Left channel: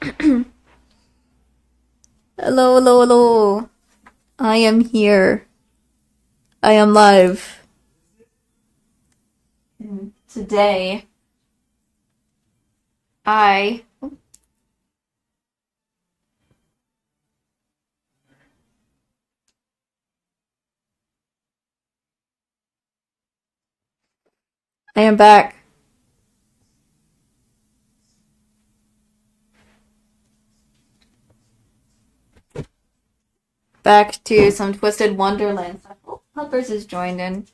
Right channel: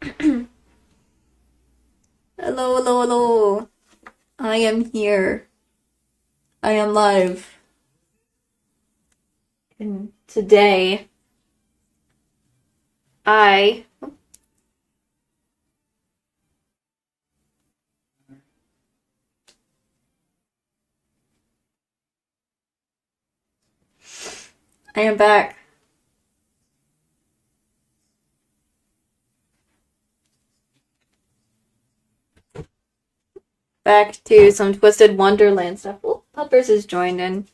Hello, hello, hello. I am here. I am live. And today, I I am back. Back to some Twisted Wonderland stuff. Oh, Puppers has joined in.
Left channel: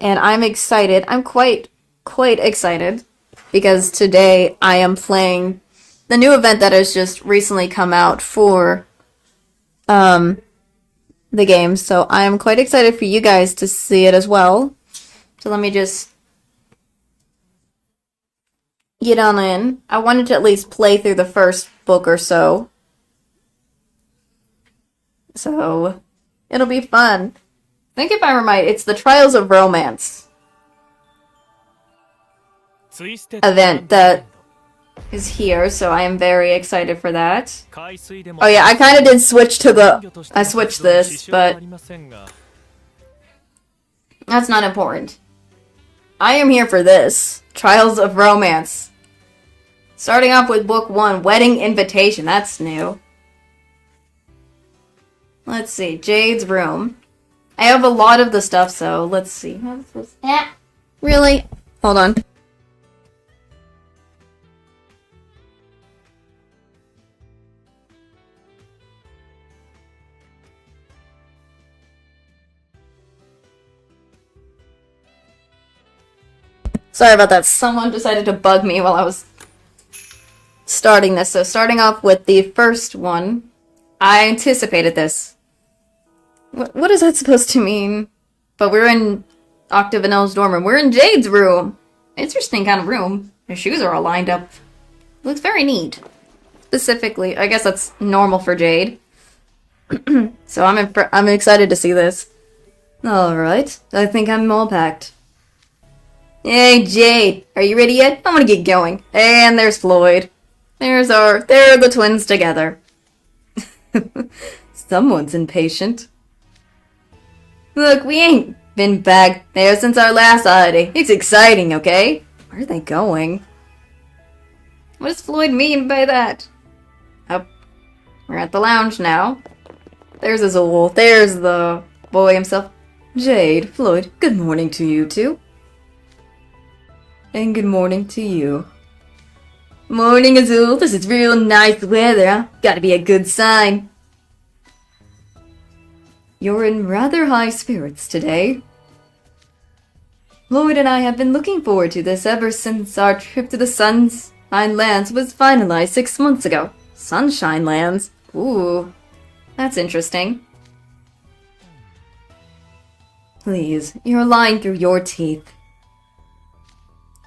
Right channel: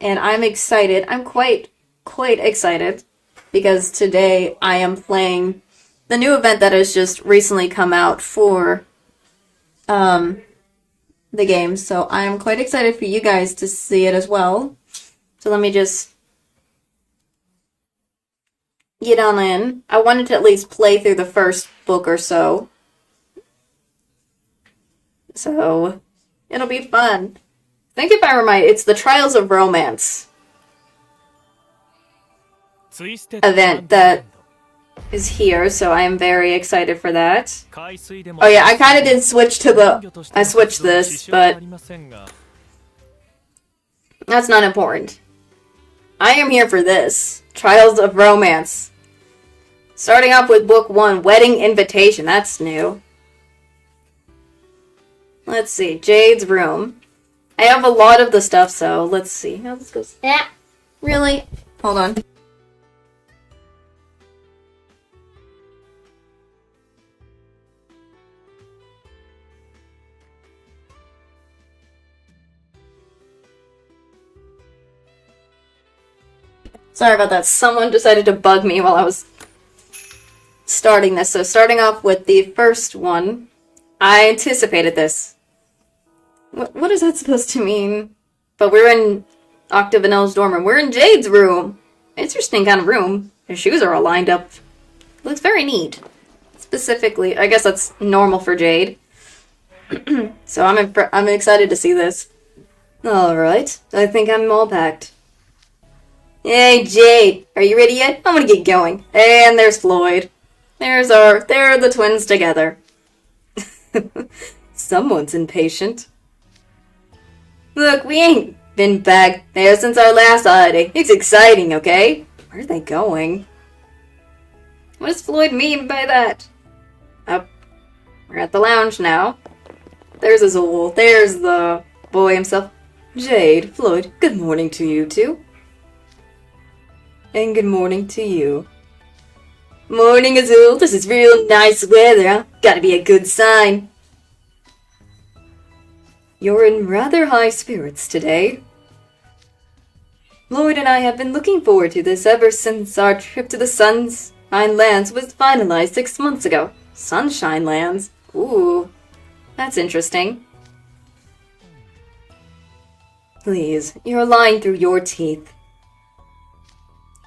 And I'm excited. I'm quite excited because today I am playing the new event that has just recently come out for the game. So I'm quite excited for you guys to see it as well. So let me just get on in. I wanted to at least play through the first book or so. So it'll be fun. I think if I remember, it's the Trials of Romance event that is here, so I am very excited for that. Oh yeah, I kind of did switch to I switched this, but that's not important. I am here for this. Trials of Romance. Starting off with book 1, Wedding Invitation. That's new. Let's see, Jade's room. I have a lot of the stuff, so let's see how this goes. Really? Hold on. Sorry about that. Someone decided to bug me while I was starting this. So starting off with the first one, I anticipated this. What is that supposed to mean? But we're in Octave and Elle's dorm room. We're in Jade's room. Interesting kind of room. Her shoes are all lined up. Looks very neat. Specifically, I guess that's normal for Jade. So I'm excited to see this. Alright, I think I'm all packed. Hey Jade, are you ready yet? I'm gonna get going. And there's Floyd. There are the twins together. Someone's impatient. Look, we ain't been back there since our last holiday. It's exciting, okay? Where are they going? What does Floyd mean by that? Oh, we're at the lounge now. There's Azul. There's the boy himself. Jade, Floyd, good morning to you two. And good morning to you. Morning, Azul. This is real nice weather, huh? Gotta be a good sign. You're in rather high spirits today. Lloyd and I have been looking forward to this ever since our trip to the Sunshine Lands was finalized 6 months ago. Sunshine Lands? Ooh, that's interesting. Please, you're lying through your teeth.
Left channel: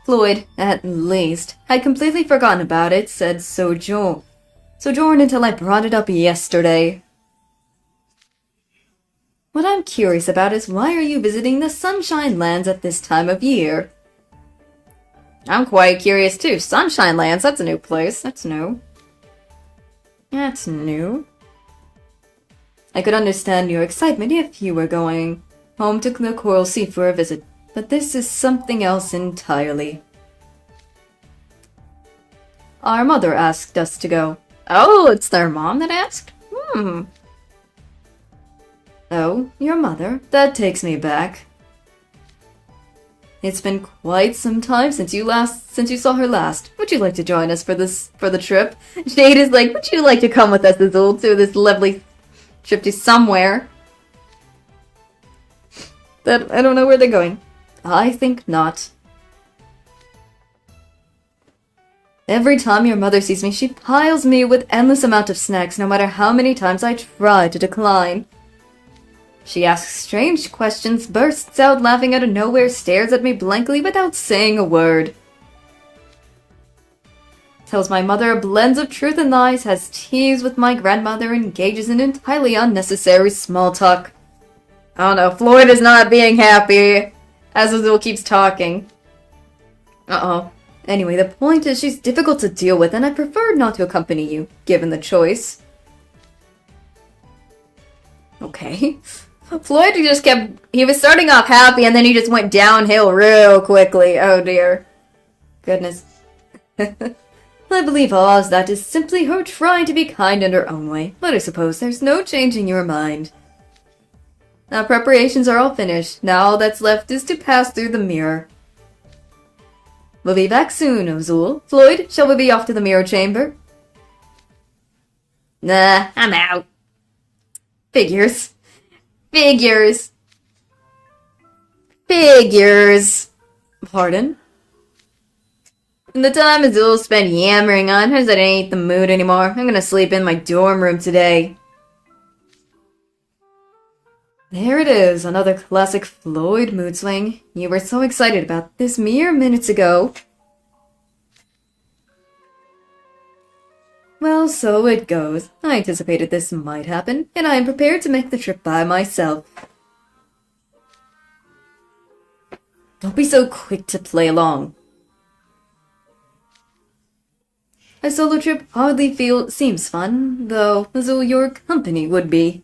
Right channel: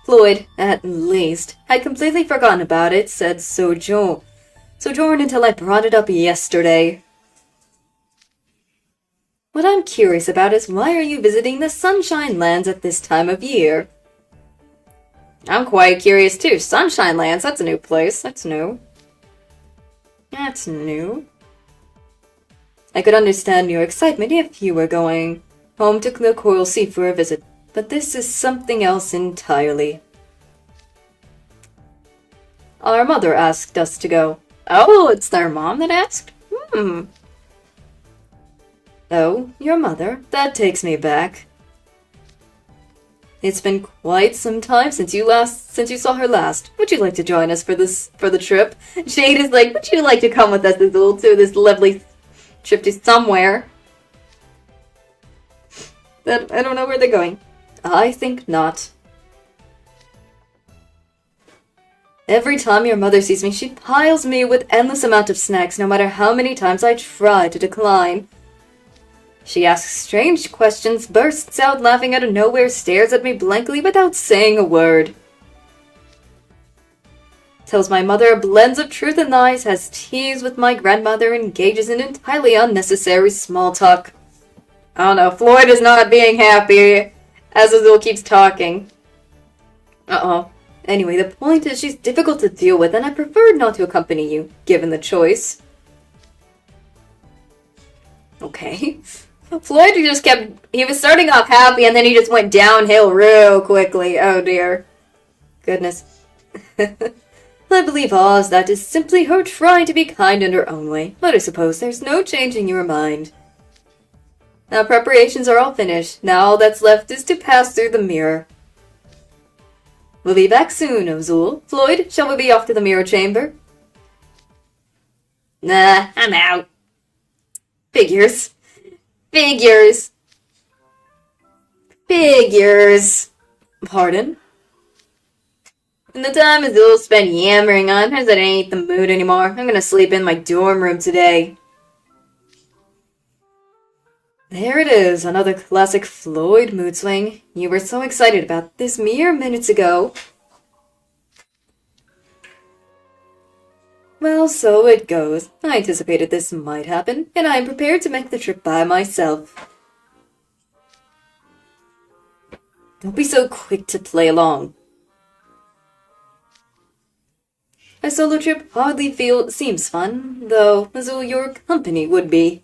Floyd, at least, had completely forgotten about it, said Sojourn until I brought it up yesterday. What I'm curious about is why are you visiting the Sunshine Lands at this time of year? I'm quite curious too. Sunshine Lands, that's a new place. That's new. That's new. I could understand your excitement if you were going home to the Coral Sea for a visit, but this is something else entirely. Our mother asked us to go. Oh, it's their mom that asked? Oh, your mother? That takes me back. It's been quite some time since you saw her last. Would you like to join us for the trip? Jade is like, would you like to come with us, Azul, to this lovely trip to somewhere? That I don't know where they're going. I think not. Every time your mother sees me, she piles me with endless amount of snacks, no matter how many times I try to decline. She asks strange questions, bursts out laughing out of nowhere, stares at me blankly without saying a word. Tells my mother a blend of truth and lies, has teas with my grandmother, engages in entirely unnecessary small talk. I don't know, Floyd is not being happy as Azul keeps talking. Uh-oh. Anyway, the point is she's difficult to deal with, and I prefer not to accompany you, given the choice. Okay. Floyd just he was starting off happy, and then he just went downhill real quickly. Oh dear. Goodness. I believe Oz, that is simply her trying to be kind in her own way, but I suppose there's no changing your mind. Now preparations are all finished. Now all that's left is to pass through the mirror. We'll be back soon, Ozul. Floyd, shall we be off to the mirror chamber? Nah, I'm out. Figures. Figures. Figures. Pardon? In the time Azul spent yammering on her that I ain't the mood anymore, I'm gonna sleep in my dorm room today. There it is, another classic Floyd mood swing. You were so excited about this mere minutes ago. Well, so it goes. I anticipated this might happen, and I am prepared to make the trip by myself. Don't be so quick to play along. A solo trip hardly seems fun, though Azul, your company would be.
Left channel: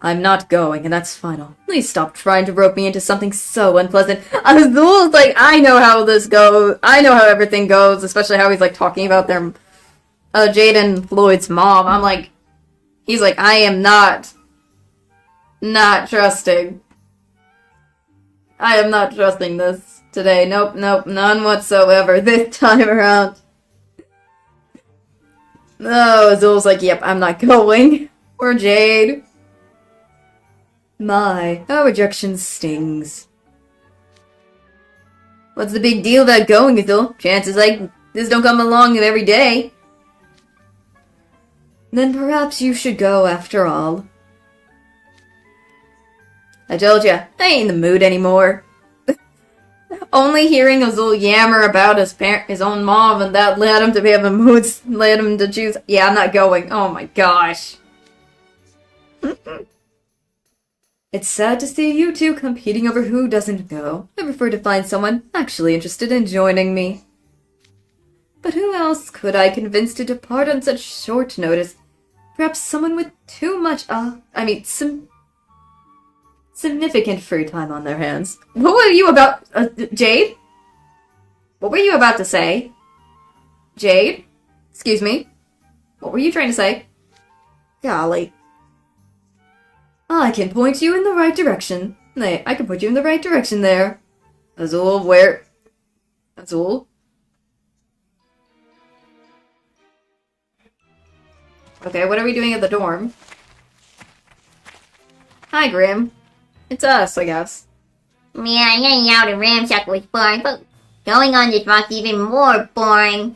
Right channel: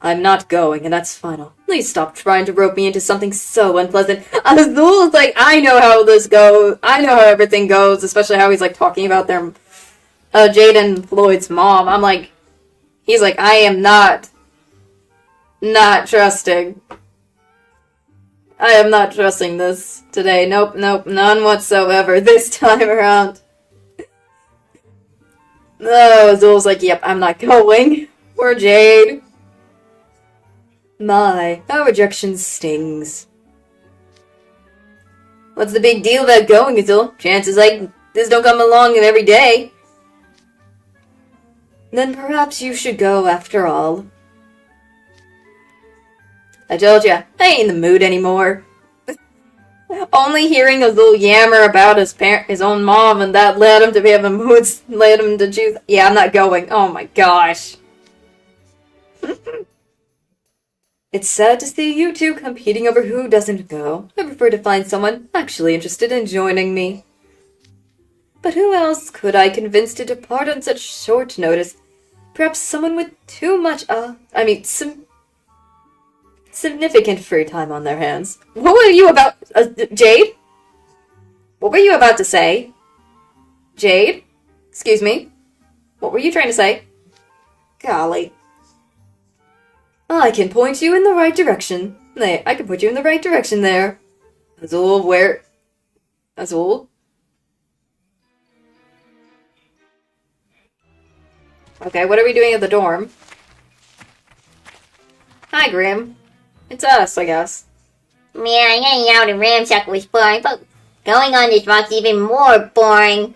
I'm not going, and that's final. Please stop trying to rope me into something so unpleasant. Azul's like, I know how this goes. I know how everything goes, especially how he's like talking about their Jade and Floyd's mom. I'm like, he's like, I am not trusting. I am not trusting this today. Nope, none whatsoever this time around. No, Azul's like, yep, I'm not going. Or Jade. My, how rejection stings. What's the big deal about going, Azul? Chances like this don't come along every day. Then perhaps you should go after all. I told ya, I ain't in the mood anymore. Only hearing Azul yammer about his own mom, and that led him to be in the mood, led him to choose. Yeah, I'm not going. Oh my gosh. It's sad to see you two competing over who doesn't go. I prefer to find someone actually interested in joining me. But who else could I convince to depart on such short notice? Perhaps someone with too much, significant free time on their hands. What were you about, Jade? What were you about to say? Jade? Excuse me? What were you trying to say? Golly. I can point you in the right direction. I can put you in the right direction there. Azul, where? Azul? Okay, what are we doing at the dorm? Hi, Grim. It's us, I guess. Yeah, hanging out in Ramshack was boring, but going on this rock's even more boring.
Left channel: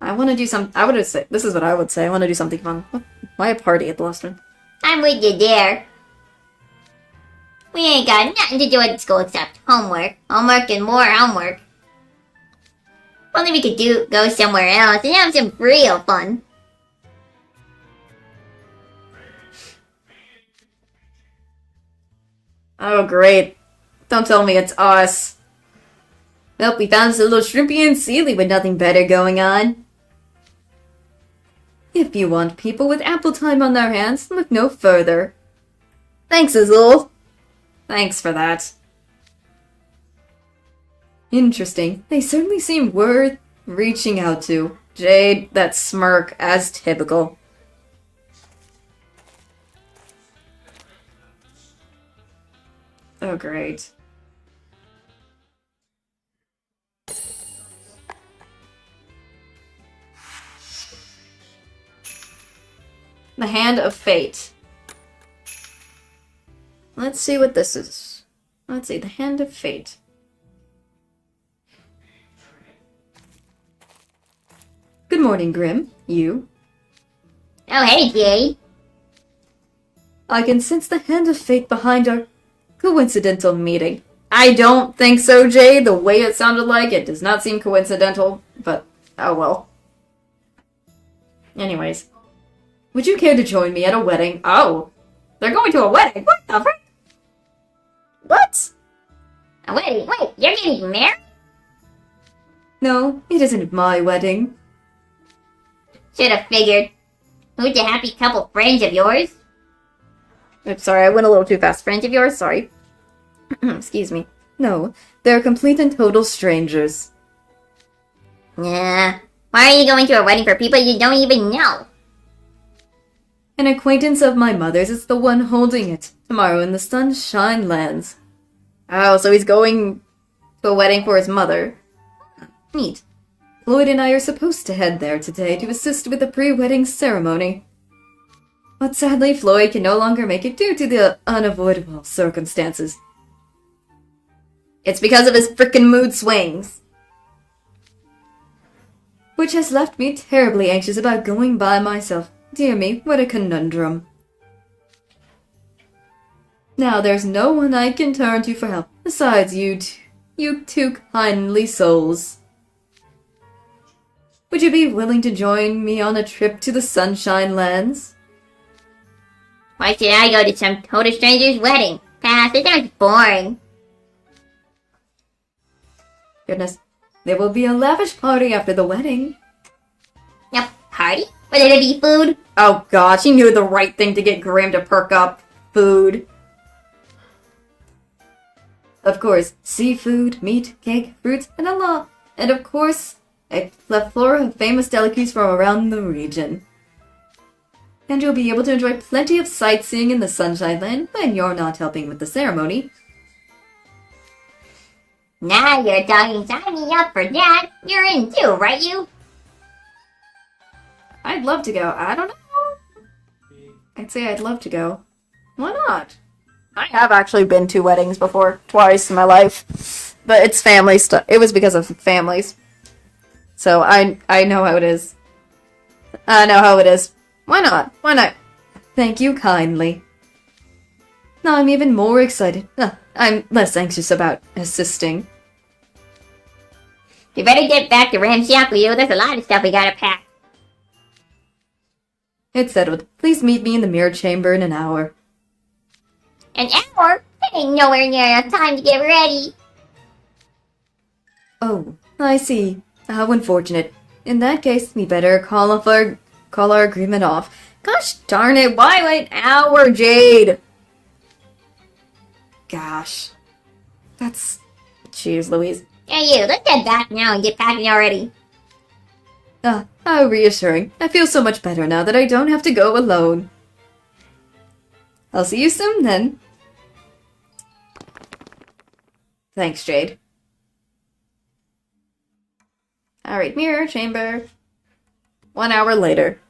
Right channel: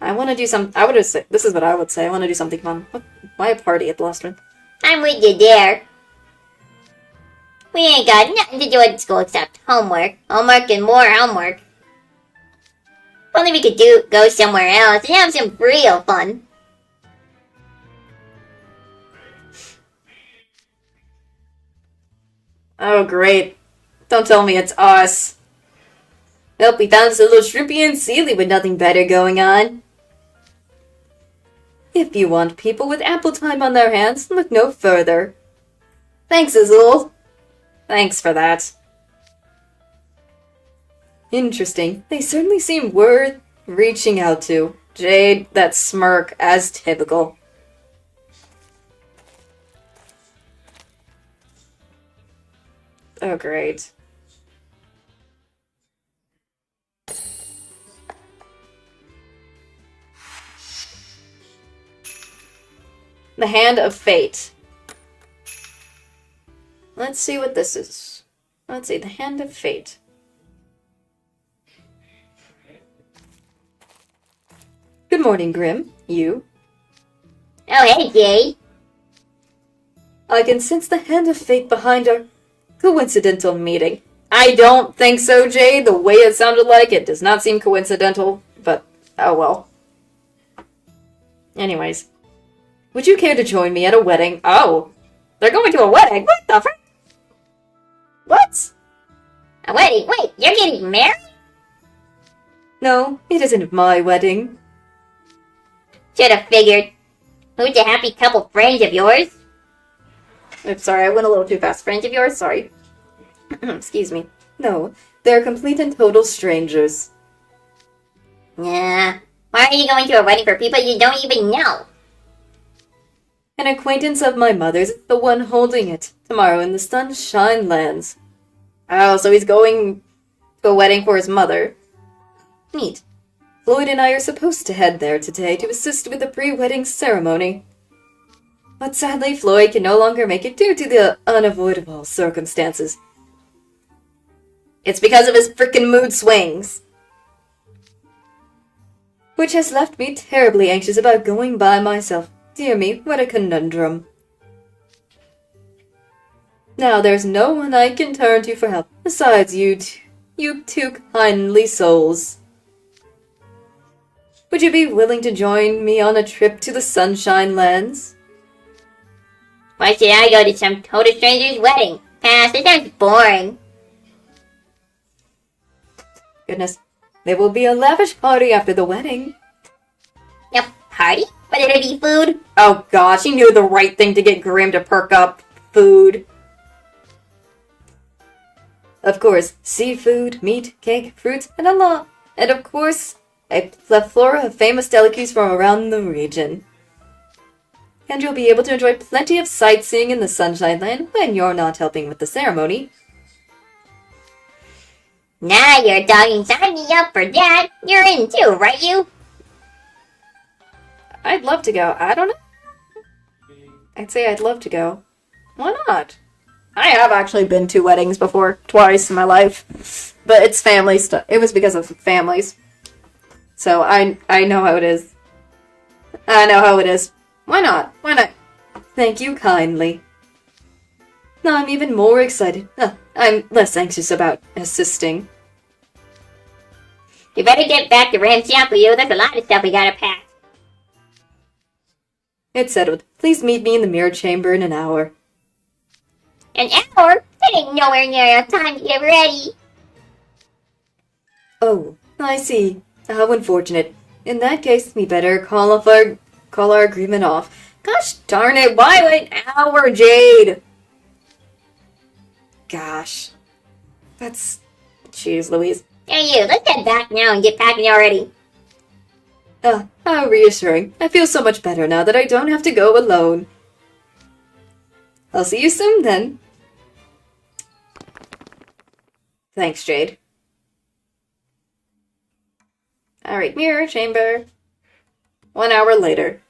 I want to do this is what I would say. I want to do something fun. Why a party at the last one? I'm with you there. We ain't got nothing to do at school except homework. Homework and more homework. If only we could go somewhere else and have some real fun. Oh, great. Don't tell me it's us. Nope, we found us a little shrimpy and Sealy with nothing better going on. If you want people with ample time on their hands, look no further. Thanks, Azul. Thanks for that. Interesting. They certainly seem worth reaching out to. Jade, that smirk, as typical. Oh, great. The Hand of Fate. Let's see what this is. Let's see, the Hand of Fate. Good morning, Grim. You? Oh, hey, Jay. I can sense the Hand of Fate behind our coincidental meeting. I don't think so, Jay. The way it sounded like it does not seem coincidental, but oh well. Anyways. Would you care to join me at a wedding? Oh. They're going to a wedding? What the frick? What? A wedding? Wait, you're getting married? No, it isn't my wedding. Should have figured. Who's a happy couple friends of yours? I'm sorry, I went a little too fast. Friends of yours? Sorry. Excuse me. No, they're complete and total strangers. Nah. Why are you going to a wedding for people you don't even know? An acquaintance of my mother's is the one holding it tomorrow in the Sunshine Lands. Oh, so he's going to a wedding for his mother. Neat. Floyd and I are supposed to head there today to assist with the pre-wedding ceremony. But sadly, Floyd can no longer make it due to the unavoidable circumstances. It's because of his frickin' mood swings. Which has left me terribly anxious about going by myself. Dear me, what a conundrum. Now there's no one I can turn to for help besides you two kindly souls. Would you be willing to join me on a trip to the Sunshine Lands? Why should I go to some total stranger's wedding? Pass, it sounds boring. Goodness, there will be a lavish party after the wedding. A party? Will it be food? Oh god, she knew the right thing to get Graham to perk up. Food. Of course, seafood, meat, cake, fruits, and a lot. And of course, a plethora of famous delicacies from around the region. And you'll be able to enjoy plenty of sightseeing in the Sunshine Land when you're not helping with the ceremony. Nah, you're talking. Sign me up for that. You're in too, right you? I'd love to go. I don't know. I'd say I'd love to go. Why not? I have actually been to weddings before, twice in my life. But it's family stuff. It was because of families. So I know how it is. I know how it is. Why not? Why not? Thank you kindly. Now I'm even more excited. I'm less anxious about assisting. You better get back to Ram's shop, Leo. There's a lot of stuff we gotta pack. It's settled. Please meet me in the mirror chamber in an hour. An hour? That ain't nowhere near enough time to get ready. Oh, I see. How unfortunate. In that case, we better call our agreement off. Gosh darn it, why an hour, Jade? Gosh. That's... Jeez Louise. Hey you, let's head back now and get packing already. How reassuring. I feel so much better now that I don't have to go alone. I'll see you soon then. Thanks, Jade. Alright, mirror chamber. 1 hour later.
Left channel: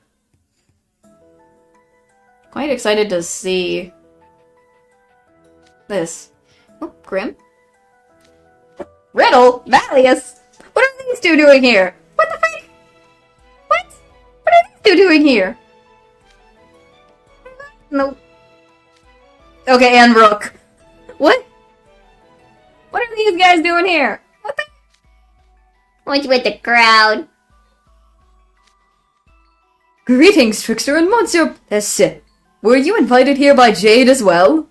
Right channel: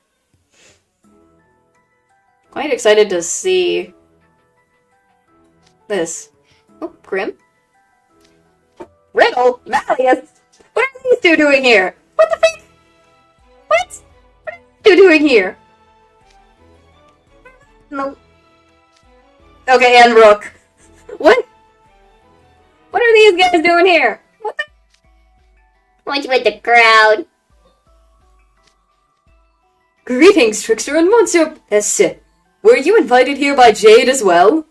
Quite excited to see this. Oh, Grim. Riddle? Malleus? What are these two doing here? What the freak? What? What are these two doing here? No. Okay, and Rook. What? What are these guys doing here? What the? What's with the crowd? Greetings, Trickster and Monsieur Pesce. Were you invited here by Jade as well?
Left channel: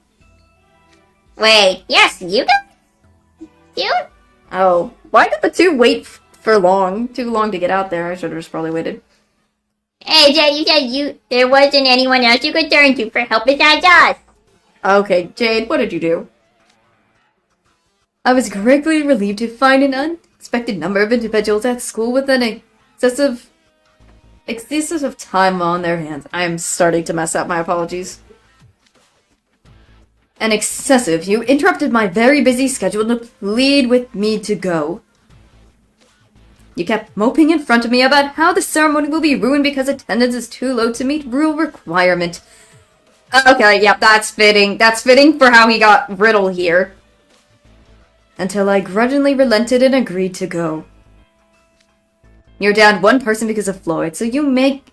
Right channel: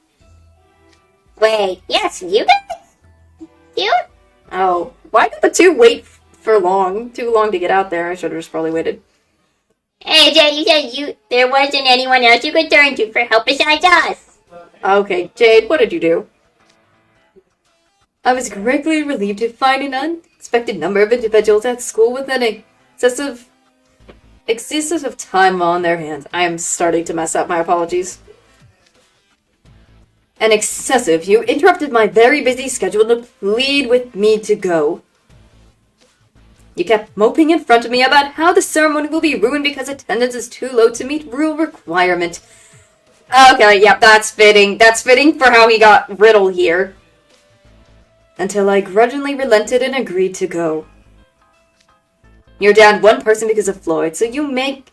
Wait, yes, you guys? You? Oh, why did the two wait for too long to get out there? I should have just probably waited. Hey, Jade, you said there wasn't anyone else you could turn to for help besides us. Okay, Jade, what did you do? I was greatly relieved to find an unexpected number of individuals at school with an excessive of time on their hands. I am starting to mess up, my apologies. An excessive. You interrupted my very busy schedule to plead with me to go. You kept moping in front of me about how the ceremony will be ruined because attendance is too low to meet rule requirement. Okay, yep, that's fitting. That's fitting for how he got Riddle here. Until I grudgingly relented and agreed to go. You're down one person because of Floyd, so you make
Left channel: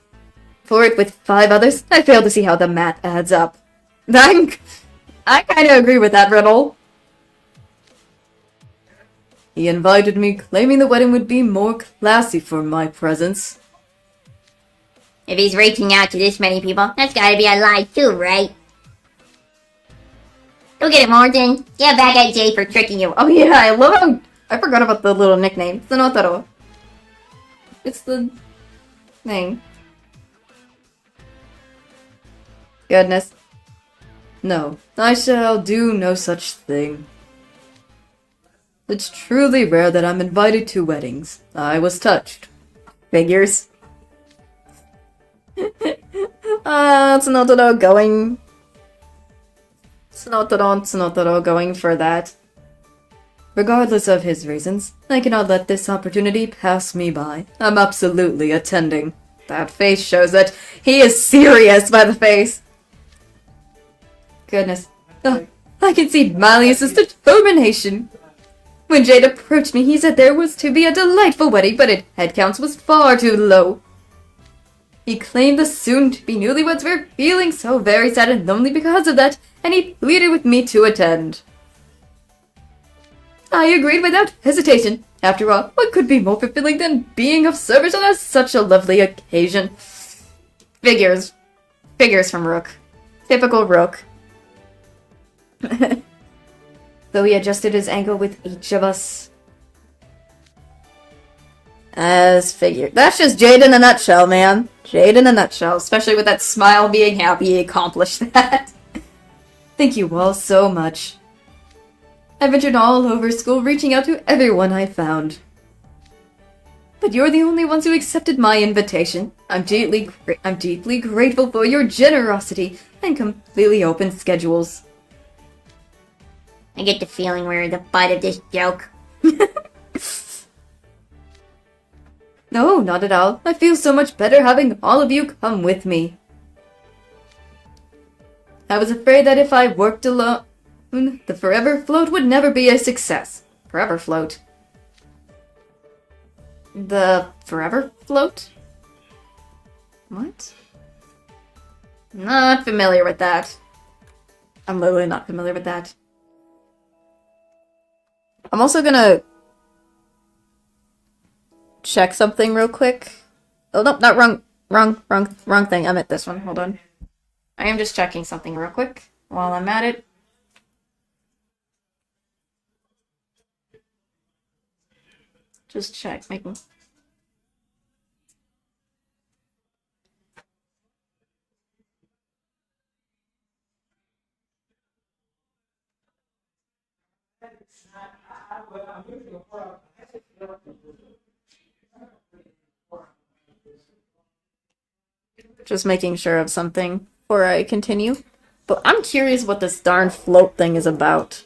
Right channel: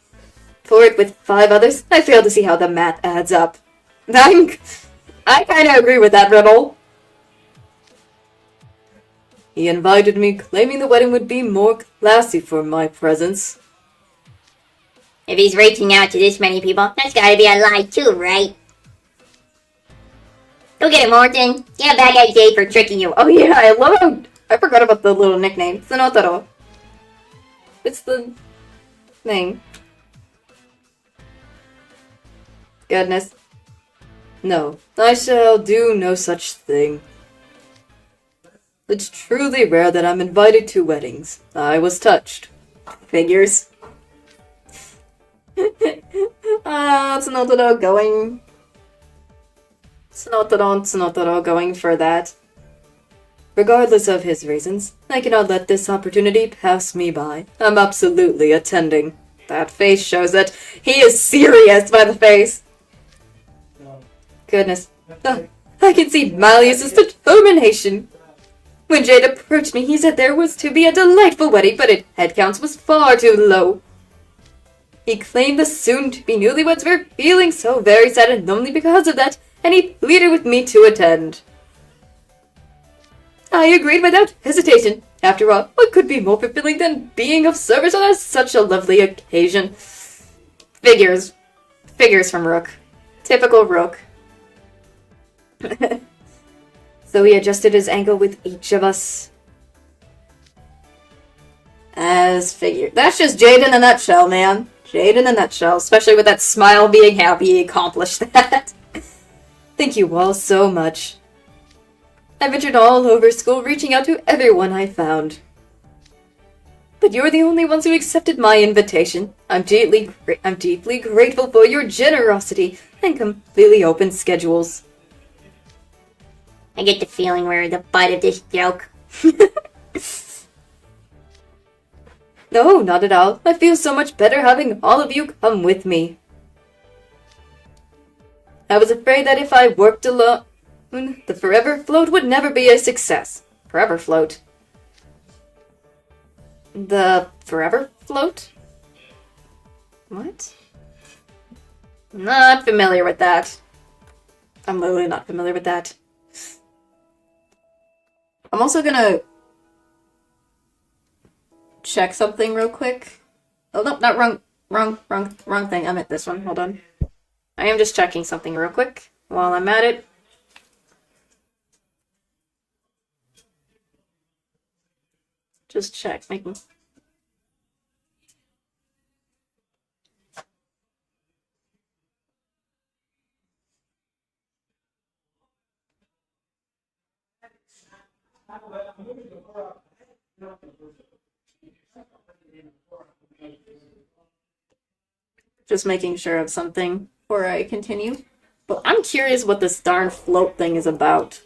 for it with 5 others? I fail to see how the math adds up. I kinda agree with that, Riddle. He invited me, claiming the wedding would be more classy for my presence. If he's reaching out to this many people, that's gotta be a lie too, right? Go get it, Martin. Yeah, back at Jay for tricking you. Oh yeah, I love how... I forgot about the little nickname. Tsunotaro. It's the thing. Goodness. No, I shall do no such thing. It's truly rare that I'm invited to weddings. I was touched. Figures. Tsunotaro going... Tsunotaro going for that. Regardless of his reasons, I cannot let this opportunity pass me by. I'm absolutely attending. That face shows that he is serious by the face. Goodness. I can see Malleus's determination. When Jade approached me, he said there was to be a delightful wedding, but its head counts was far too low. He claimed the soon-to-be newlyweds were feeling so very sad and lonely because of that, and he pleaded with me to attend. I agreed without hesitation. After all, what could be more fulfilling than being of service on such a lovely occasion? Figures. Figures from Rook. Typical Rook. So he adjusted his angle with each of us. As figured. That's just Jade in a nutshell, man. Jade in a nutshell. Especially with that smile being happy he accomplished that. Thank you all so much. I ventured all over school reaching out to everyone I found. But you're the only ones who accepted my invitation. I'm deeply grateful for your generosity and completely open schedules. I get the feeling we're the butt of this joke. No, not at all. I feel so much better having all of you come with me. I was afraid that if I worked alone, the Forever Float would never be a success. Forever Float. The Forever Float? What? Not familiar with that. I'm literally not familiar with that. I'm also gonna check something real quick. Oh no, not wrong thing. I meant this one. Hold on. I am just checking something real quick while I'm at it. Just check, making. Just making sure of something before I continue. But I'm curious what this darn float thing is about.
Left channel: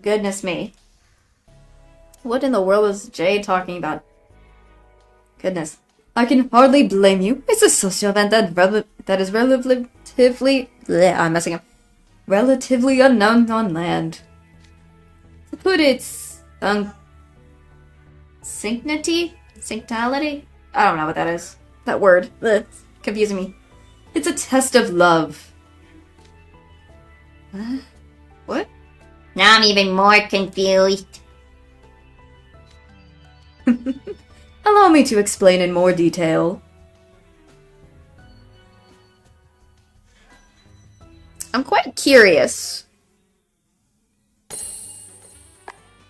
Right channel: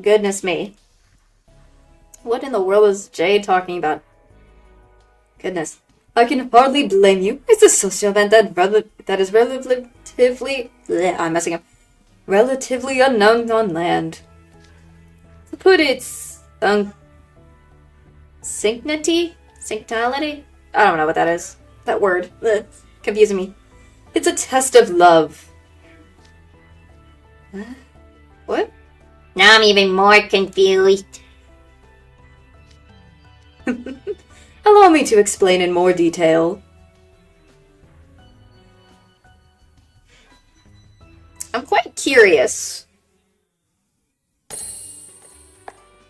Goodness me. What in the world is Jade talking about? Goodness. I can hardly blame you. It's a social event that is relatively... I'm messing up. Relatively unknown on land. To put its... Sanctity? Sanctality? I don't know what that is. That word. Confusing me. It's a test of love. What? Now I'm even more confused. Allow me to explain in more detail. I'm quite curious.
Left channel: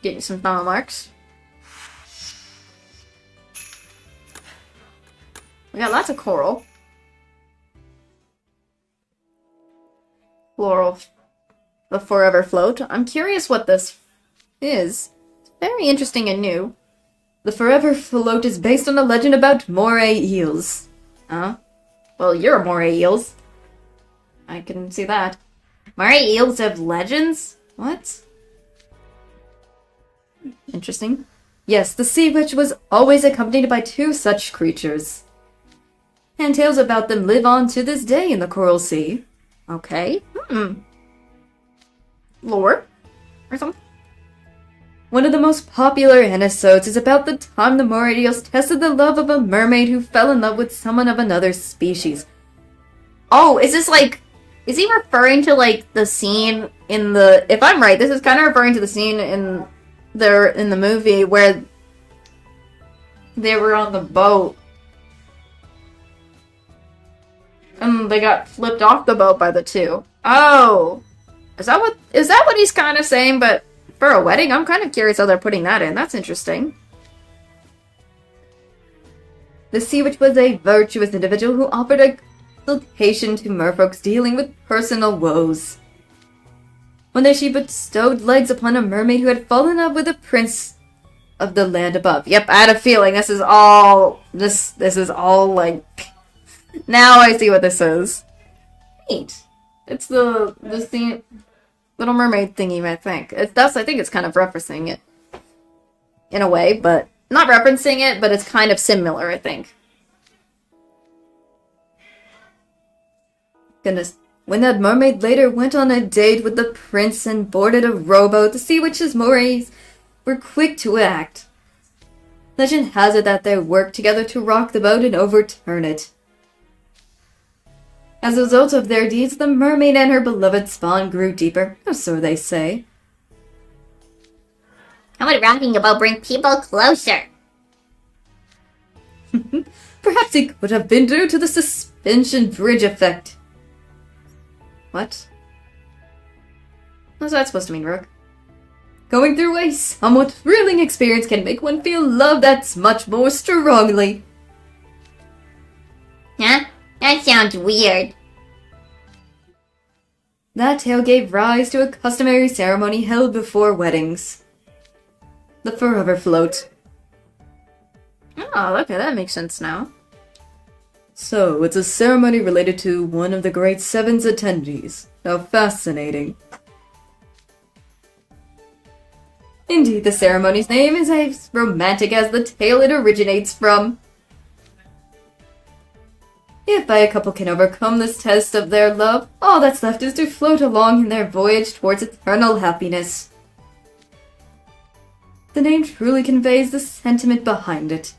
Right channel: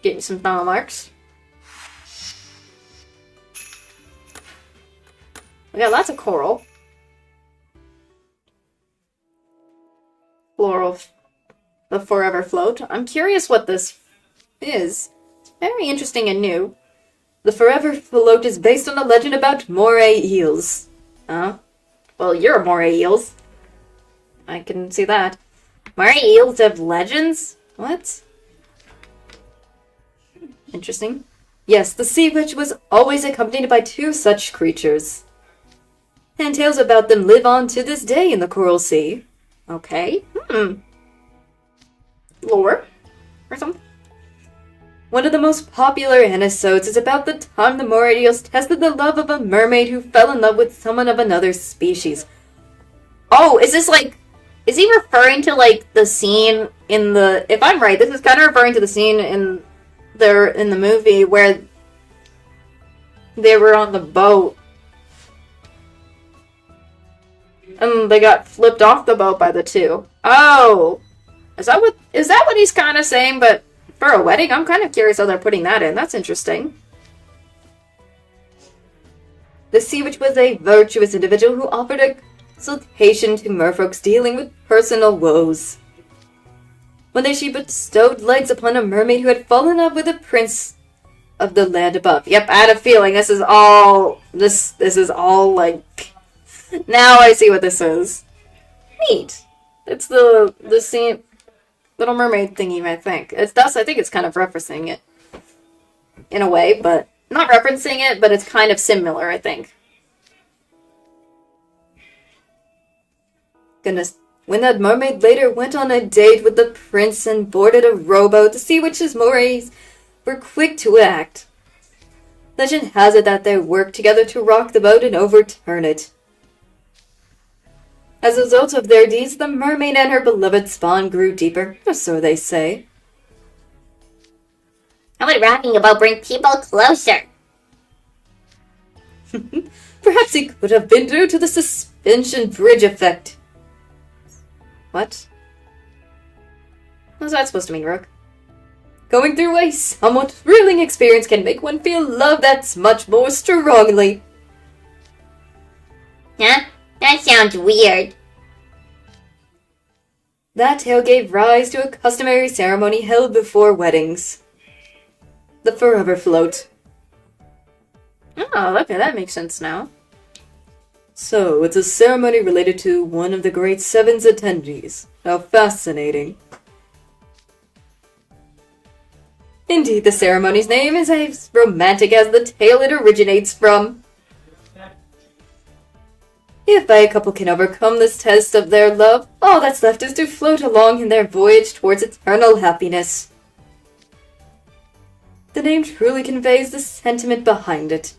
Getting some final marks. We got lots of coral. Floral. The Forever Float. I'm curious what this is. It's very interesting and new. The Forever Float is based on a legend about moray eels. Huh? Well, you're moray eels. I can see that. Moray eels have legends? What? Interesting. Yes, the sea witch was always accompanied by two such creatures. And tales about them live on to this day in the Coral Sea. Okay. Lore? Or something? One of the most popular episodes is about the time the moray eels tested the love of a mermaid who fell in love with someone of another species. Oh, is this like... Is he referring to, like, the scene in the... If I'm right, this is kind of referring to the scene in the movie where they were on the boat. And they got flipped off the boat by the two. Oh! Is that what he's kind of saying? But for a wedding, I'm kind of curious how they're putting that in. That's interesting. The sea witch was a virtuous individual who offered a consultation to merfolks dealing with personal woes. One day she bestowed legs upon a mermaid who had fallen in love with a prince of the land above. Yep, I had a feeling this is all like... Now I see what this is. Neat. It's the scene, Little Mermaid thingy, I think. I think it's kind of referencing it. In a way, but... Not referencing it, but it's kind of similar, I think. Goodness. When that mermaid later went on a date with the prince and boarded a rowboat, the sea witch's morays were quick to act. Legend has it that they worked together to rock the boat and overturn it. As a result of their deeds, the mermaid and her beloved spawn grew deeper, or so they say. How would rocking a boat bring people closer? Perhaps it could have been due to the suspension bridge effect. What? What's that supposed to mean, Rook? Going through a somewhat thrilling experience can make one feel love that much more strongly. Huh? That sounds weird. That tale gave rise to a customary ceremony held before weddings. The Forever Float. Oh, okay, that makes sense now. So, it's a ceremony related to one of the Great Seven's attendees. How fascinating. Indeed, the ceremony's name is as romantic as the tale it originates from. If a couple can overcome this test of their love, all that's left is to float along in their voyage towards eternal happiness. The name truly conveys the sentiment behind it.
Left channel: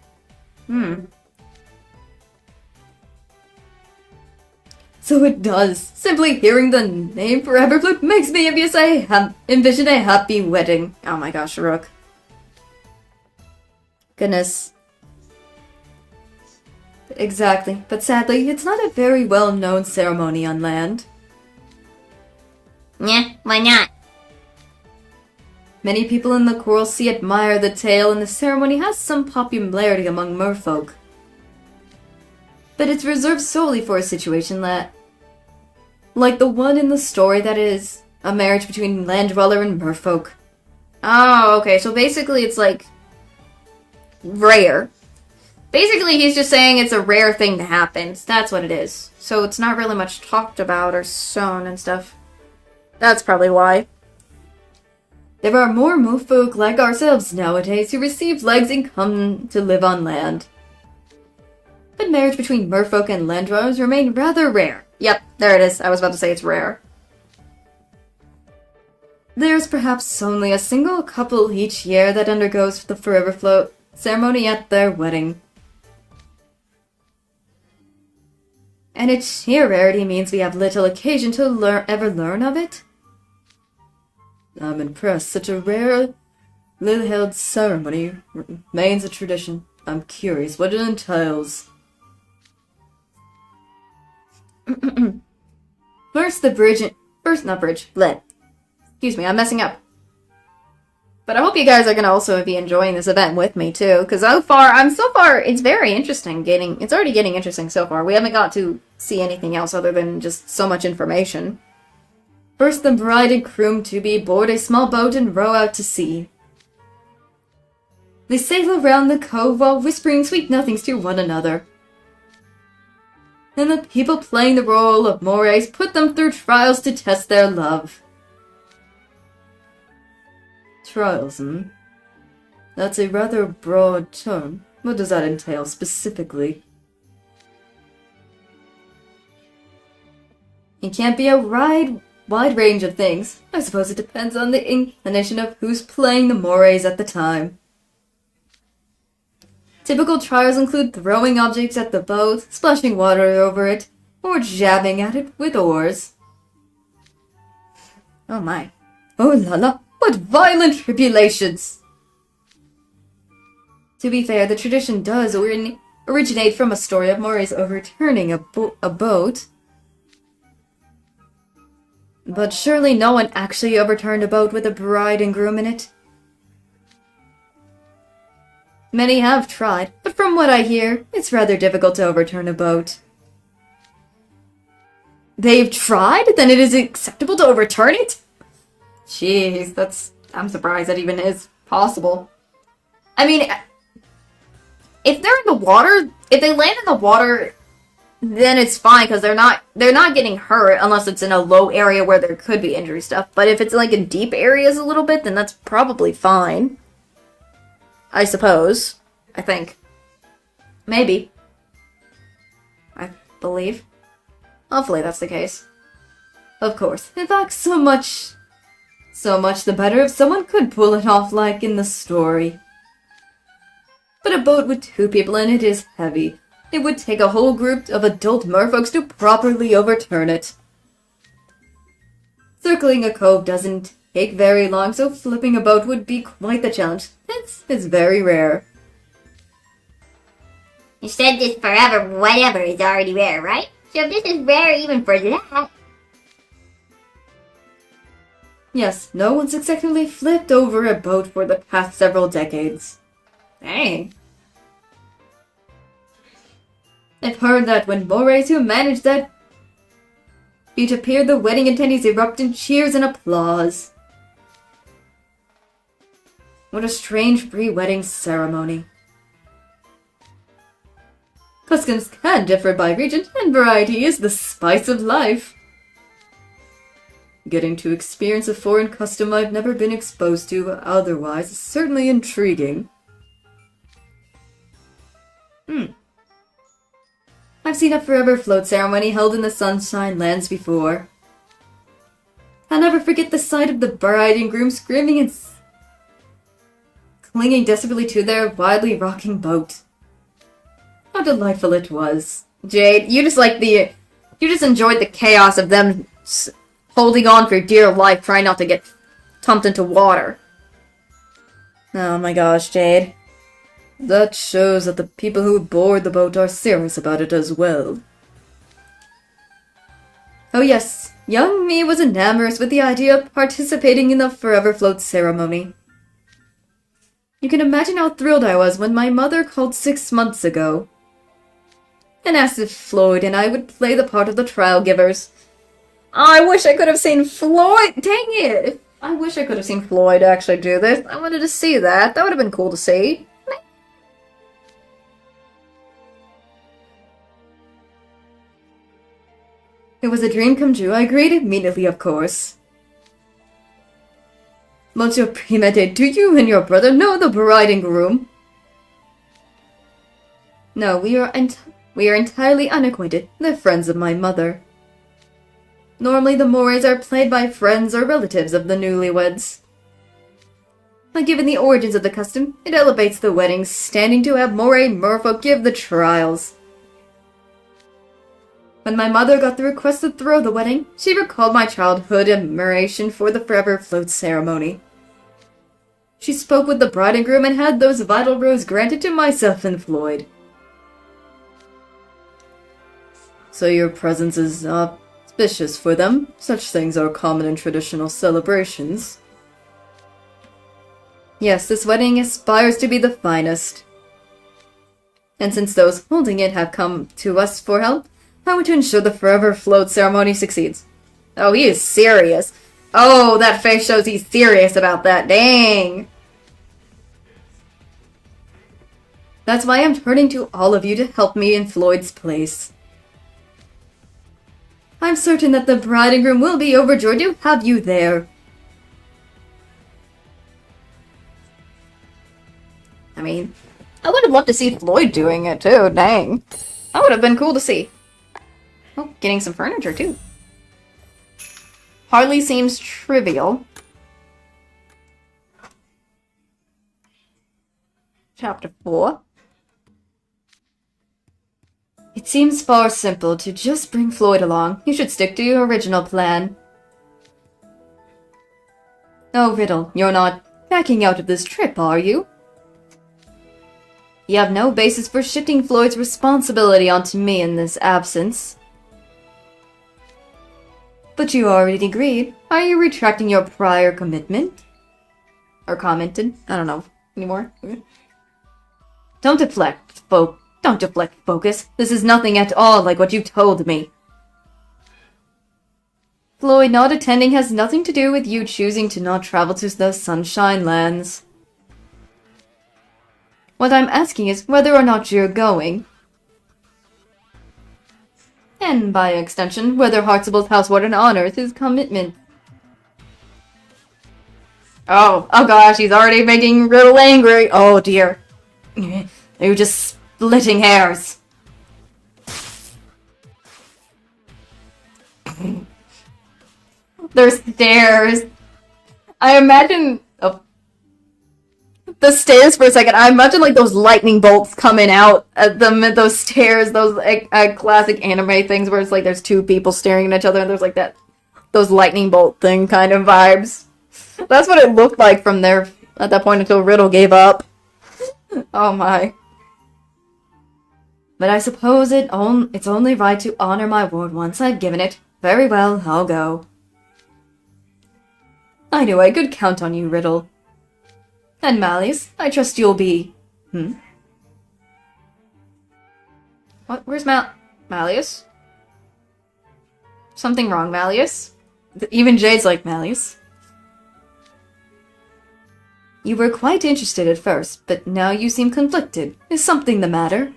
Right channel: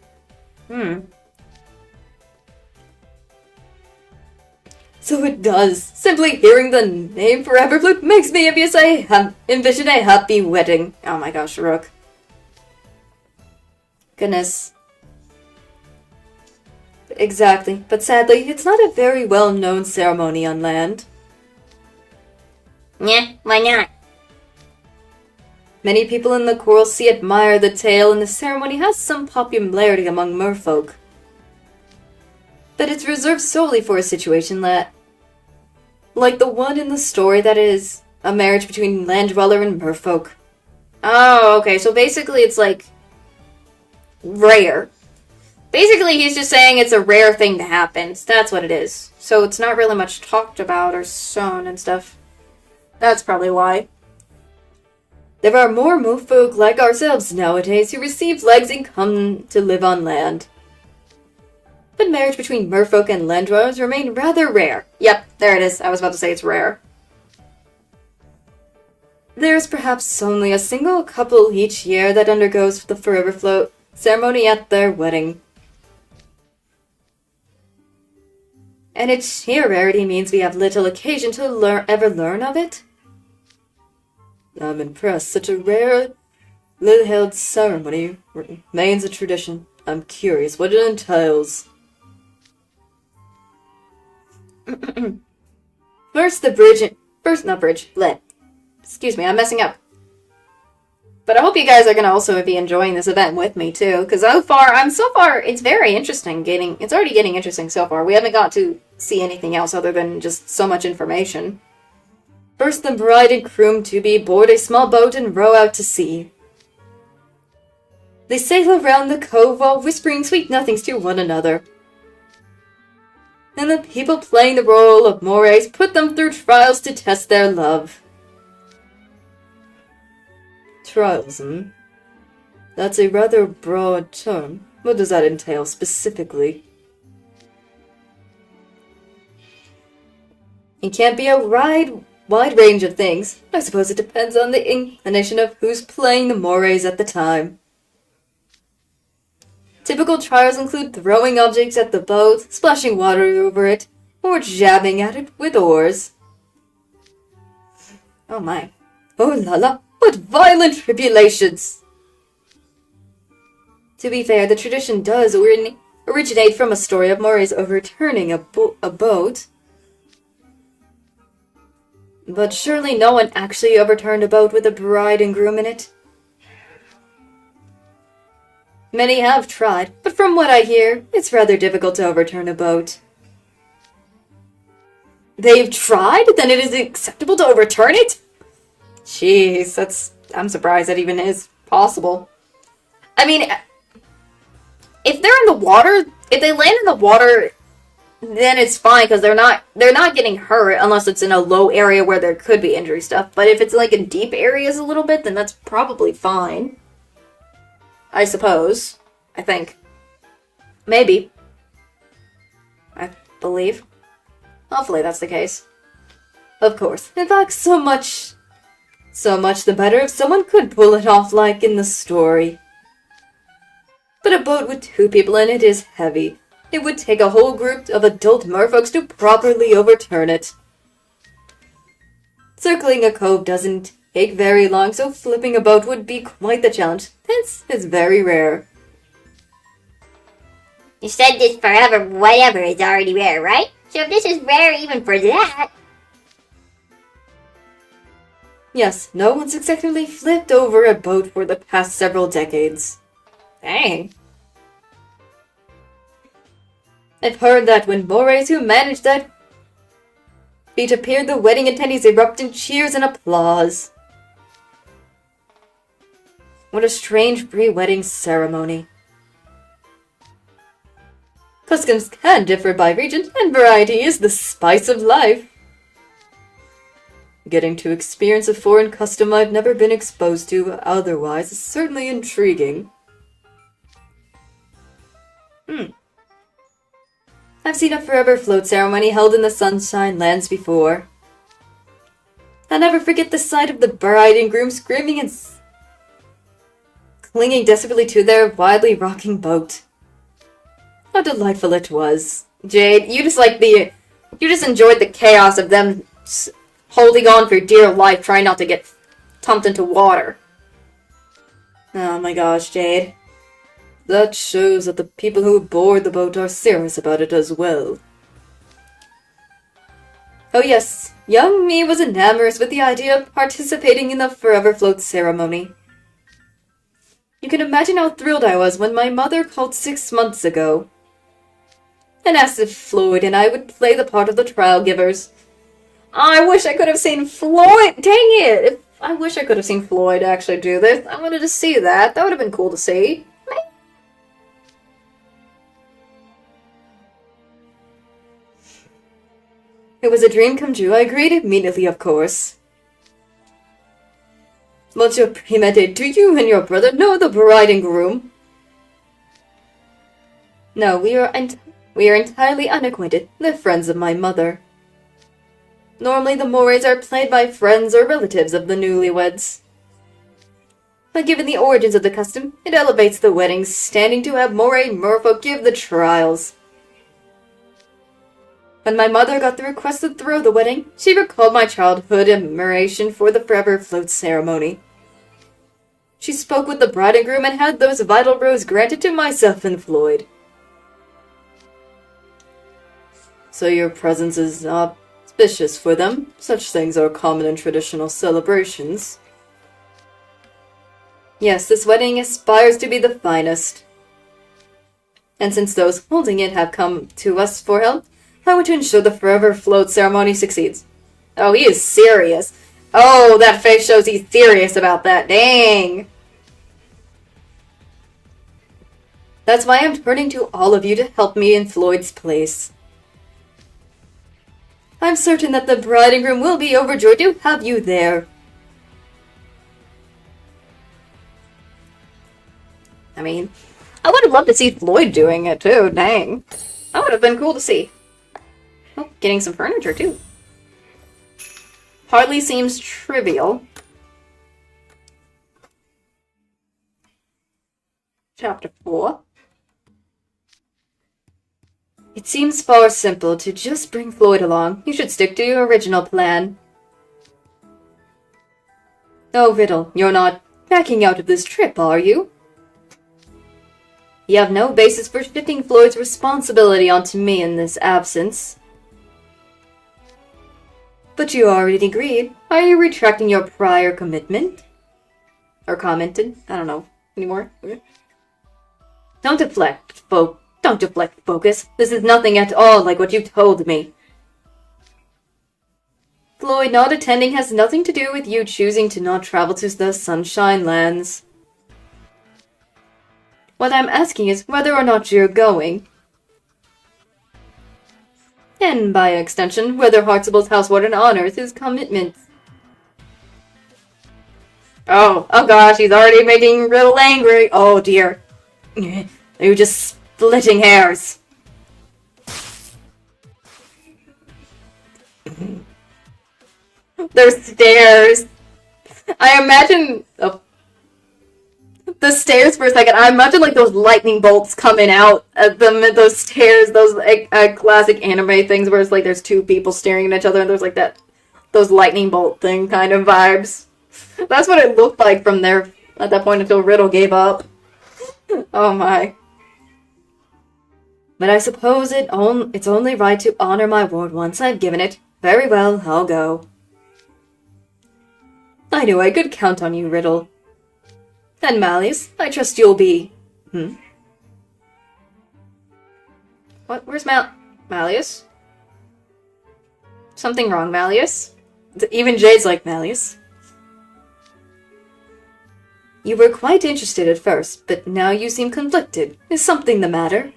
So it does. Simply hearing the name Forever Float makes me envision a happy wedding. Oh my gosh, Rook. Goodness. Exactly. But sadly, it's not a very well-known ceremony on land. Yeah, why not? Many people in the Coral Sea admire the tale, and the ceremony has some popularity among merfolk. But it's reserved solely for a situation like the one in the story that is a marriage between land dweller and merfolk. Oh, okay, so basically it's like rare. Basically he's just saying it's a rare thing to happen. That's what it is. So it's not really much talked about or shown and stuff. That's probably why. There are more merfolk like ourselves nowadays who receive legs and come to live on land. But marriage between merfolk and land dwellers remain rather rare. Yep, there it is. I was about to say it's rare. There's perhaps only a single couple each year that undergoes the Forever Float ceremony at their wedding. And its sheer rarity means we have little occasion to ever learn of it. I'm impressed. Such a rare, held ceremony remains a tradition. I'm curious what it entails. Excuse me, I'm messing up. But I hope you guys are going to also be enjoying this event with me too, because so far, it's very interesting it's already getting interesting so far. We haven't got to see anything else other than just so much information. First, the bride and groom-to-be board a small boat and row out to sea. They sail around the cove while whispering sweet nothings to one another. And the people playing the role of mores put them through trials to test their love. Trials, That's a rather broad term. What does that entail specifically? It can't be a wide range of things. I suppose it depends on the inclination of who's playing the mores at the time. Typical trials include throwing objects at the boat, splashing water over it, or jabbing at it with oars. Oh my. Oh la la, what violent tribulations! To be fair, the tradition does originate from a story of Moray's overturning a boat. But surely no one actually overturned a boat with a bride and groom in it. Many have tried, but from what I hear, it's rather difficult to overturn a boat. They've tried? Then it is acceptable to overturn it? Jeez, I'm surprised that even is possible. I mean, if they're in the water, if they land in the water, then it's fine because they're not getting hurt unless it's in a low area where there could be injury stuff. But if it's like in deep areas a little bit, then that's probably fine. I suppose. I think. Maybe. I believe. Hopefully that's the case. Of course. In fact, so much the better if someone could pull it off like in the story. But a boat with 2 people in it is heavy. It would take a whole group of adult merfolks to properly overturn it. Circling a cove doesn't take very long, so flipping a boat would be quite the challenge. Hence, it's very rare. You said this forever whatever is already rare, right? So if this is rare even for that... Yes, no one successfully flipped over a boat for the past several decades. Dang. I've heard that when Morays who managed that feat appeared, the wedding attendees erupt in cheers and applause. What a strange pre-wedding ceremony. Customs can differ by region, and variety is the spice of life. Getting to experience a foreign custom I've never been exposed to otherwise is certainly intriguing. I've seen a forever float ceremony held in the Sunshine Lands before. I'll never forget the sight of the bride and groom screaming and clinging desperately to their wildly rocking boat. How delightful it was. Jade, you just enjoyed the chaos of them holding on for dear life, trying not to get dumped into water. Oh my gosh, Jade. That shows that the people who board the boat are serious about it as well. Oh yes, young me was enamored with the idea of participating in the Forever Float ceremony. You can imagine how thrilled I was when my mother called 6 months ago and asked if Floyd and I would play the part of the trial givers. I wish I could have seen Floyd! Dang it! I wish I could have seen Floyd actually do this. I wanted to see that. That would have been cool to see. It was a dream come true. I agreed immediately, of course. Monsieur Primete, do you and your brother know the bride and groom? No, we are entirely unacquainted. They're friends of my mother. Normally the mores are played by friends or relatives of the newlyweds. But given the origins of the custom, it elevates the wedding standing to have moray merfolk give the trials. When my mother got the request to throw the wedding, she recalled my childhood admiration for the Forever Float ceremony. She spoke with the bride and groom and had those vital rows granted to myself and Floyd. So your presence is auspicious for them. Such things are common in traditional celebrations. Yes, this wedding aspires to be the finest. And since those holding it have come to us for help, I want to ensure the Forever Float ceremony succeeds. Oh, he is serious. Oh, that face shows he's serious about that. Dang. That's why I'm turning to all of you to help me in Floyd's place. I'm certain that the bride and groom will be overjoyed to have you there. I mean, I would have loved to see Floyd doing it too. Dang. That would have been cool to see. Oh, getting some furniture, too. Hardly seems trivial. Chapter 4. It seems far simple to just bring Floyd along. You should stick to your original plan. Oh, Riddle, you're not backing out of this trip, are you? You have no basis for shifting Floyd's responsibility onto me in this absence. But you already agreed. Are you retracting your prior commitment? Or commented? I don't know anymore. Don't deflect focus. This is nothing at all like what you told me. Floyd not attending has nothing to do with you choosing to not travel to the Sunshine Lands. What I'm asking is whether or not you're going. And by extension, whether Hartsable's house warden honors his commitments. Oh gosh, he's already making Riddle angry. Oh dear. You're just splitting hairs. There's stairs. I imagine the stairs for a second. I imagine like those lightning bolts coming out at them at those stairs. Those classic anime things where it's like there's two people staring at each other and there's like those lightning bolt thing kind of vibes. That's what it looked like from there at that point until Riddle gave up. Oh my. But I suppose it's only right to honor my word once I've given it. Very well, I'll go. I knew I could count on you, Riddle. And Malleus, I trust you'll be... What? Where's Malleus? Something wrong, Malleus? Even Jade's like, Malleus. You were quite interested at first, but now you seem conflicted. Is something the matter?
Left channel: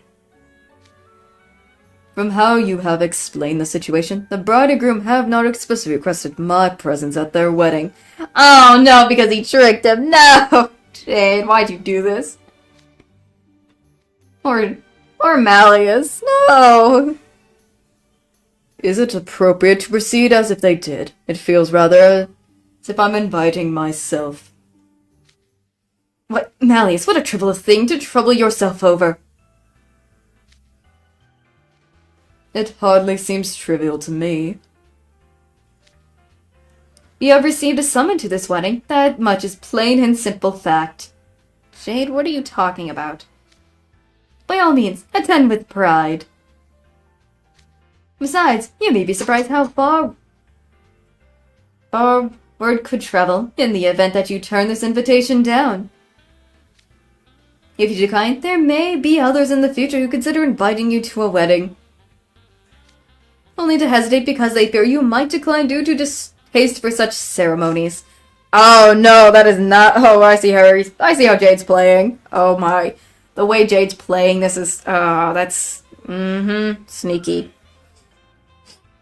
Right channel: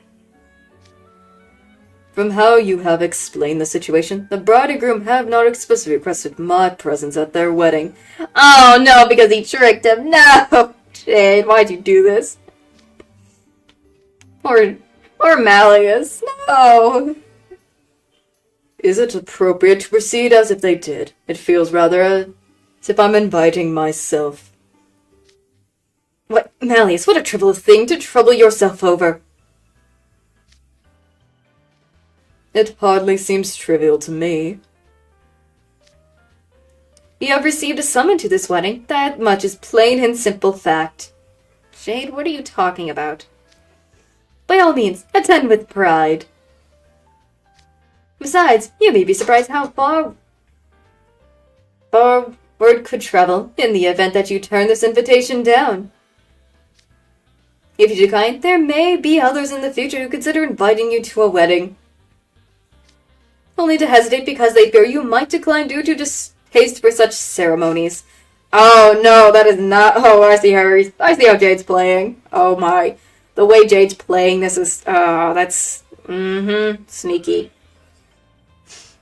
From how you have explained the situation, the bride and groom have not explicitly requested my presence at their wedding. Oh no, because he tricked him. No! Jade, why'd you do this? Or Malleus. No! Is it appropriate to proceed as if they did? It feels rather as if I'm inviting myself. What, Malleus, what a trivial thing to trouble yourself over. It hardly seems trivial to me. You have received a summons to this wedding. That much is plain and simple fact. Jade, what are you talking about? By all means, attend with pride. Besides, you may be surprised how far word could travel in the event that you turn this invitation down. If you decline, there may be others in the future who consider inviting you to a wedding. Only to hesitate because they fear you might decline due to distaste for such ceremonies. Oh no, that is not... Oh, I see how Jade's playing. Oh my. The way Jade's playing this is... that's... sneaky.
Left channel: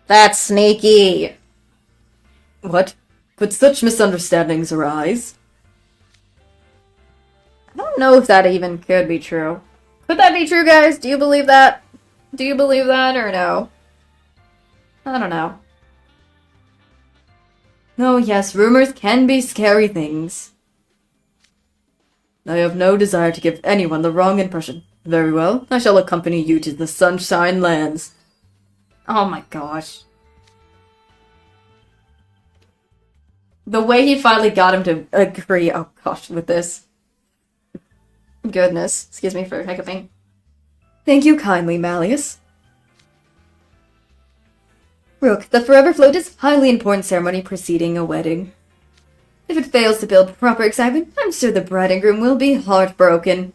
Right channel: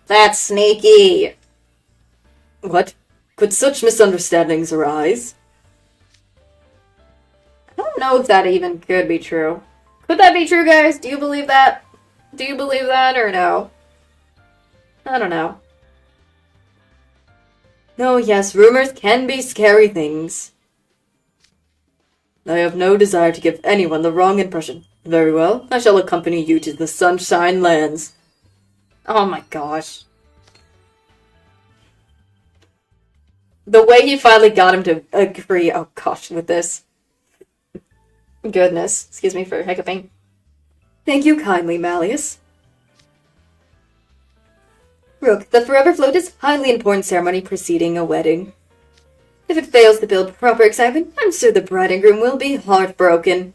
That's sneaky. What? Could such misunderstandings arise? I don't know if that even could be true. Could that be true, guys? Do you believe that? Do you believe that or no? I don't know. No, yes, rumors can be scary things. I have no desire to give anyone the wrong impression. Very well, I shall accompany you to the Sunshine Lands. Oh my gosh. The way he finally got him to agree, oh gosh, with this. Goodness, excuse me for hiccuping. Thank you kindly, Malleus. Rook, the Forever Float is a highly important ceremony preceding a wedding. If it fails to build proper excitement, I'm sure the bride and groom will be heartbroken.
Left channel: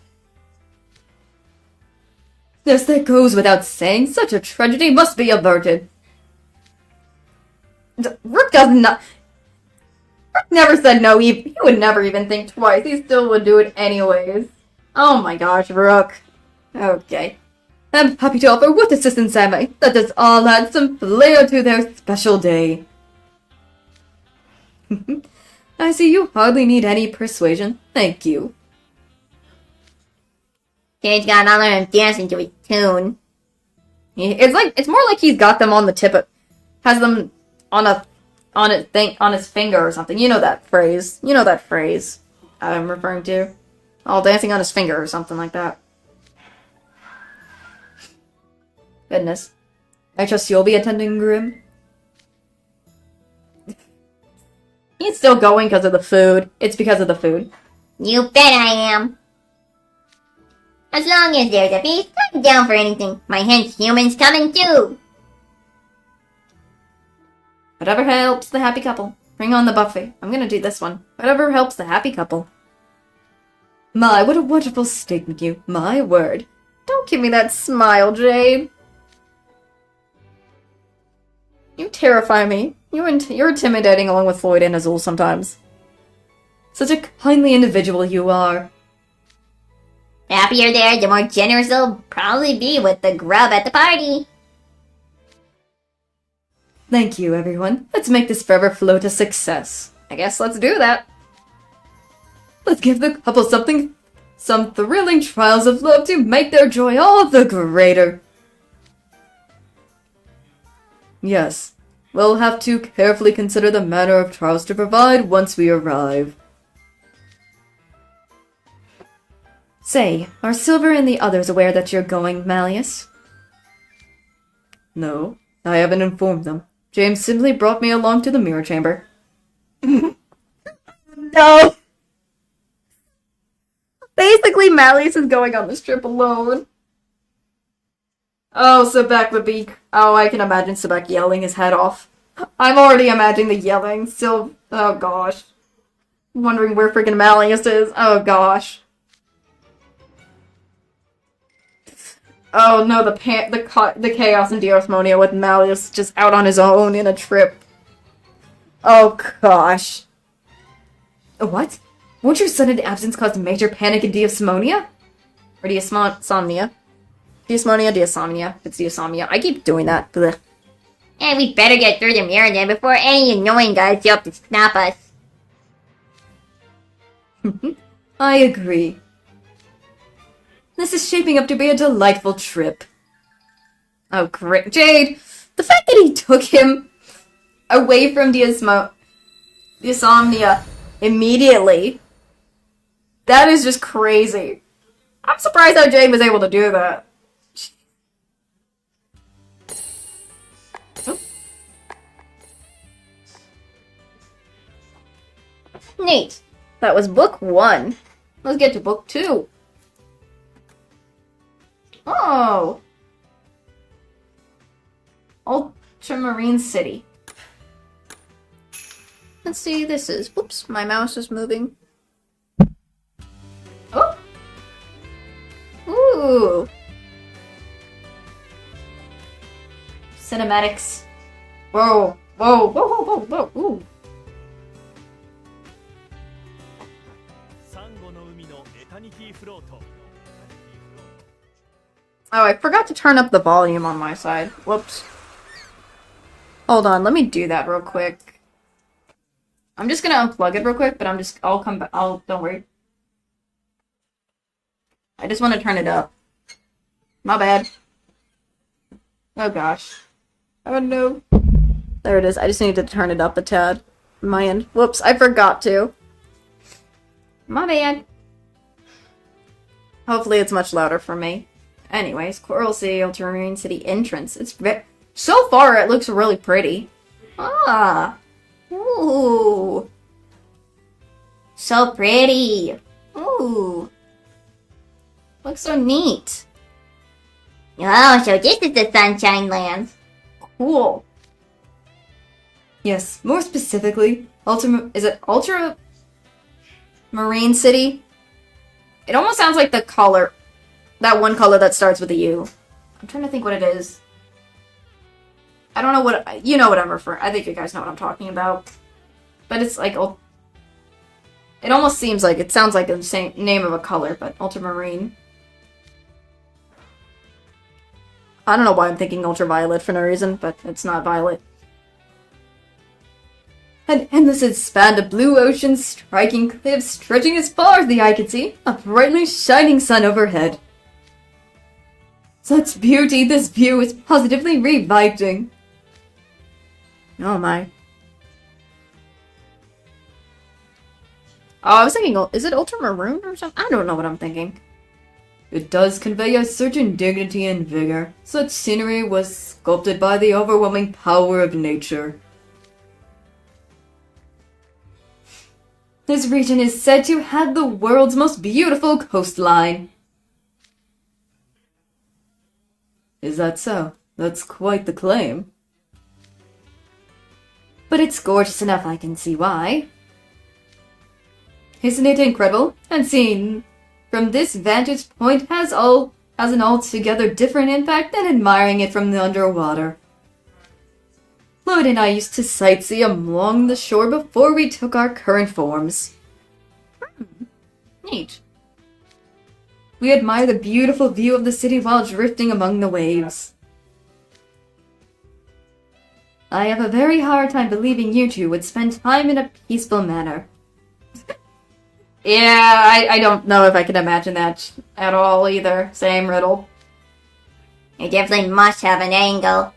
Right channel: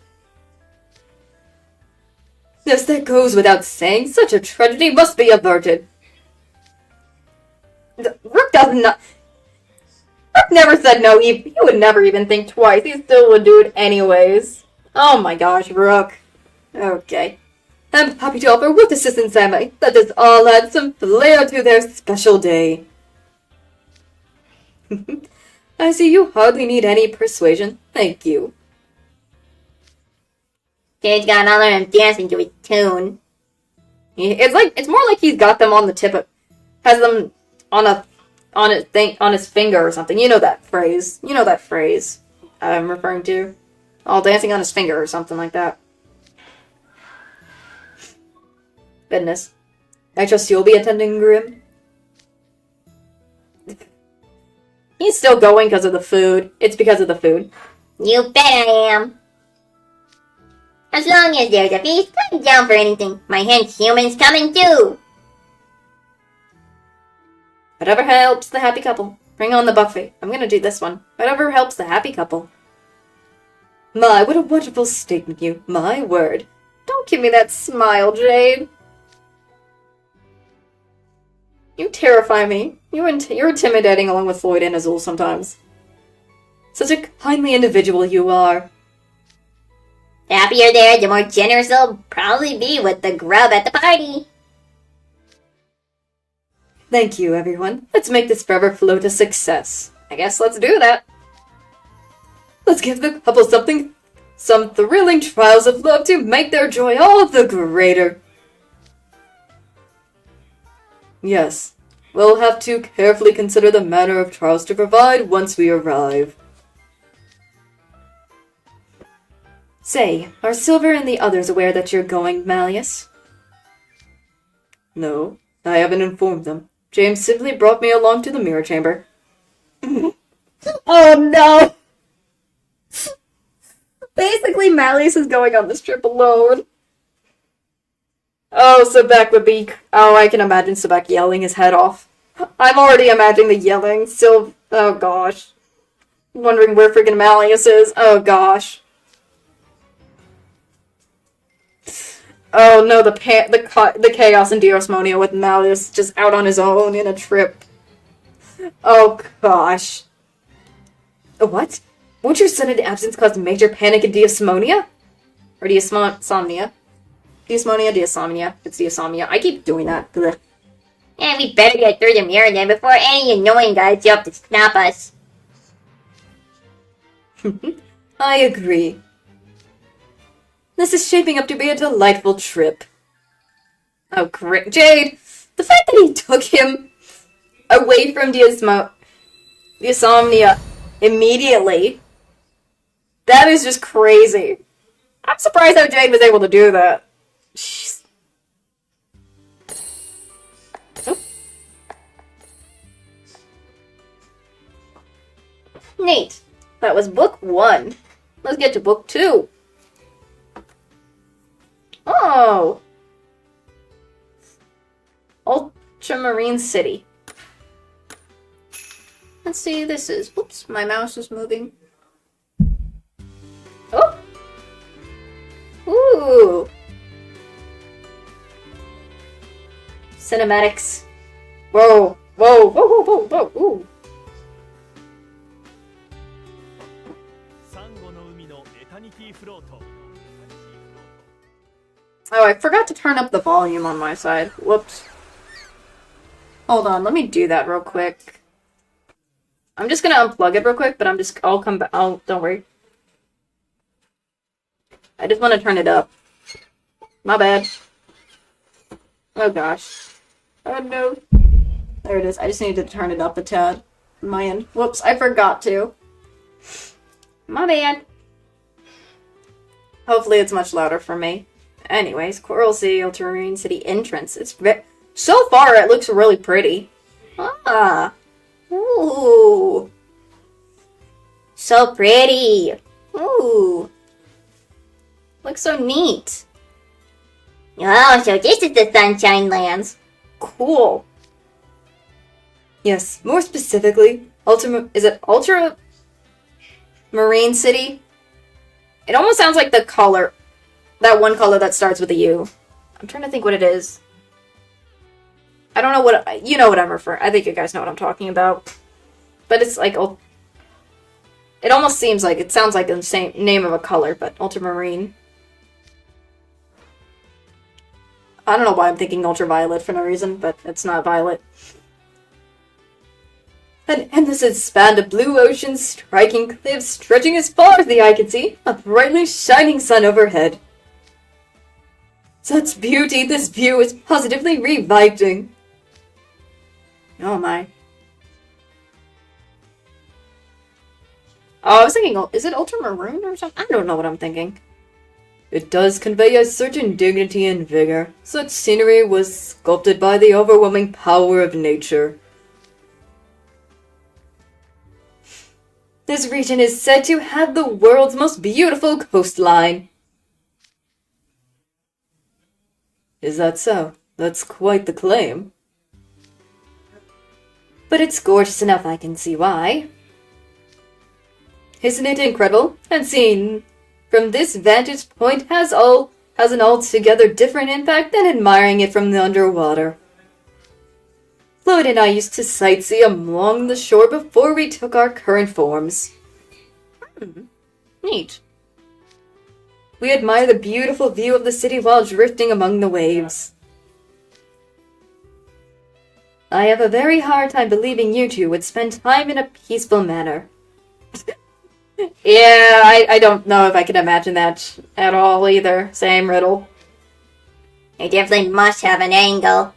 Yes, that goes without saying. Such a tragedy must be averted. Rook does not... Rook never said no. He would never even think twice. He still would do it anyways. Oh my gosh, Rook. Okay. I'm happy to offer with assistance, Sammy. That does all add some flair to their special day. I see you hardly need any persuasion. Thank you. Jade's got all of them dancing to his tune. It's more like he's got them on the tip of... Has them on his finger or something. You know that phrase. You know that phrase I'm referring to. All dancing on his finger or something like that. Goodness. I trust you'll be attending, Grim. He's still going because of the food. It's because of the food. You bet I am. As long as there's a feast, I'm down for anything. My hench human's coming too. Whatever helps the happy couple. Bring on the buffet. I'm gonna do this one. Whatever helps the happy couple. My, what a wonderful statement, you. My word. Don't give me that smile, Jade. You terrify me. You're intimidating along with Floyd and Azul sometimes. Such a kindly individual you are. The happier they are, the more generous they'll probably be with the grub at the party. Thank you, everyone. Let's make this forever float a success. I guess let's do that. Let's give the couple some thrilling trials of love to make their joy all the greater. Yes, we'll have to carefully consider the manner of trials to provide once we arrive. Say, are Silver and the others aware that you're going, Malleus? No, I haven't informed them. James simply brought me along to the mirror chamber. Oh no! Basically, Malleus is going on this trip alone. Oh, Sebek would be... Oh, I can imagine Sebek yelling his head off. I'm already imagining the yelling. Still... Oh gosh. Wondering where freaking Malleus is. Oh gosh. Oh no, the chaos in Diosmonia with Malleus just out on his own in a trip. Oh gosh. What? Won't your sudden absence cause major panic in Diosmonia? Or Diosomnia? Diosmonia. It's Diosomnia. I keep doing that. Blech. And we better get through the mirror then before any annoying guys show up to snap us. I agree. This is shaping up to be a delightful trip. Oh, great. Jade! The fact that he took him away from Diosomnia immediately, that is just crazy. I'm surprised how Jade was able to do that. Oh. Neat. That was book 1. Let's get to book 2. Oh! Ultramarine City. Let's see, this is... Whoops, my mouse is moving. Oh! Ooh! Cinematics. Whoa! Whoa! Whoa! Whoa! Whoa! Whoa! Ooh! Oh, I forgot to turn up the volume on my side. Whoops. Hold on, let me do that real quick. I'm just gonna unplug it real quick, but I'll come back. Don't worry. I just want to turn it up. My bad. Oh gosh. Oh no. There it is. I just need to turn it up a tad. On my end. Whoops, I forgot to. My bad. Hopefully it's much louder for me. Anyways, Coral Sea, Ultramarine City entrance. So far, it looks really pretty. Ah. Ooh. So pretty. Ooh. Looks so neat. Oh, so this is the Sunshine Lands. Cool. Yes, more specifically, is it Ultramarine City? It almost sounds like the color. That one color that starts with a U. I'm trying to think what it is. I don't know what... You know what I'm referring... I think you guys know what I'm talking about. But it's like... It almost seems like... It sounds like the same name of a color, but ultramarine. I don't know why I'm thinking ultraviolet for no reason, but it's not violet. An endless expanse of blue ocean, striking cliffs stretching as far as the eye can see, a brightly shining sun overhead. Such beauty, this view is positively reviving. Oh my. Oh, I was thinking, is it ultramaroon or something? I don't know what I'm thinking. It does convey a certain dignity and vigor. Such scenery was sculpted by the overwhelming power of nature. This region is said to have the world's most beautiful coastline. Is that so? That's quite the claim. But it's gorgeous enough, I can see why. Isn't it incredible? And seen from this vantage point has an altogether different impact than admiring it from the underwater. Floyd and I used to sightsee along the shore before we took our current forms. Neat. We admire the beautiful view of the city while drifting among the waves. I have a very hard time believing you two would spend time in a peaceful manner. Yeah, I don't know if I can imagine that at all either. Same riddle. You definitely must have an angle.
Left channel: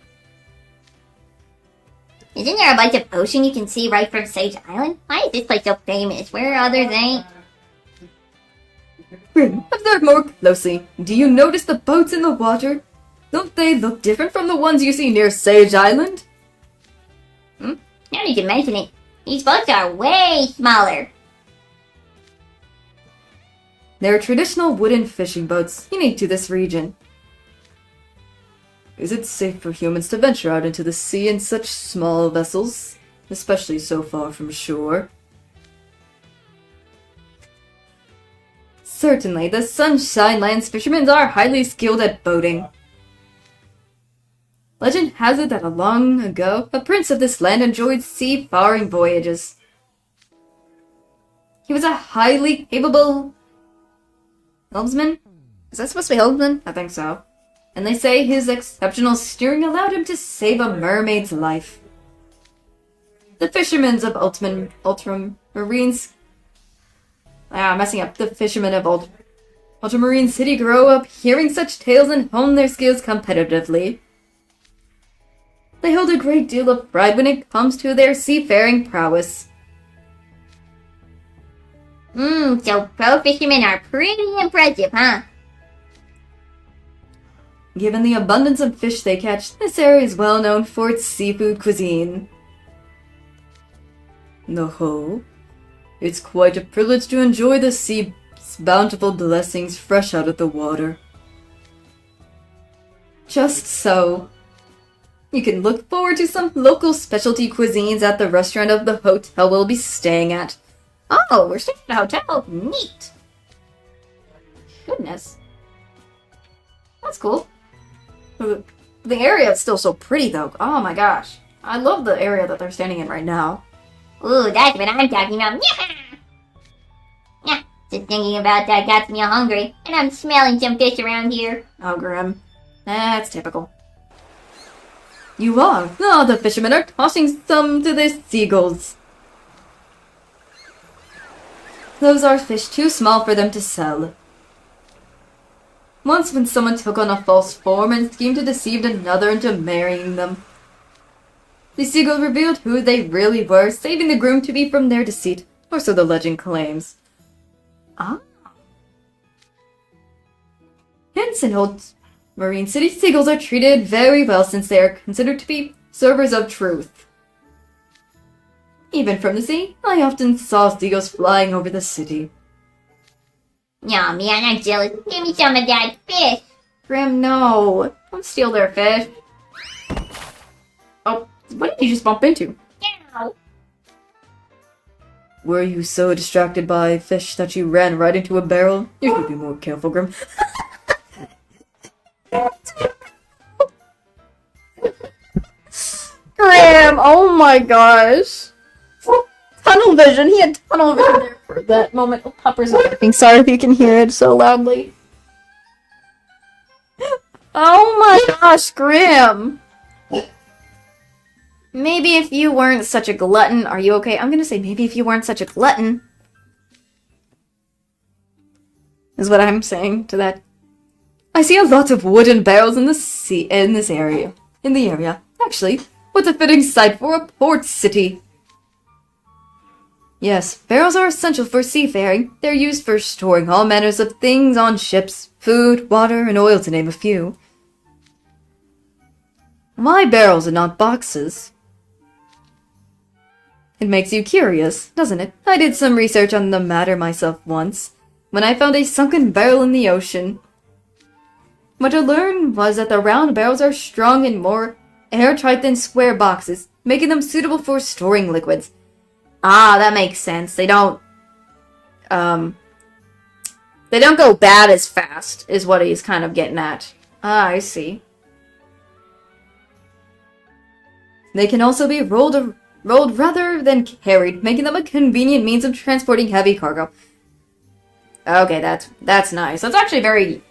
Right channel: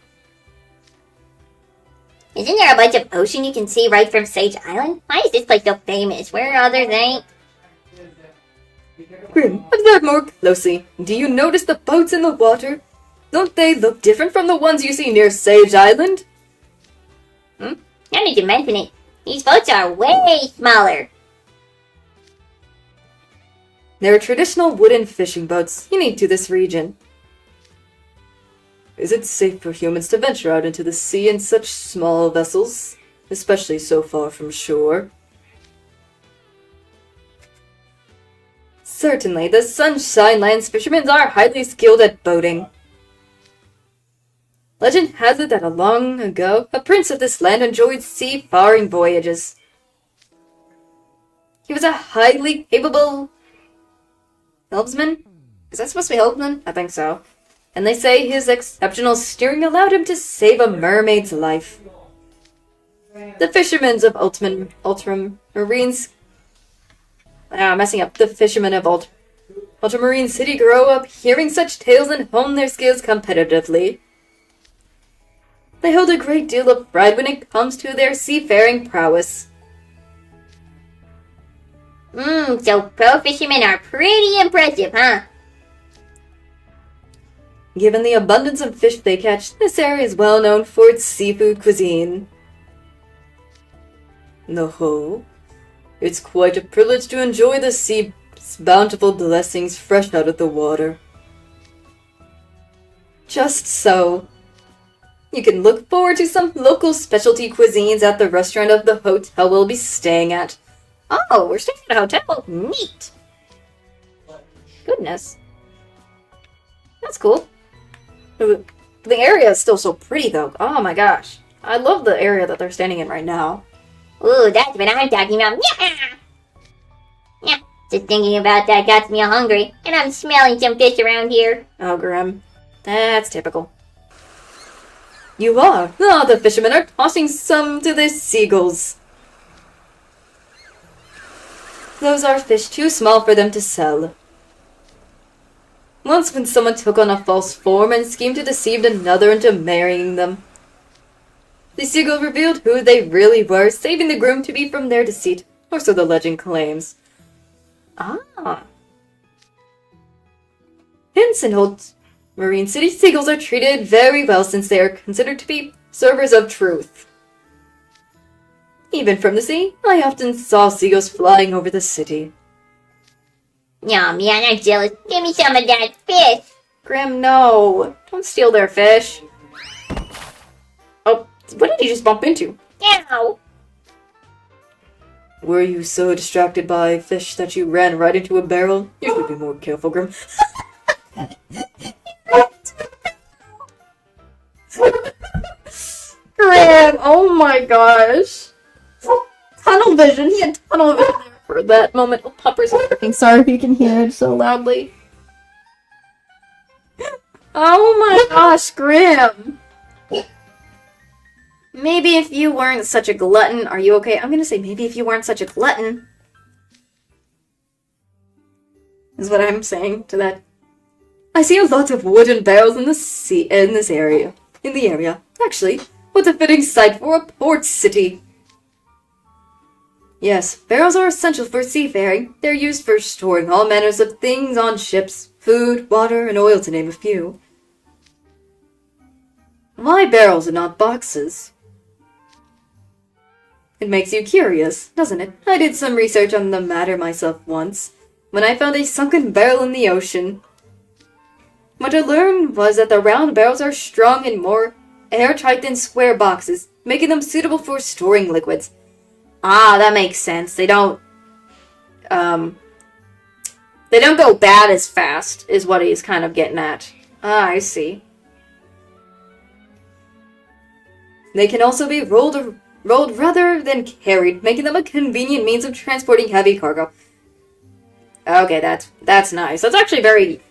Isn't there a bunch of ocean you can see right from Sage Island? Why is this place so famous? Where others ain't? Grim, observe more closely. Do you notice the boats in the water? Don't they look different from the ones you see near Sage Island? Now that you mention it, these boats are way smaller. They're traditional wooden fishing boats unique to this region. Is it safe for humans to venture out into the sea in such small vessels, especially so far from shore? Certainly, the Sunshine Land's fishermen are highly skilled at boating. Legend has it that long ago, a prince of this land enjoyed seafaring voyages. He was a highly capable helmsman? Is that supposed to be helmsman? I think so. And they say his exceptional steering allowed him to save a mermaid's life. The fishermen of The fishermen of Ultramarine City grow up hearing such tales and hone their skills competitively. They hold a great deal of pride when it comes to their seafaring prowess. So pro fishermen are pretty impressive, huh? Given the abundance of fish they catch, this area is well known for its seafood cuisine. No, it's quite a privilege to enjoy the sea's bountiful blessings fresh out of the water. Just so. You can look forward to some local specialty cuisines at the restaurant of the hotel we'll be staying at. Oh, we're staying at a hotel? Neat! Goodness. That's cool. The area is still so pretty, though. Oh my gosh. I love the area that they're standing in right now. Ooh, that's what I'm talking about. Yeah, just thinking about that got me all hungry, and I'm smelling some fish around here. Oh, Grim. That's typical. You are. Oh, the fishermen are tossing some to the seagulls. Those are fish too small for them to sell. Once when someone took on a false form and schemed to deceive another into marrying them. The seagull revealed who they really were, saving the groom to be from their deceit, or so the legend claims. Ah. Hence in old Marine City, seagulls are treated very well since they are considered to be servers of truth. Even from the sea, I often saw seagulls flying over the city. Aw, man, I'm jealous. Give me some of that fish. Grim, no. Don't steal their fish. Oh, what did you just bump into? Ow. Were you so distracted by fish that you ran right into a barrel? You should be more careful, Grim. Grim, oh my gosh. Tunnel vision. He had tunnel vision there for that moment. Oh, Popper's barking. Sorry if you can hear it so loudly. Oh my gosh, Grim. Maybe if you weren't such a glutton. Are you okay? I'm gonna say maybe if you weren't such a glutton. Is what I'm saying to that. I see a lot of wooden barrels in the area. Actually, what a fitting site for a port city. Yes, barrels are essential for seafaring. They're used for storing all manners of things on ships, food, water, and oil to name a few. Why barrels and not boxes? It makes you curious, doesn't it? I did some research on the matter myself once, when I found a sunken barrel in the ocean. What I learned was that the round barrels are strong and more airtight than square boxes, making them suitable for storing liquids. Ah, that makes sense. They don't go bad as fast, is what he's kind of getting at. Ah, I see. They can also be rolled rather than carried, making them a convenient means of transporting heavy cargo. Okay, that's nice. That's actually very...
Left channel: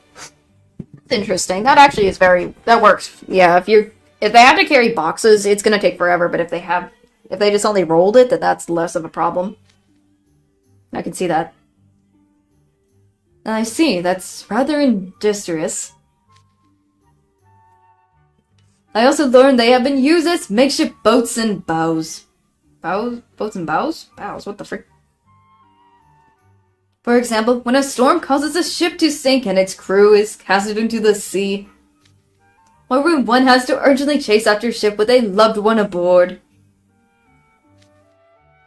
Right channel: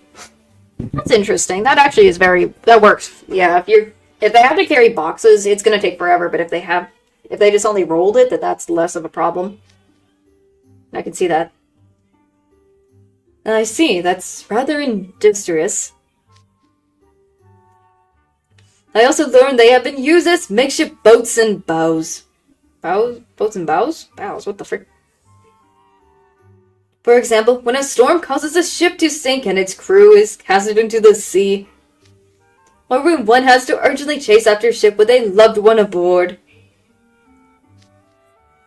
That's interesting. That actually is very... That works. Yeah, if they have to carry boxes, it's gonna take forever, but if they just only rolled it, that's less of a problem. I can see that. I see, that's rather industrious. I also learned they have been used as makeshift boats and bows. Boats and bows? Bows, what the frick? For example, when a storm causes a ship to sink and its crew is casted into the sea, or when one has to urgently chase after a ship with a loved one aboard.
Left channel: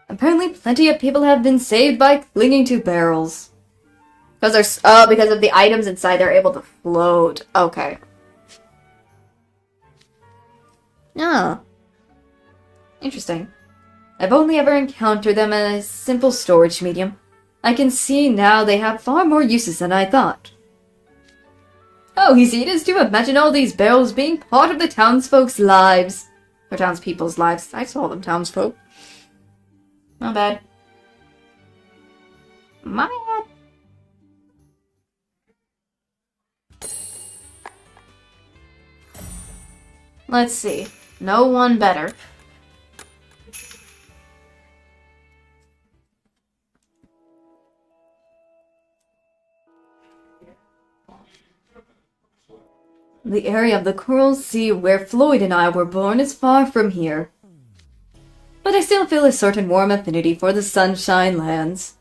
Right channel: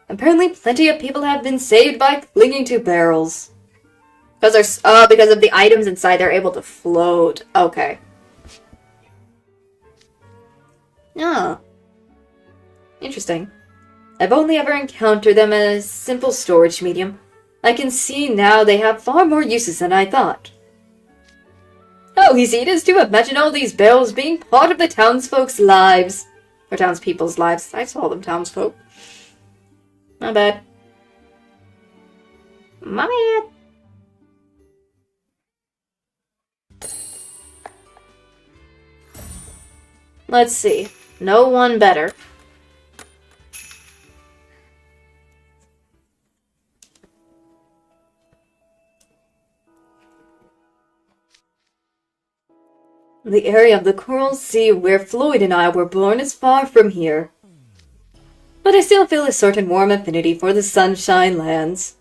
Apparently, plenty of people have been saved by clinging to barrels. Because of the items inside, they're able to float. Okay. Oh. Interesting. I've only ever encountered them as a simple storage medium. I can see now they have far more uses than I thought. Oh, easy it is to imagine all these barrels being part of the townsfolk's lives. Or townspeople's lives. I call them townsfolk. Not bad. My bad. Let's see. No one better. The area of the Coral Sea where Floyd and I were born is far from here. But I still feel a certain warm affinity for the Sunshine Lands.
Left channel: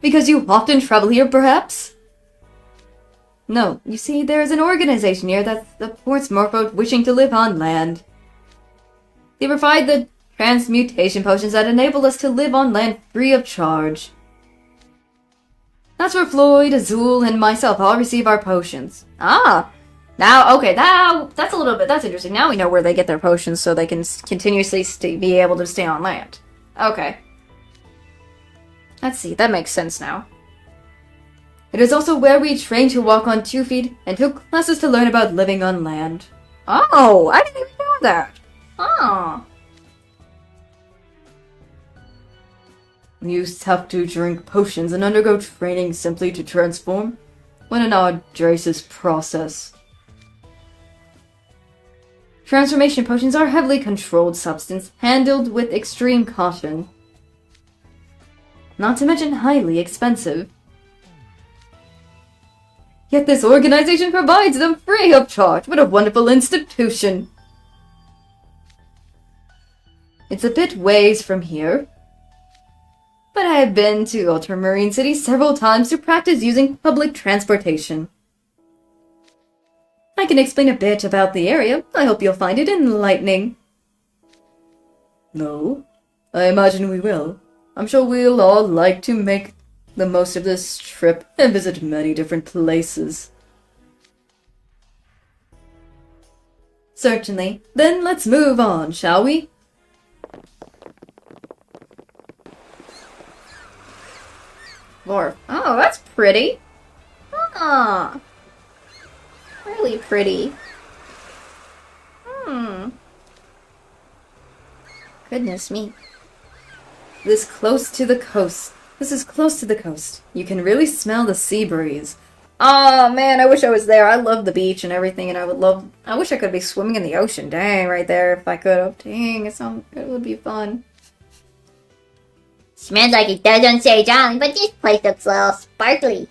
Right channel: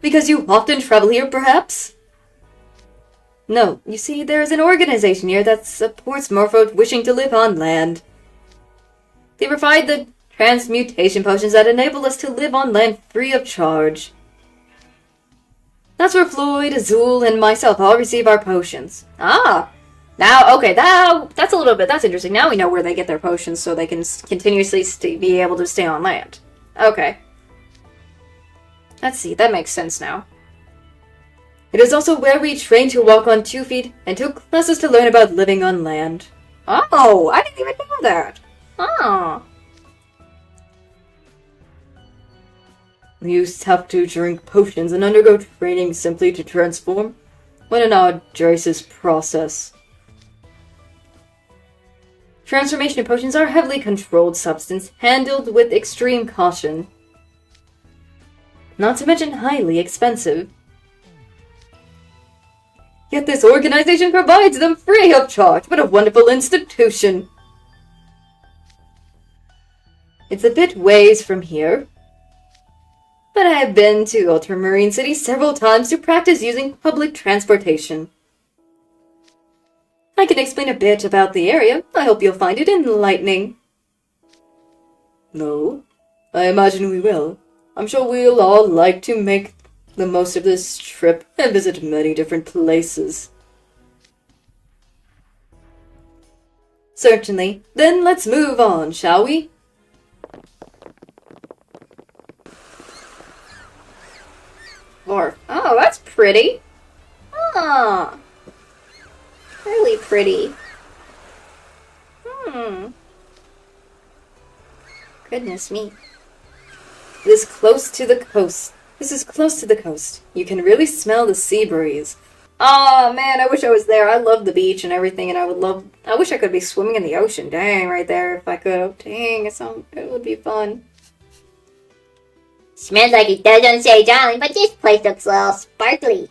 Because you often travel here, perhaps? No, you see, there is an organization here that supports merfolk wishing to live on land. They provide the transmutation potions that enable us to live on land free of charge. That's where Floyd, Azul, and myself all receive our potions. Ah! Now, okay, that's a little bit, that's interesting. Now we know where they get their potions so they can continuously be able to stay on land. Okay. Let's see, that makes sense now. It is also where we train to walk on 2 feet and took classes to learn about living on land. Oh, I didn't even know that. Oh. You have to drink potions and undergo training simply to transform. What an arduous process. Transformation potions are a heavily controlled substance, handled with extreme caution. Not to mention highly expensive. Yet this organization provides them free of charge. What a wonderful institution. It's a bit ways from here. But I have been to Ultramarine City several times to practice using public transportation. I can explain a bit about the area. I hope you'll find it enlightening. No, I imagine we will. I'm sure we'll all like to make the most of this trip and visit many different places. Certainly. Then let's move on, shall we? More. Oh, that's pretty. Ah. Really pretty. Goodness me. This is close to the coast. You can really smell the sea breeze. Oh man, I wish I was there. I love the beach and everything, and I wish I could be swimming in the ocean. Dang, right there, if I could. Oh, dang, it would be fun. Smells like it does on Sage Island, but this place looks a little sparkly.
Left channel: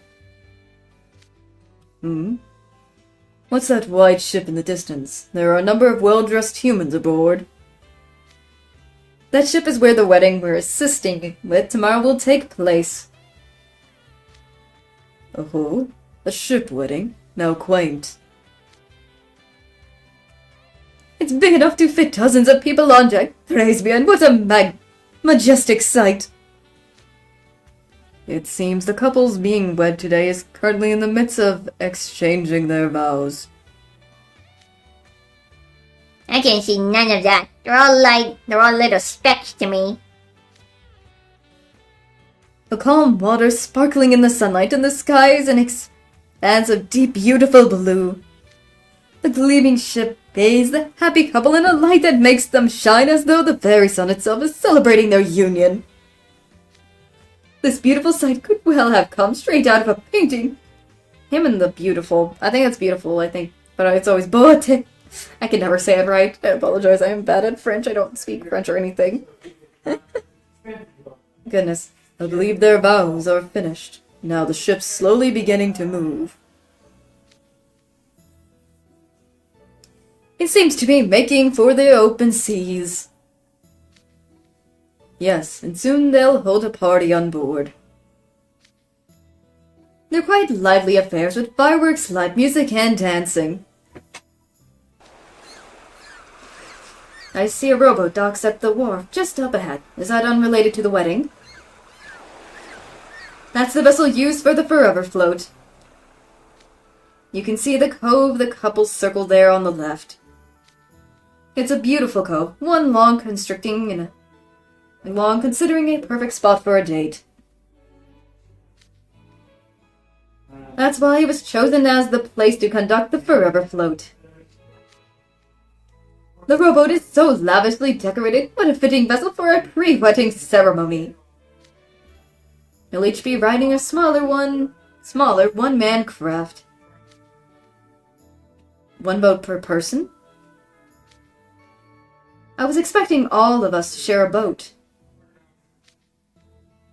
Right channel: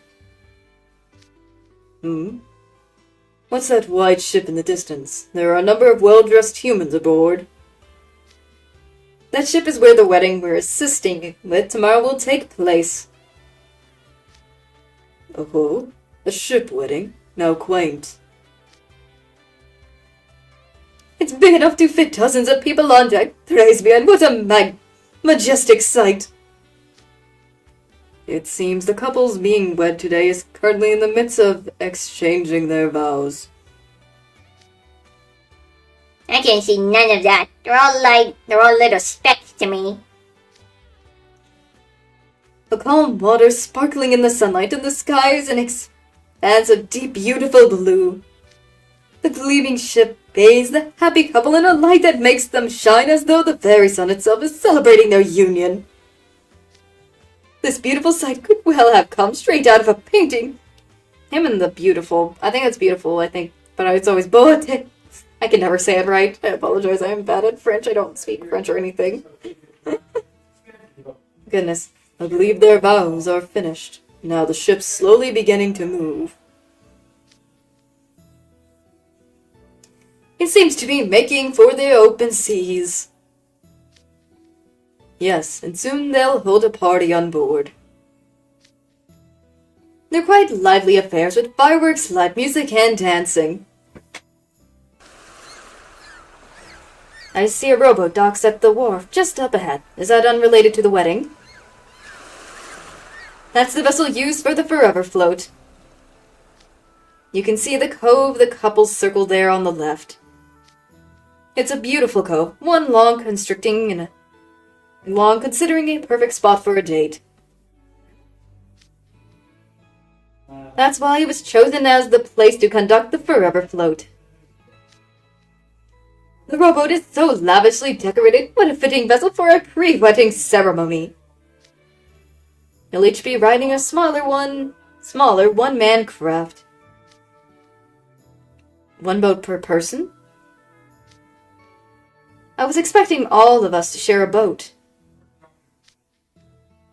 What's that white ship in the distance? There are a number of well-dressed humans aboard. That ship is where the wedding we're assisting with tomorrow will take place. Oh, a ship wedding? Now quaint. It's big enough to fit dozens of people on deck. Praise be, and what a majestic sight. It seems the couples being wed today is currently in the midst of exchanging their vows. I can see none of that. They're all little specks to me. The calm water sparkling in the sunlight, and the sky is an expanse of deep, beautiful blue. The gleaming ship bathes the happy couple in a light that makes them shine as though the very sun itself is celebrating their union. This beautiful sight could well have come straight out of a painting. Him and the beautiful. I think it's beautiful, but it's always beauté. I can never say it right. I apologize, I am bad at French. I don't speak French or anything. Goodness. I believe their vows are finished. Now the ship's slowly beginning to move. It seems to be making for the open seas. Yes, and soon they'll hold a party on board. They're quite lively affairs with fireworks, light music, and dancing. I see a rowboat docks at the wharf just up ahead. Is that unrelated to the wedding? That's the vessel used for the forever float. You can see the cove the couple circled there on the left. It's a beautiful cove, one long considering a perfect spot for a date. That's why it was chosen as the place to conduct the forever float. The rowboat is so lavishly decorated. What a fitting vessel for a pre-wedding ceremony. You'll each be riding a smaller one-man craft. One boat per person? I was expecting all of us to share a boat.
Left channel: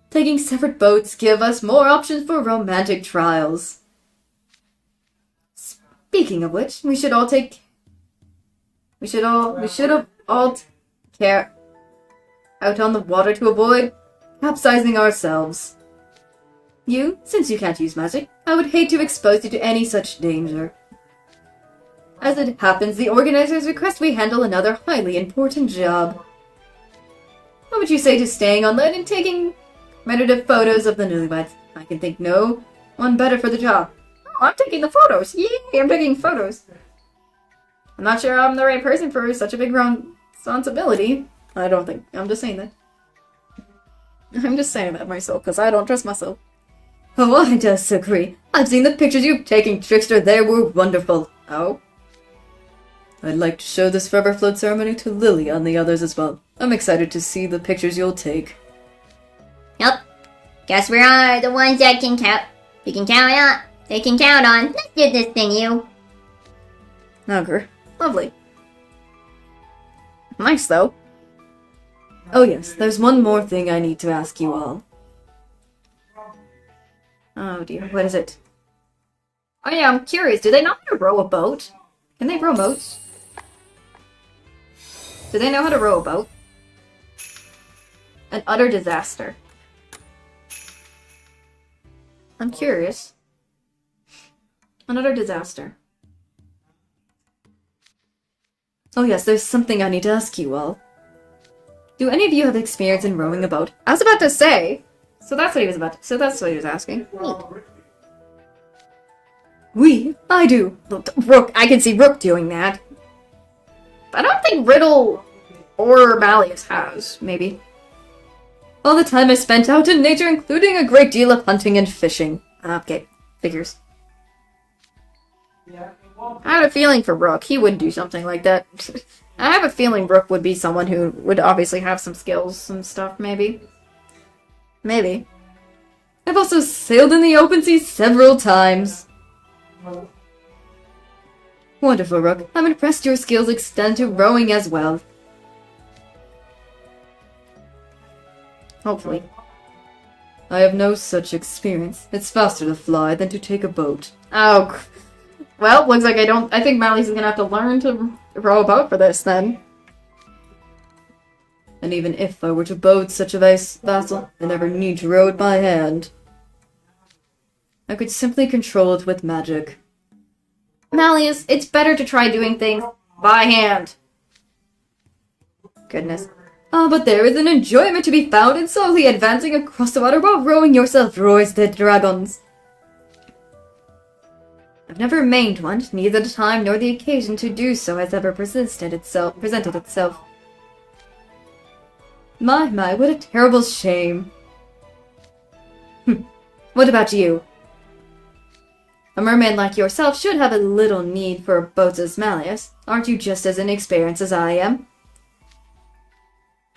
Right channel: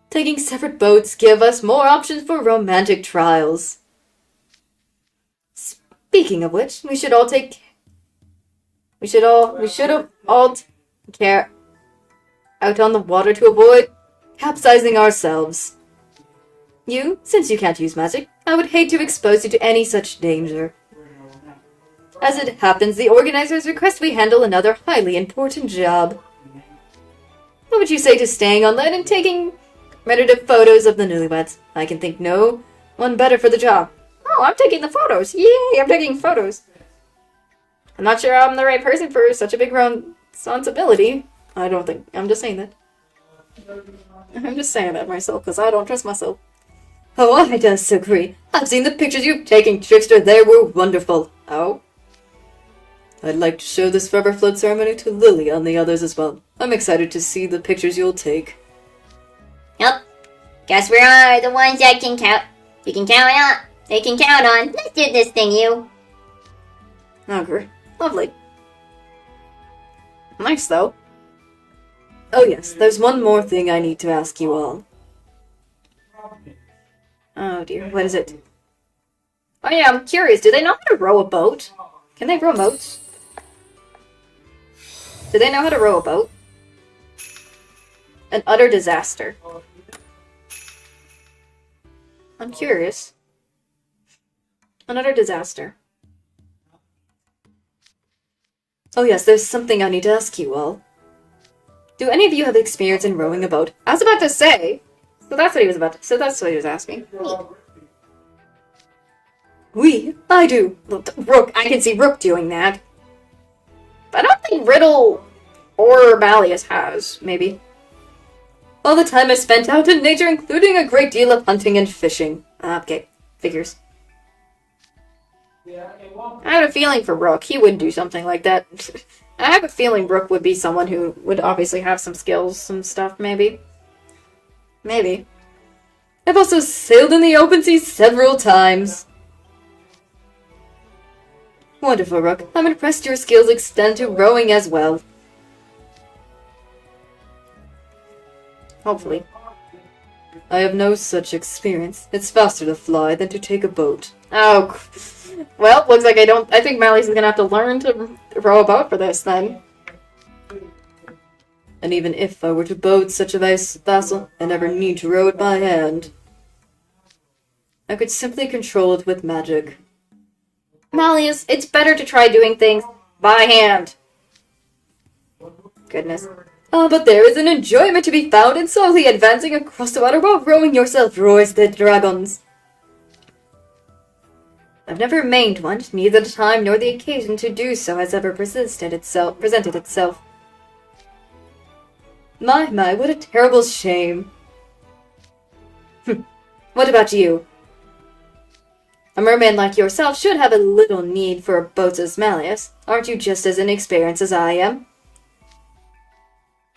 Taking separate boats give us more options for romantic trials. Speaking of which, we should have all care out on the water to avoid capsizing ourselves. You, since you can't use magic, I would hate to expose you to any such danger. As it happens, the organizers request we handle another highly important job. What would you say to staying on land and taking commemorative photos of the newlyweds? I can think no one better for the job. Oh, I'm taking the photos! Yay, I'm taking photos! I'm not sure I'm the right person for such a big responsibility. I'm just saying that. I'm just saying that myself, because I don't trust myself. Oh, I disagree. I've seen the pictures you've taken, Trickster. They were wonderful. Oh? I'd like to show this forever float ceremony to Lily and the others as well. I'm excited to see the pictures you'll take. Yep. Guess we are the ones that can count. You can count on. They can count on. Let's do this thing, you. Okay. Lovely. Nice, though. Oh yes, there's one more thing I need to ask you all. Oh dear, what is it? Oh yeah, I'm curious. Do they know how to row a boat? Can they row boats? Do they know how to row a boat? An utter disaster. I'm curious. An utter disaster. Oh yes, there's something I need to ask you all. Do any of you have experience in rowing a boat? I was about to say! So that's what he was asking. I do. Rook, I can see Rook doing that. I don't think Riddle or Malleus has, maybe. All the time I spent out in nature, including a great deal of hunting and fishing. Okay, figures. I have a feeling for Rook. He would do something like that. I have a feeling Rook would be someone who would obviously have some skills, some stuff, maybe. Maybe. I've also sailed in the open sea several times. Wonderful, Rook. I'm impressed your skills extend to rowing as well. Hopefully. I have no such experience. It's faster to fly than to take a boat. Oh, well, looks like I think Mally's gonna have to learn to row a boat for this, then. And even if I were to boat such a vessel, I never need to row it by hand. I could simply control it with magic. Malleus, it's better to try doing things by hand. Goodness. Ah, but there is an enjoyment to be found in slowly advancing across the water while rowing yourself, roars the dragons. I've never remained one, neither the time nor the occasion to do so has ever presented itself. My, what a terrible shame. What about you? A merman like yourself should have a little need for boats as Malleus. Aren't you just as inexperienced as I am?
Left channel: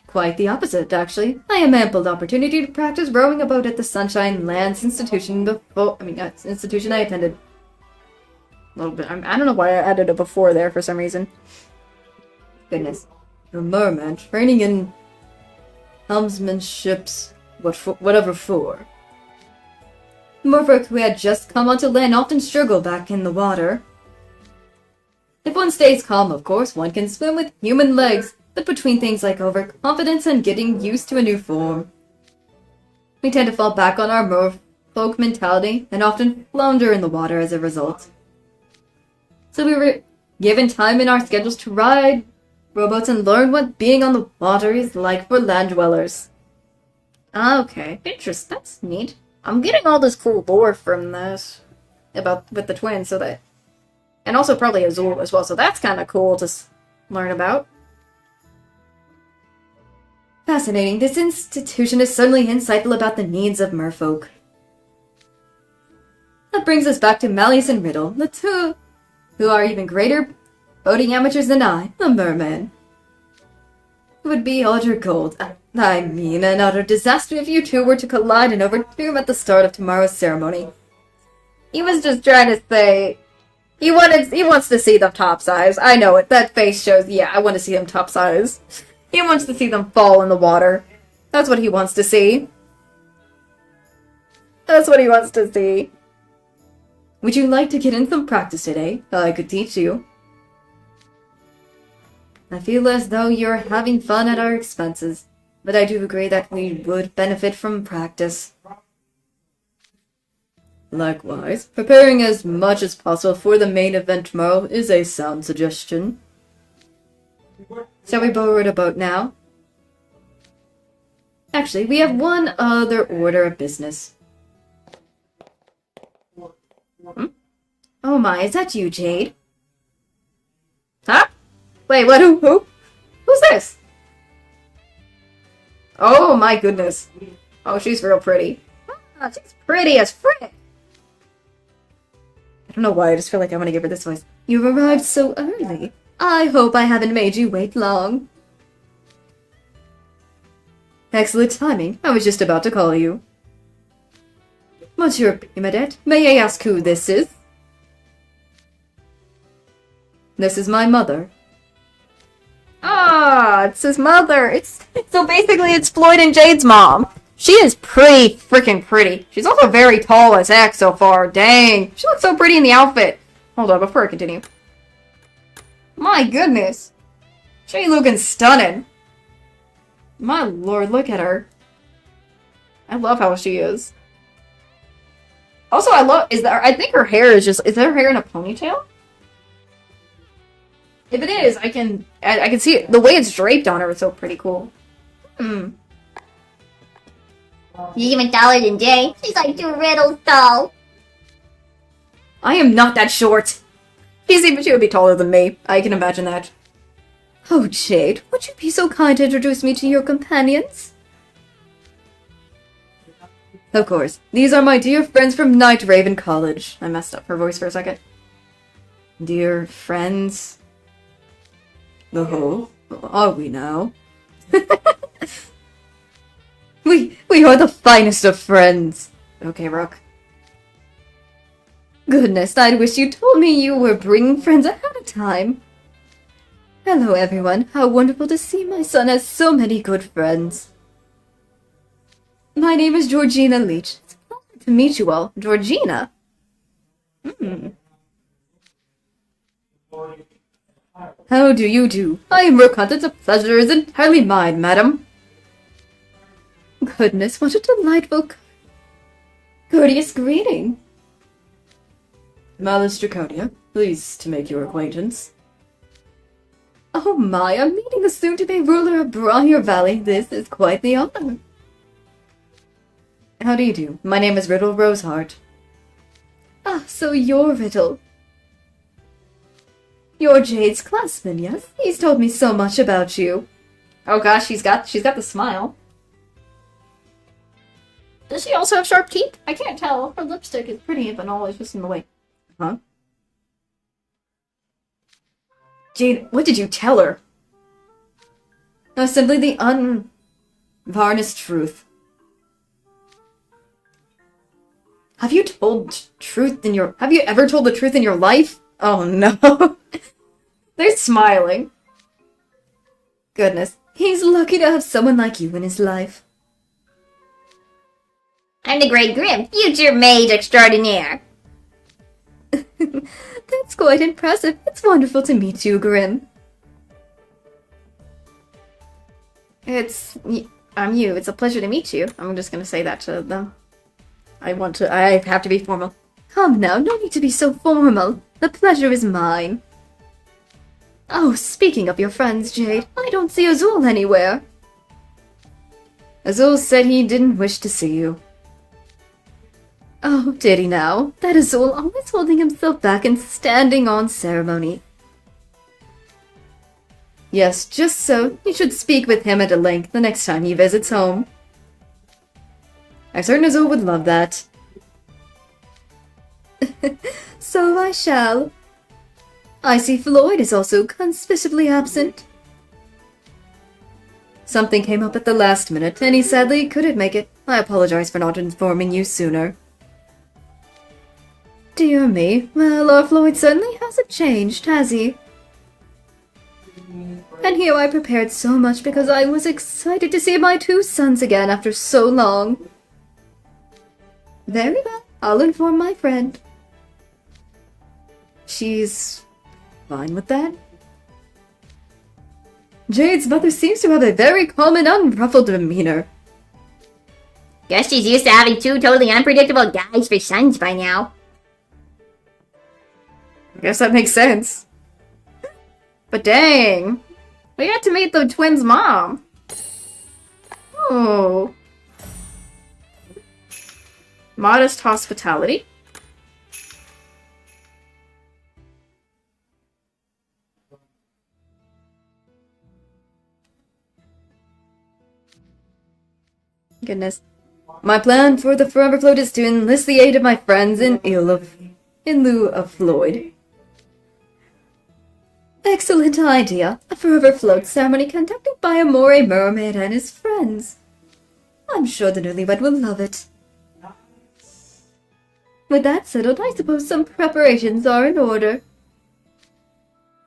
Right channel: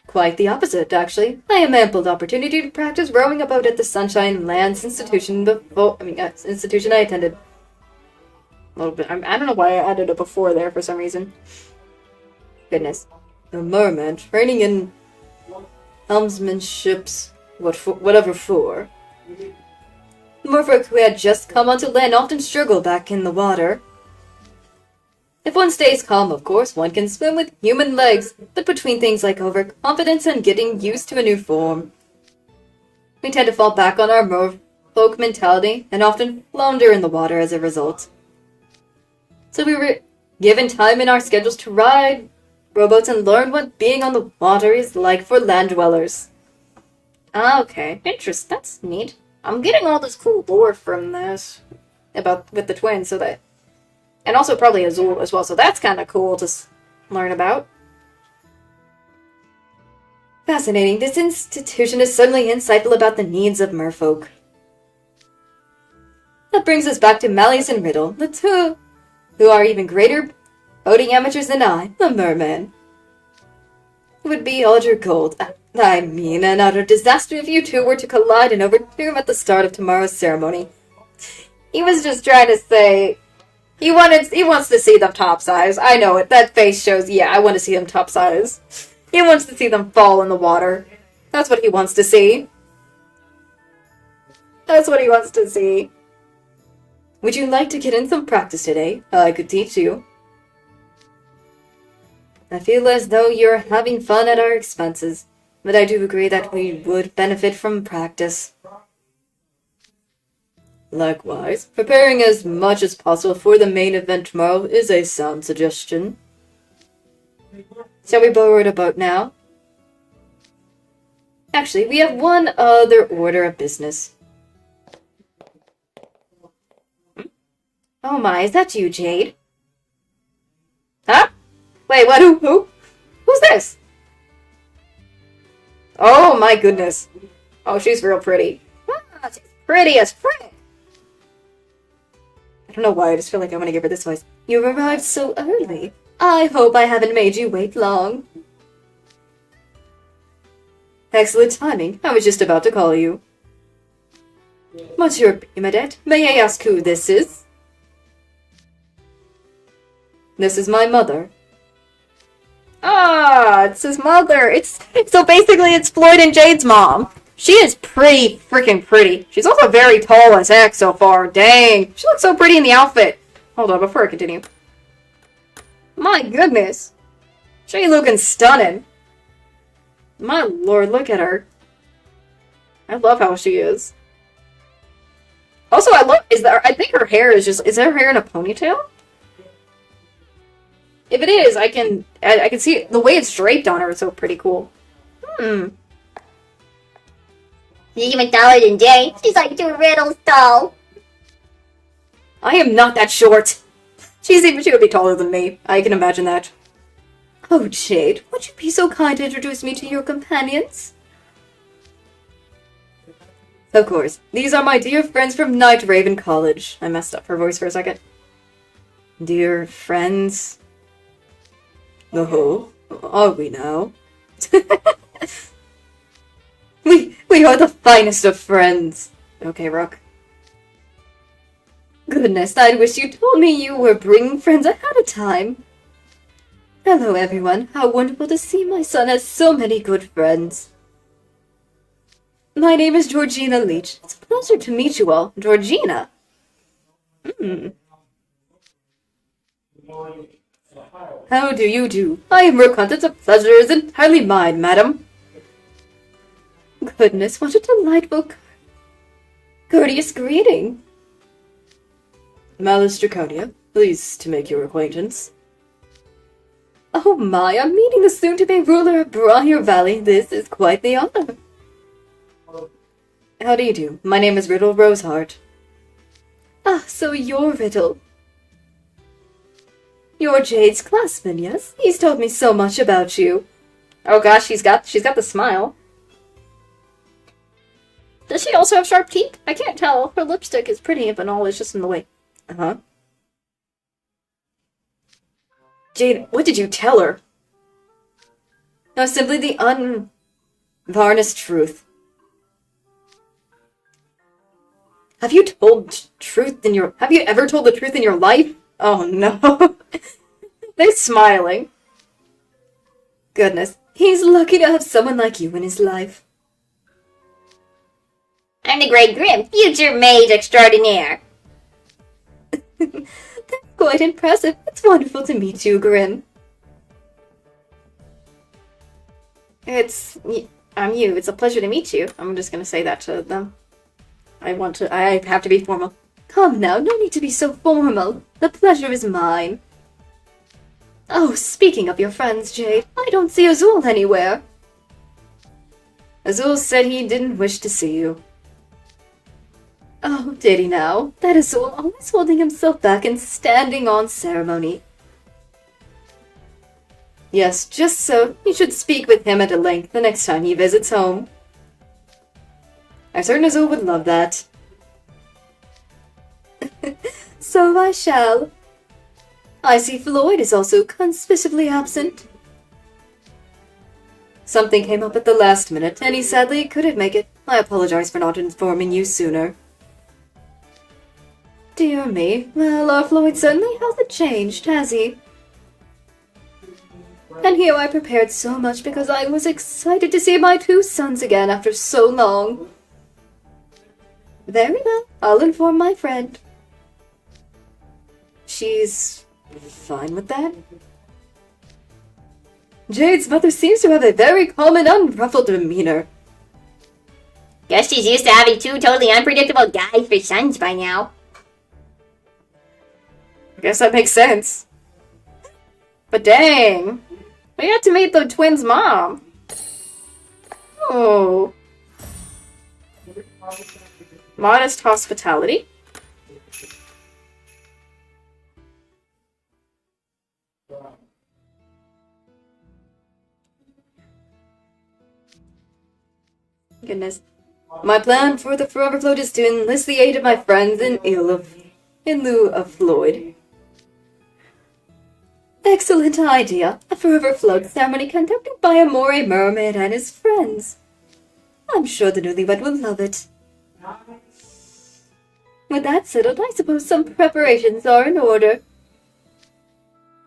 Quite the opposite, actually. I have ample opportunity to practice rowing a boat at the Sunshine Lands institution institution I attended. A little bit. I don't know why I added a before there for some reason. Goodness. A merman training in helmsmanships, whatever for. Merfolk who had just come onto land often struggle back in the water. If one stays calm, of course, one can swim with human legs, but between things like overconfidence and getting used to a new form, we tend to fall back on our merfolk mentality and often flounder in the water as a result. So we were given time in our schedules to ride rowboats and learn what being on the water is like for land dwellers. Ah, okay. Interesting. That's neat. I'm getting all this cool lore from this with the twins, so that, and also probably Azul as well. So that's kind of cool to learn about. Fascinating. This institution is certainly insightful about the needs of merfolk. That brings us back to Malleus and Riddle, the two who are even greater boating amateurs than I, the merman. It would be utter gold. I mean, an utter disaster if you two were to collide and overturn at the start of tomorrow's ceremony. He was just trying to say he wants to see them topsize. I know it. That face shows, yeah, I want to see them topsize. He wants to see them fall in the water. That's what he wants to see. That's what he wants to see. Would you like to get in some practice today? I could teach you. I feel as though you're having fun at our expenses, but I do agree that we would benefit from practice. Likewise, preparing as much as possible for the main event tomorrow is a sound suggestion. Shall we board a boat now? Actually, we have one other order of business. Oh my, is that you, Jade? Huh? Wait, what? Who? Who's this? Oh my goodness. Oh, she's real pretty. Ah, she's pretty as frick. I don't know why, I just feel like I want to give her this voice. You arrived so early. I hope I haven't made you wait long. Excellent timing. I was just about to call you. What's your Bernadette? May I ask who this is? This is my mother. Ah, it's his mother. So basically it's Floyd and Jade's mom. She is pretty freaking pretty. She's also very tall as heck so far. Dang. She looks so pretty in the outfit. Hold on, before I continue. My goodness. She looking stunning. My lord, look at her. I love how she is. Also, I think her hair is her hair in a ponytail? If it is, I can see it. The way it's draped on her is so pretty cool. She's even taller than Jay. She's like 2 Riddles tall. I am not that short. She would be taller than me. I can imagine that. Oh, Jade, would you be so kind to introduce me to your companions? Of course. These are my dear friends from Night Raven College. I messed up her voice for a second. Dear friends. Oh, are we now? We are the finest of friends. Okay, Rook. Goodness, I wish you told me you were bringing friends ahead of time. Hello, everyone. How wonderful to see my son has so many good friends. My name is Georgina Leach. It's a pleasure to meet you all. Georgina? How do you do? I am Rook Hunt. The pleasure is entirely mine, madam. Goodness, what a delightful, courteous greeting. Malice Draconia, pleased to make your acquaintance. Oh my, I'm meeting the soon-to-be ruler of Briar Valley. This is quite the honor. How do you do? My name is Riddle Roseheart. Ah, so you're Riddle. You're Jade's classman, yes? He's told me so much about you. Oh gosh, she's got the smile. Does she also have sharp teeth? I can't tell. Her lipstick is pretty, but all is just in the way. Uh-huh. Jade, what did you tell her? No, simply the unvarnished truth. Have you ever told the truth in your life? Oh no. They're smiling. Goodness, he's lucky to have someone like you in his life. I'm the Great Grim, future maid extraordinaire. That's quite impressive. It's wonderful to meet you, Grim. I'm you. It's a pleasure to meet you. I'm just gonna say that to them. I have to be formal. Come now, no need to be so formal. The pleasure is mine. Oh, speaking of your friends, Jade, I don't see Azul anywhere. Azul said he didn't wish to see you. Oh, did he now? That Azul, always holding himself back and standing on ceremony. Yes, just so. You should speak with him at a length the next time he visits home. I'm certain Azul would love that. So I shall. I see Floyd is also conspicuously absent. Something came up at the last minute, and he sadly couldn't make it. I apologize for not informing you sooner. Dear me, well, our Floyd certainly hasn't changed, has he? And here I prepared so much because I was excited to see my two sons again after so long. Very well, I'll inform my friend. She's fine with that? Jade's mother seems to have a very calm and unruffled demeanor. Guess she's used to having two totally unpredictable guys for sons by now. I guess that makes sense. But dang, we got to meet the twins' mom. Oh. Modest hospitality. Goodness. My plan for the Forever Float is to enlist the aid of my friends in lieu of Floyd. Excellent idea. A Forever Float ceremony conducted by a moray mermaid and his friends. I'm sure the newlywed will love it. With that settled, I suppose some preparations are in order.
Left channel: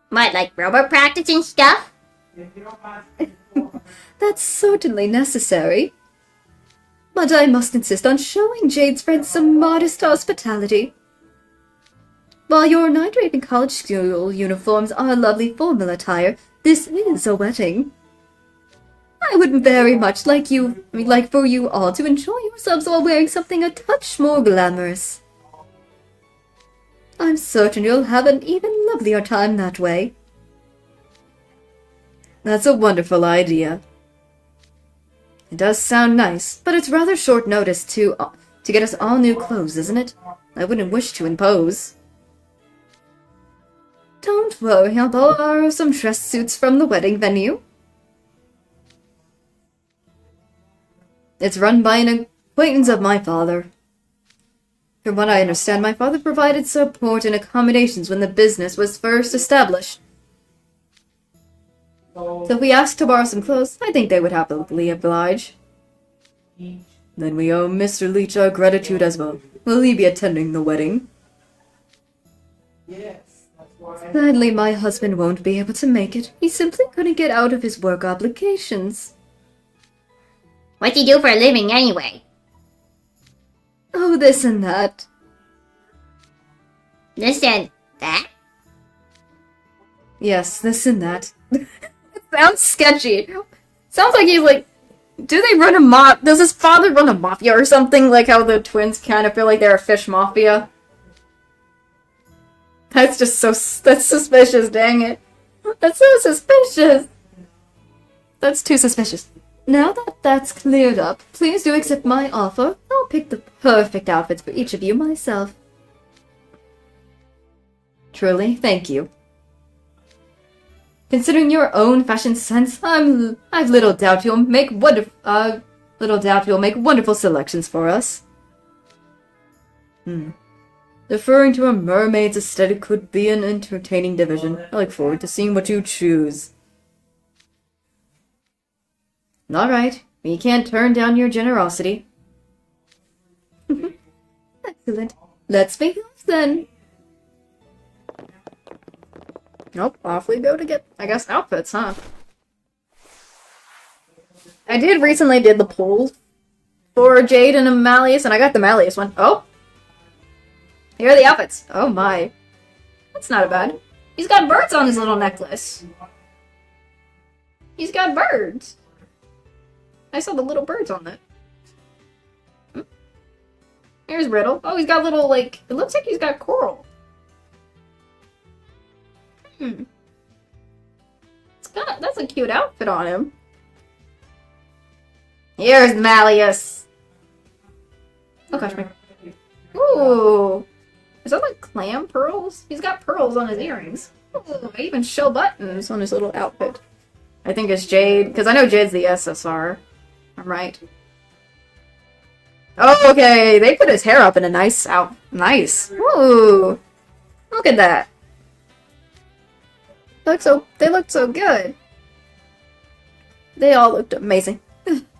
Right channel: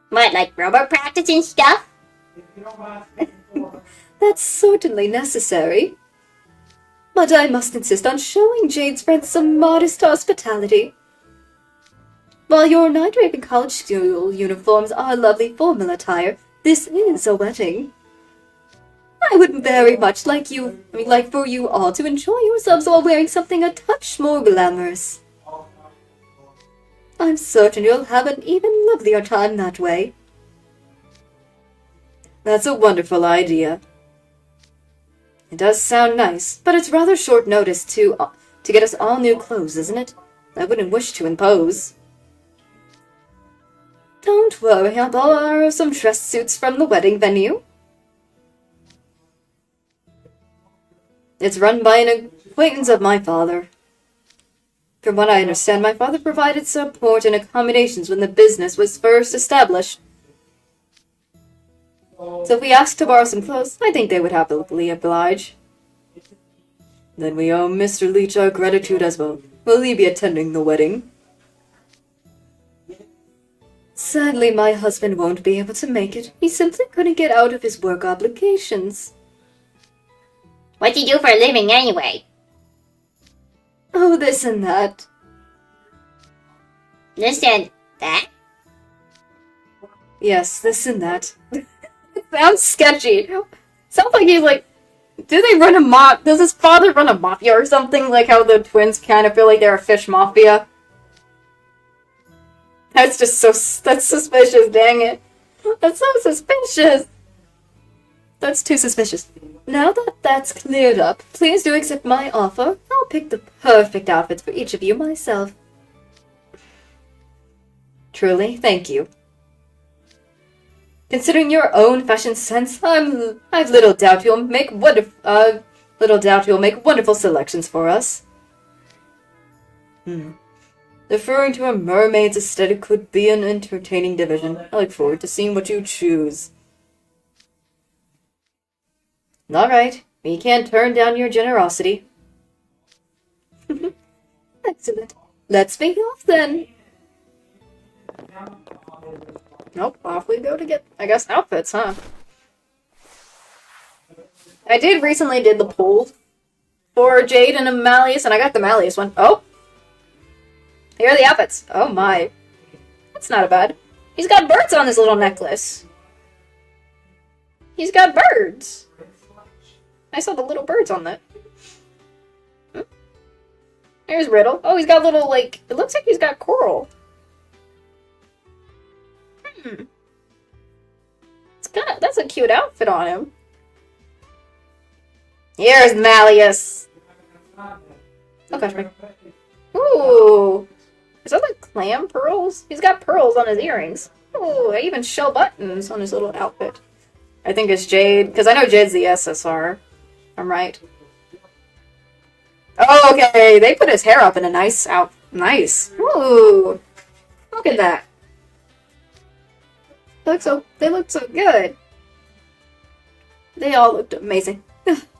What, like rowboat practice and stuff? That's certainly necessary. But I must insist on showing Jade's friends some modest hospitality. While your night-rape and college school uniforms are lovely formal attire, this is a wedding. I would very much like for you all to enjoy yourselves while wearing something a touch more glamorous. I'm certain you'll have an even lovelier time that way. That's a wonderful idea. It does sound nice, but it's rather short notice to get us all new clothes, isn't it? I wouldn't wish to impose. Don't worry, I'll borrow some dress suits from the wedding venue. It's run by an acquaintance of my father. From what I understand, my father provided support and accommodations when the business was first established. So if we asked to borrow some clothes, I think they would happily oblige. Then we owe Mr. Leach our gratitude as well. Will he be attending the wedding? Sadly, my husband won't be able to make it. He simply couldn't get out of his work obligations. What do you do for a living anyway? Oh, this and that. This and that? Yes, this and that. It sounds sketchy. Sounds like he's like, do they run a does his father run a mafia or something? Like how the twins kind of feel like they're a fish mafia? That's just that's suspicious, dang it. That's so suspicious. That's too suspicious. Now that that's cleared up, please do accept my offer. I'll pick the perfect outfits for each of you myself. Truly, thank you. Considering your own fashion sense, I've little doubt you'll make wonderful selections for us. Referring to a mermaid's aesthetic could be an entertaining division. I look forward to seeing what you choose. Alright, we can't turn down your generosity. Excellent. Let's be off then. Nope, off we go to get, I guess, outfits, huh? I did recently did the poll for Jade and Malleus, and I got the Malleus one. Oh! Here are the outfits. Oh my. That's not bad. He's got birds on his little necklace. He's got birds. I saw the little birds on that. Here's Riddle. Oh, he's got little, like, it looks like he's got coral. That's a cute outfit on him. Here's Malleus. Oh gosh, my. Ooh. Is that like clam pearls? He's got pearls on his earrings. Ooh, I even show buttons on his little outfit. I think it's Jade, because I know Jade's the SSR. I'm right. Oh, okay, they put his hair up in a nice Nice. Ooh. Look at that. They looked so good. They all looked amazing.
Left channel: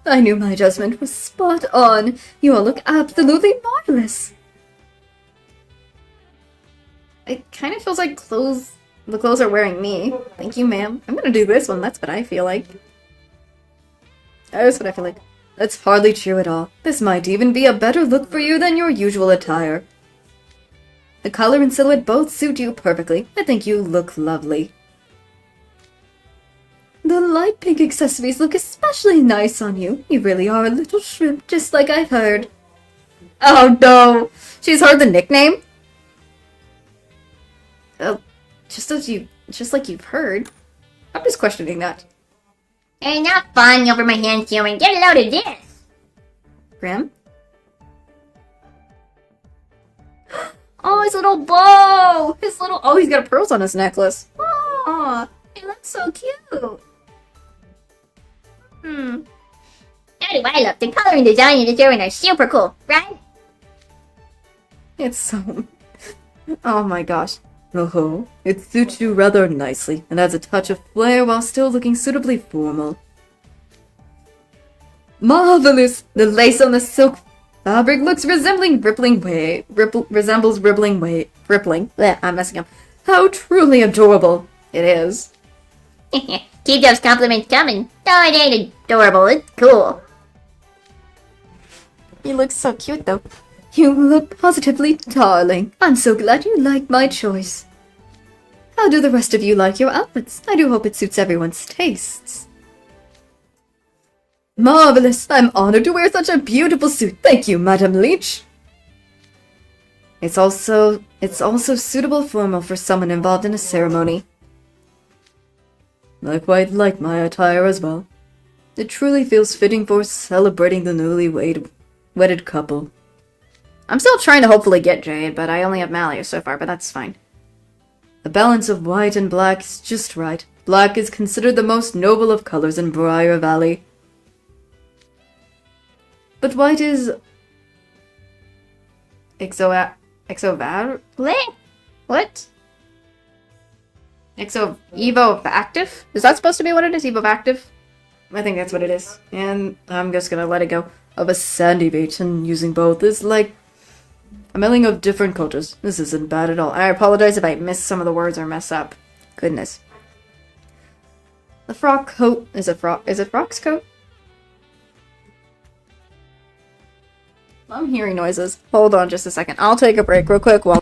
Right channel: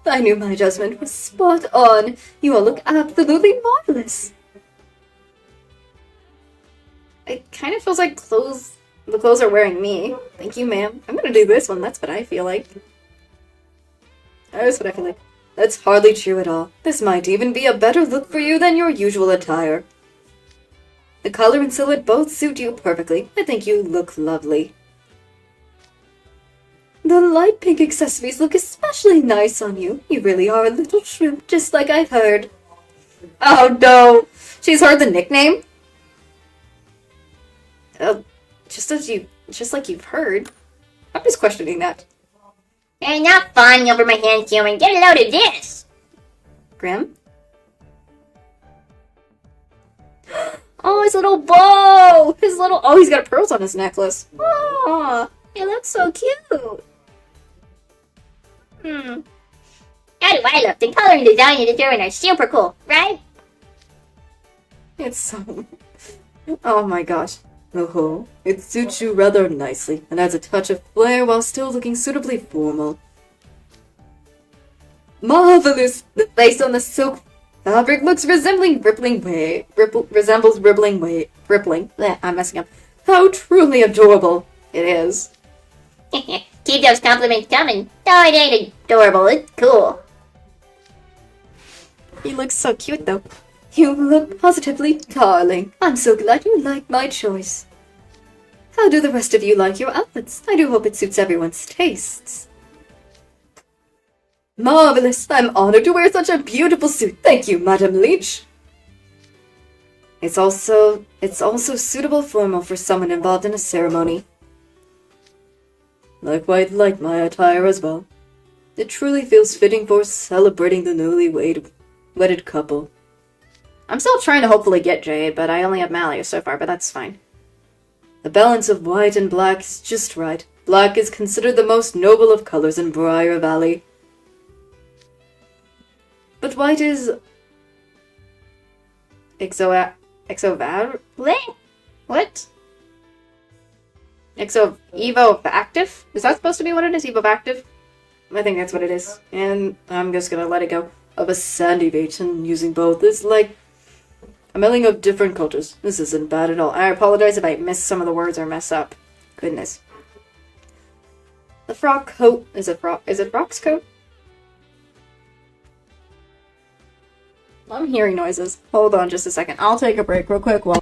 I knew my judgment was spot on. You all look absolutely marvelous. It kind of feels like the clothes are wearing me. Thank you, ma'am. I'm gonna do this one. That's what I feel like. That's what I feel like. That's hardly true at all. This might even be a better look for you than your usual attire. The color and silhouette both suit you perfectly. I think you look lovely. The light pink accessories look especially nice on you. You really are a little shrimp, just like I've heard. Oh no! She's heard the nickname? Oh, just like you've heard. I'm just questioning that. Hey, not fawning over my hands, human. Get a load of this! Grim? Oh, his little bow! Oh, he's got pearls on his necklace. Oh, hey, that's so cute. How do I look? The color and design you're doing are super cool, right? It's so... Oh my gosh. Oh, it suits you rather nicely, and adds a touch of flair while still looking suitably formal. Marvelous! The lace on the silk fabric looks rippling. Blech, I'm messing up. How truly adorable it is. Keep those compliments coming. No, it ain't adorable. It's cool. He looks so cute, though. You look positively darling. I'm so glad you like my choice. How do the rest of you like your outfits? I do hope it suits everyone's tastes. Marvelous! I'm honored to wear such a beautiful suit. Thank you, Madam Leech. It's also suitable formal for someone involved in a ceremony. I quite like my attire as well. It truly feels fitting for celebrating the newly wedded couple. I'm still trying to hopefully get Jade, but I only have Malleus so far, but that's fine. The balance of white and black is just right. Black is considered the most noble of colors in Briar Valley. But white is... What? Evo-active? Is that supposed to be what it is? Evo-active? I think that's what it is. And I'm just gonna let it go. Of a sandy beach, and using both is like a melding of different cultures. This isn't bad at all. I apologize if I miss some of the words or mess up. Goodness. The frock coat is it Frock's coat? I'm hearing noises. Hold on just a second. I'll take a break real quick while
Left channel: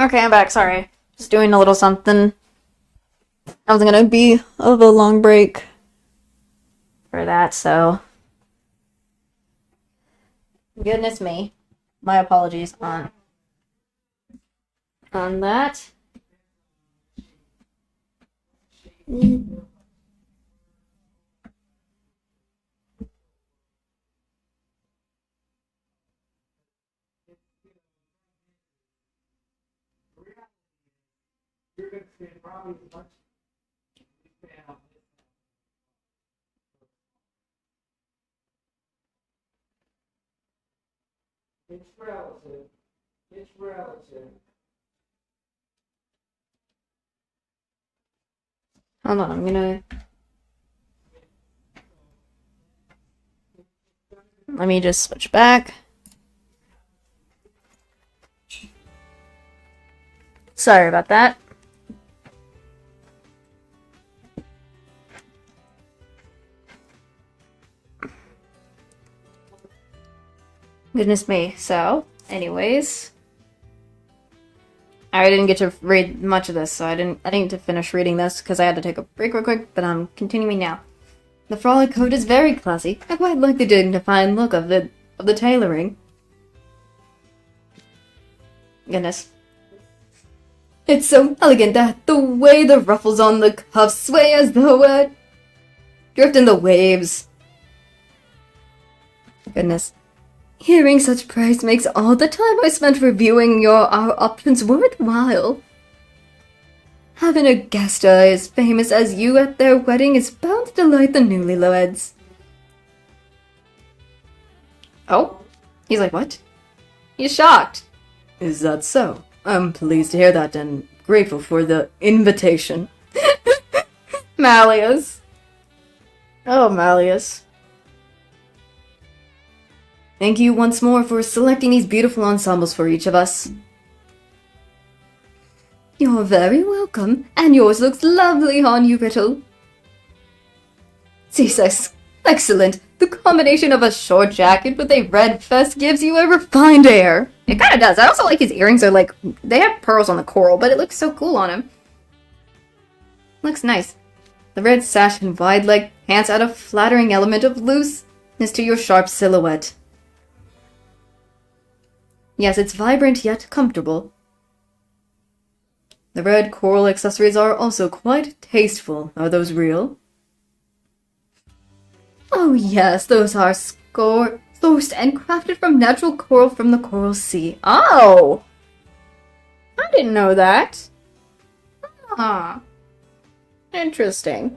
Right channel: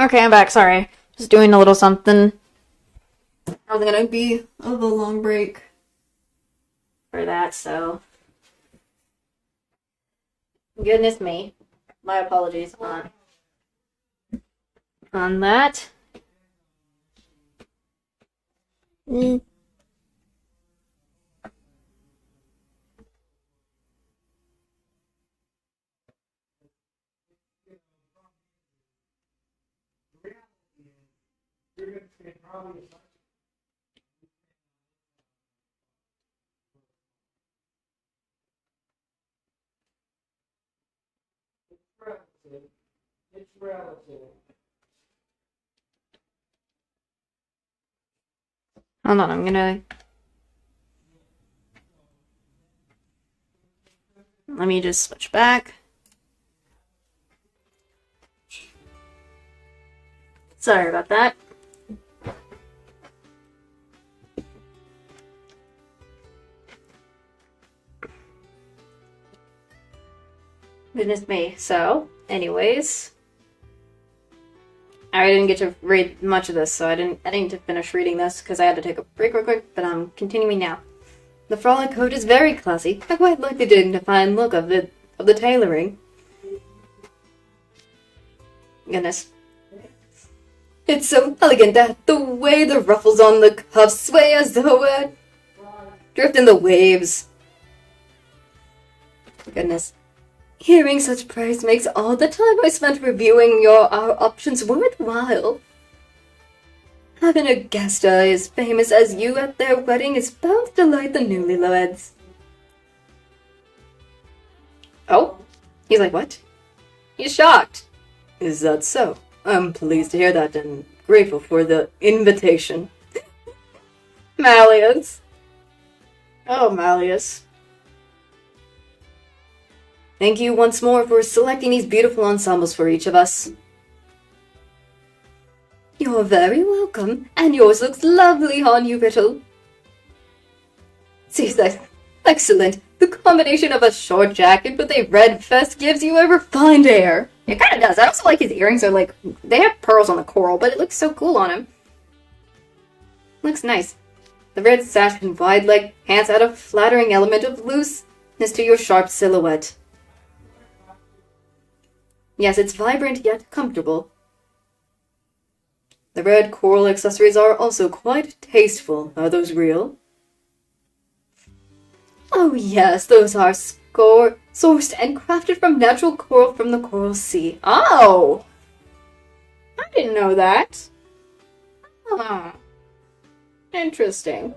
Okay, I'm back. Sorry. Just doing a little something. I wasn't gonna be of a long break for that, so. Goodness me. My apologies on that. It's relative. It's relative. Hold on, I'm gonna. Let me just switch back. Sorry about that. Goodness me. So, anyways, I didn't get to read much of this, so I didn't get to finish reading this because I had to take a break real quick, but I'm continuing now. The frolic coat is very classy. I quite like the dignified look of the tailoring. Goodness. It's so elegant that the way the ruffles on the cuffs sway as though it drift in the waves. Goodness. Hearing such praise makes all the time I spent reviewing our options worthwhile. Having a guest as famous as you at their wedding is bound to delight the newlyweds. Oh? He's like, what? He's shocked. Is that so? I'm pleased to hear that and grateful for the invitation. Malleus. Oh, Malleus. Thank you once more for selecting these beautiful ensembles for each of us. You're very welcome, and yours looks lovely on you, Riddle. Jesus, excellent. The combination of a short jacket with a red vest gives you a refined air. It kind of does. I also like his earrings are like, they have pearls on the coral, but it looks so cool on him. Looks nice. The red sash and wide leg pants add a flattering element of looseness to your sharp silhouette. Yes, it's vibrant yet comfortable. The red coral accessories are also quite tasteful. Are those real? Oh yes, those are sourced and crafted from natural coral from the Coral Sea. Oh! I didn't know that. Ah. Interesting.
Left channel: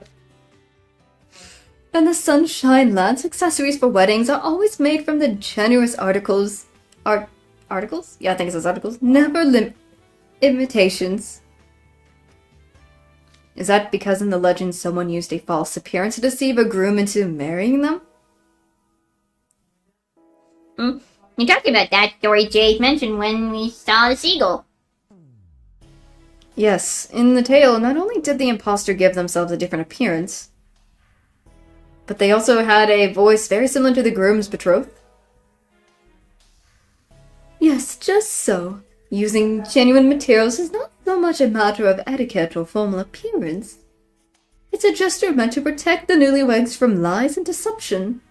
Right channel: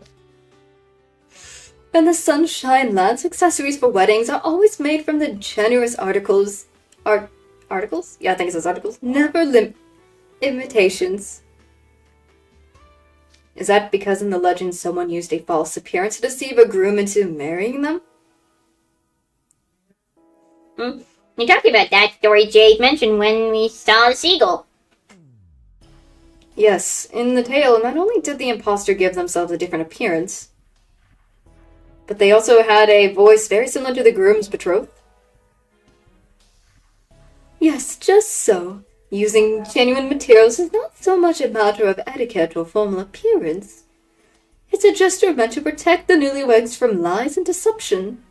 And the Sunshine Lance accessories for weddings are always made from the generous articles. Articles? Yeah, I think it says articles. Never imitations. Is that because in the legend someone used a false appearance to deceive a groom into marrying them? You talked about that story Jade mentioned when we saw the seagull. Yes, in the tale, not only did the imposter give themselves a different appearance, but they also had a voice very similar to the groom's betrothed. Yes, just so. Using genuine materials is not so much a matter of etiquette or formal appearance. It's a gesture meant to protect the newlyweds from lies and deception.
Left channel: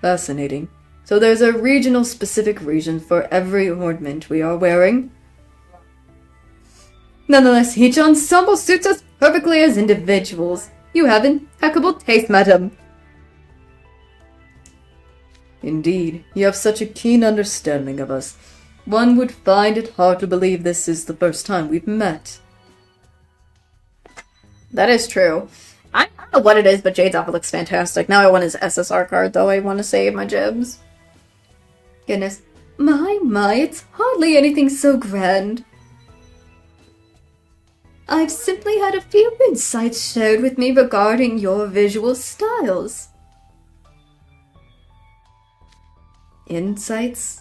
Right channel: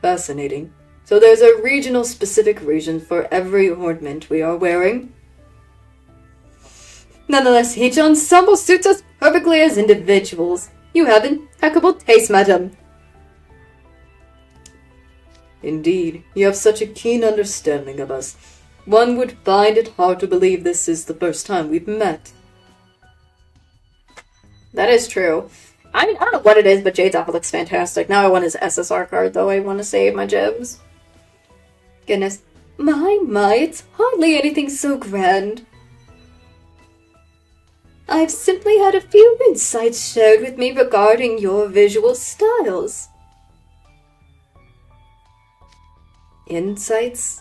Fascinating. So there's a regional specific reason for every ornament we are wearing. Nonetheless, each ensemble suits us perfectly as individuals. You have impeccable taste, madam. Indeed, you have such a keen understanding of us. One would find it hard to believe this is the first time we've met. That is true. I mean, I don't know what it is, but Jade's outfit looks fantastic. Now I want his SSR card, though. I want to save my gems. Goodness. My, it's hardly anything so grand. I've simply had a few insights shared with me regarding your visual styles. Insights?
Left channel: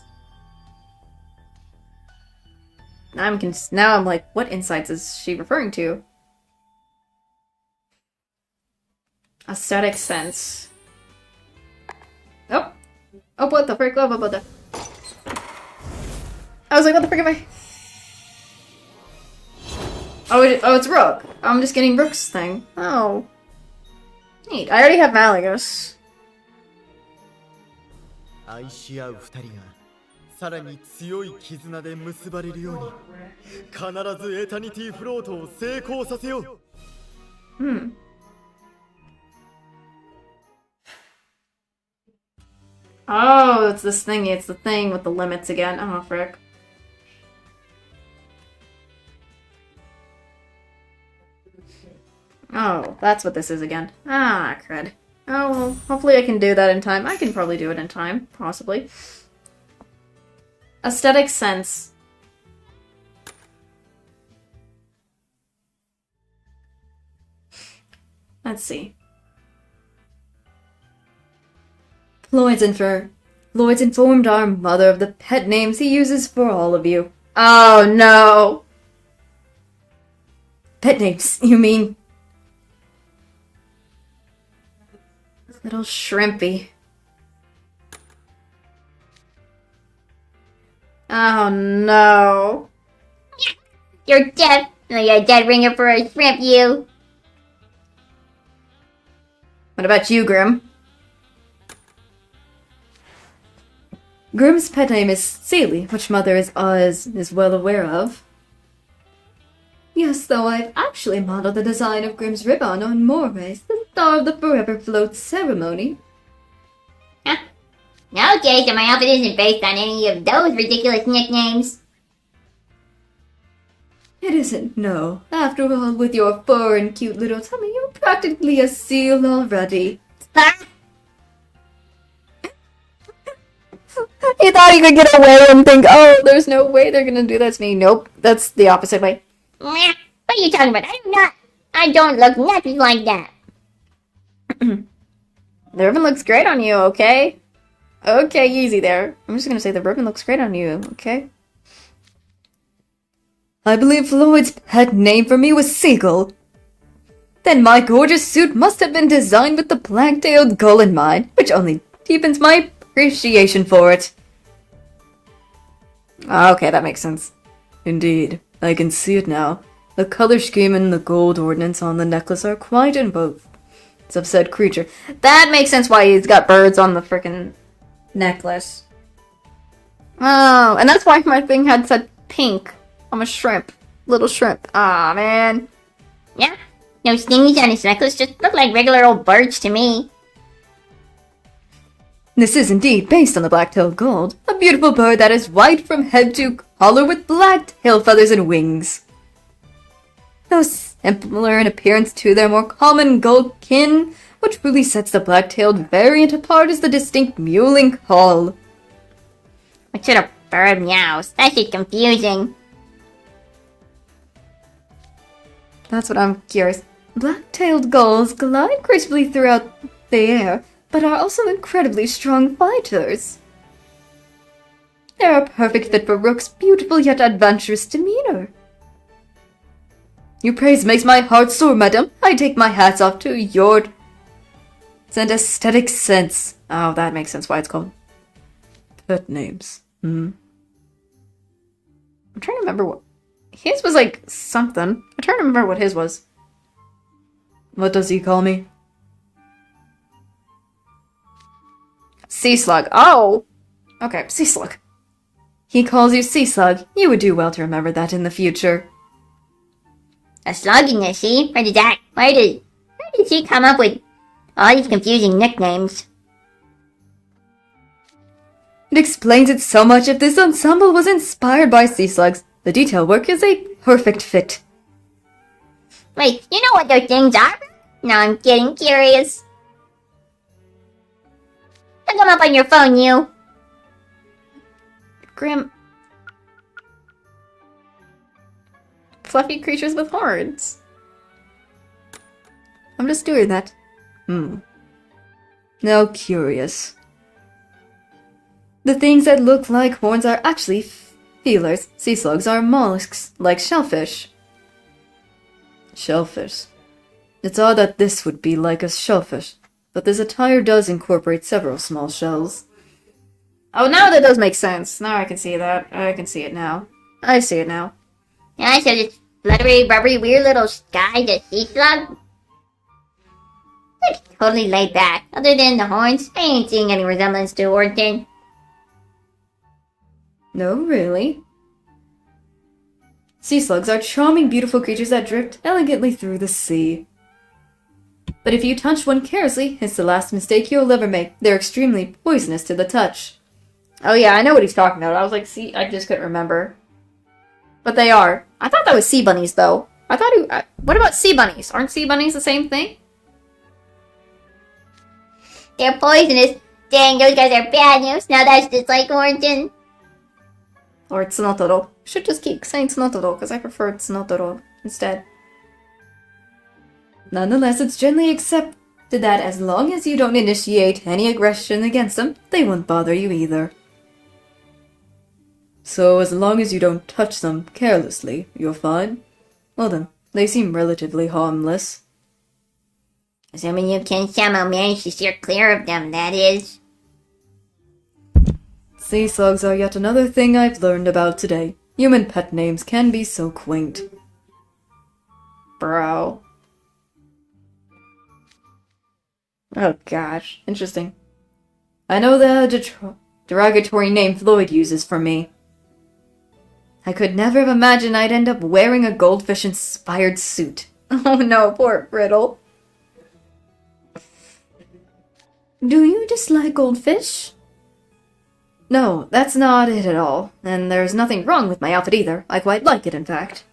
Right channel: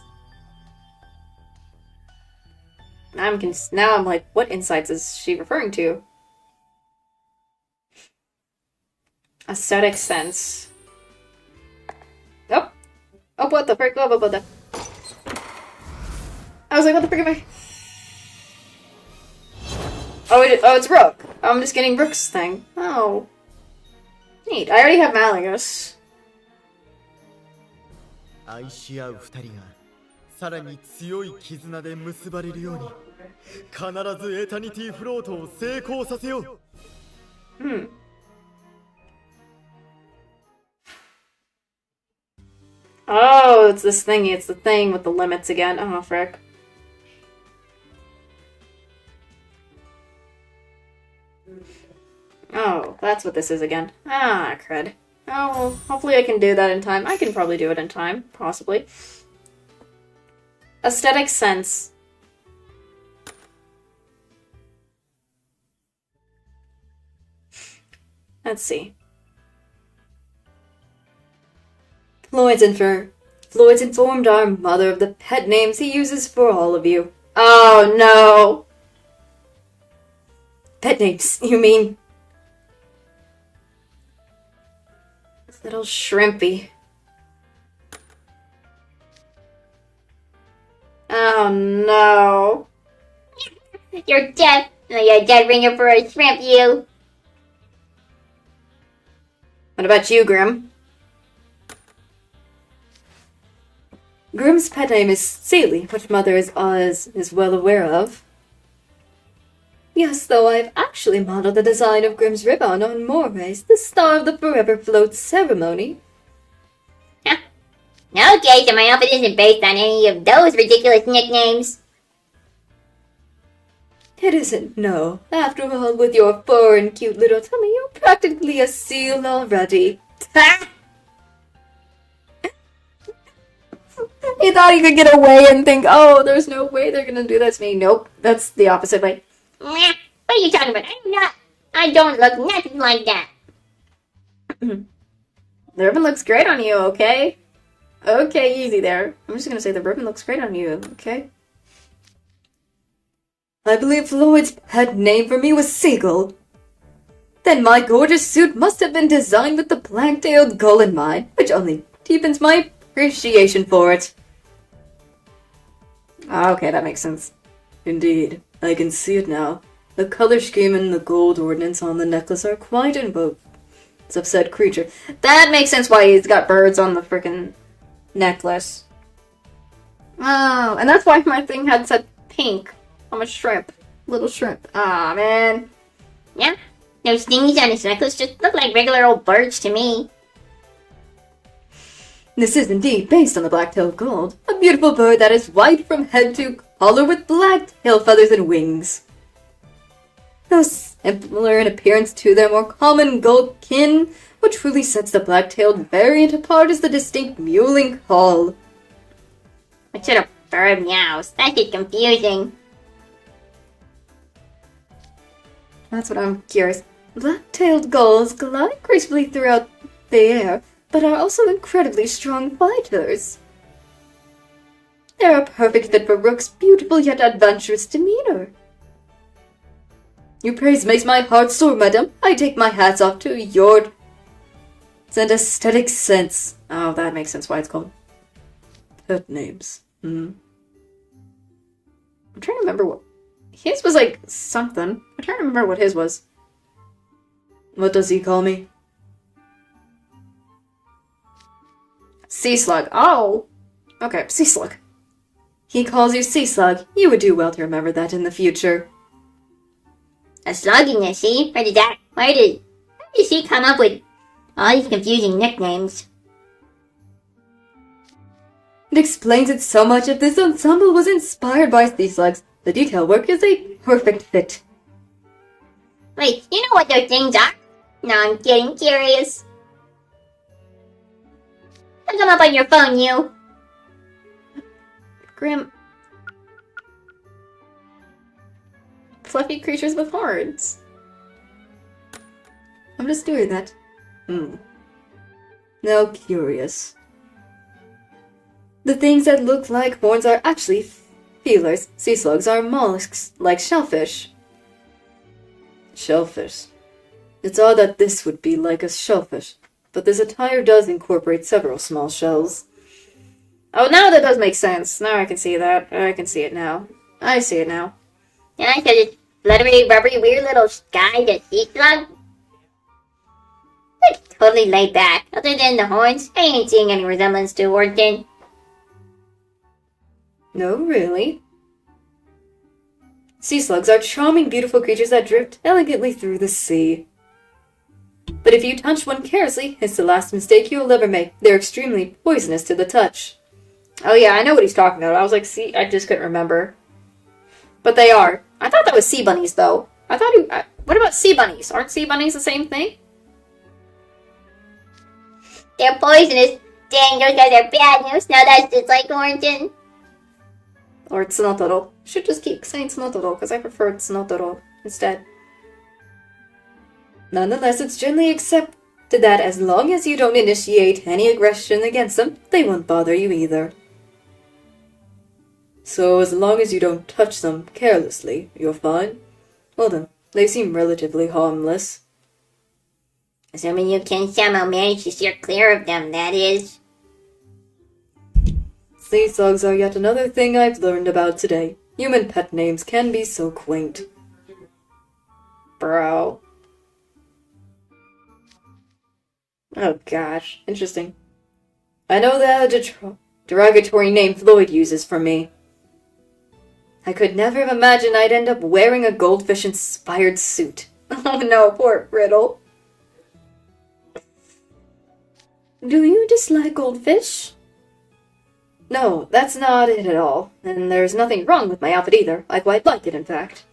Now I'm like, what insights is she referring to? Aesthetic sense. Oh, what the frick? Oh, what the? I was like, what the frick am I? Oh, it's Rook. I'm just getting Rook's thing. Oh. Neat. I already have Malagos. 愛し合う二人がさらに強い絆で結ばれるように必ずエタニティフロートを成功させよう。Hmm. Oh, it's this thingy. It's the thing with the limits again. Oh, frick. Oh, that's what this is again. Ah, crud. Oh, well, hopefully I can do that in time. I can probably do it in time. Possibly. Aesthetic sense. Let's see. Floyd's informed our mother of the pet names he uses for all of you. Oh, no! Pet names, you mean? Little shrimpy. Oh, no. You're dead. Oh, you're a dead ringer for a shrimp, you. What about you, Grim? Grim's pet name is Sealy, which Mother is well aware of. Yes, though I've actually modeled the design of Grim's ribbon on Moray's, the Star of the Forever Float ceremony. Huh. Okay, so my outfit isn't based on any of those ridiculous nicknames. It isn't, no. After all, with your fur and cute little tummy, you're practically a seal already. He thought he could get away and think, oh, there's no way they're gonna do that to me. Nope, that's the opposite way. What are you talking about? I don't look nothing like that. The ribbon looks great on you, okay? Okay, easy there. I'm just gonna say the ribbon looks great on you, okay? I believe Floyd's pet name for me was Seagull. Then my gorgeous suit must have been designed with the black-tailed gull in mind, which only deepens my appreciation for it. Okay, that makes sense. Indeed, I can see it now. The color scheme and the gold ordnance on the necklace are quite in both. It's of said creature. That makes sense why he's got birds on the frickin' necklace. Oh, and that's why my thing had said pink. I'm a shrimp. Little shrimp. Aw, man. Yeah, those things on his necklace just look like regular old birds to me. This is indeed based on the black-tailed gold, a beautiful bird that is white from head to collar with black tail feathers and wings. Though similar in appearance to their more common gold kin, what truly sets the black-tailed variant apart is the distinct mewling call. What sort of bird meows? That shit's confusing. That's what I'm curious. Black-tailed gulls glide gracefully throughout the air, but are also incredibly strong fighters. They're a perfect fit for Rook's beautiful yet adventurous demeanor. Your praise makes my heart soar, madam. I take my hats off to your and aesthetic sense. Oh, that makes sense why it's called pet names. I'm trying to remember what his was, like something. I'm trying to remember what his was. What does he call me? Sea Slug. Oh! Okay, Sea Slug. He calls you Sea Slug. You would do well to remember that in the future. A slugginess, see? Where did she come up with all these confusing nicknames? It explains it so much if this ensemble was inspired by sea slugs. The detail work is a perfect fit. Wait, you know what those things are? No, I'm getting curious. Look them up on your phone, you. Grim. Fluffy creatures with horns. I'm just doing that. Now curious. The things that look like horns are actually feelers. Sea slugs are mollusks, like shellfish. Shellfish. It's odd that this would be like a shellfish, but this attire does incorporate several small shells. Oh, now that does make sense. Now I can see that. I can see it now. I see it now. Yeah, so this fluttery, rubbery, weird little guy, the sea slug. Looks totally laid back. Other than the horns, I ain't seeing any resemblance to Orton. No, really. Sea slugs are charming, beautiful creatures that drift elegantly through the sea. But if you touch one carelessly, it's the last mistake you'll ever make. They're extremely poisonous to the touch. Oh yeah, I know what he's talking about. I was like, see, I just couldn't remember. But they are. I thought that was sea bunnies, though. I thought he... what about sea bunnies? Aren't sea bunnies the same thing? They're poisonous. Dang, those guys are bad news. Now that's just like Orton. Or Tsunotoro. Should just keep saying Tsunotoro, because I prefer Tsunotoro instead. Nonetheless, it's generally accepted that as long as you don't initiate any aggression against them, they won't bother you either. So, as long as you don't touch them carelessly, you're fine? Well then, they seem relatively harmless. Assuming you can somehow manage to steer clear of them, that is. Sea slugs are yet another thing I've learned about today. Human pet names can be so quaint. Bro. Oh gosh, interesting. I know the derogatory name Floyd uses for me. I could never have imagined I'd end up wearing a goldfish-inspired suit. Oh no, poor Riddle. Do you dislike goldfish? No, that's not it at all. And there's nothing wrong with my outfit either. I quite like it, in fact.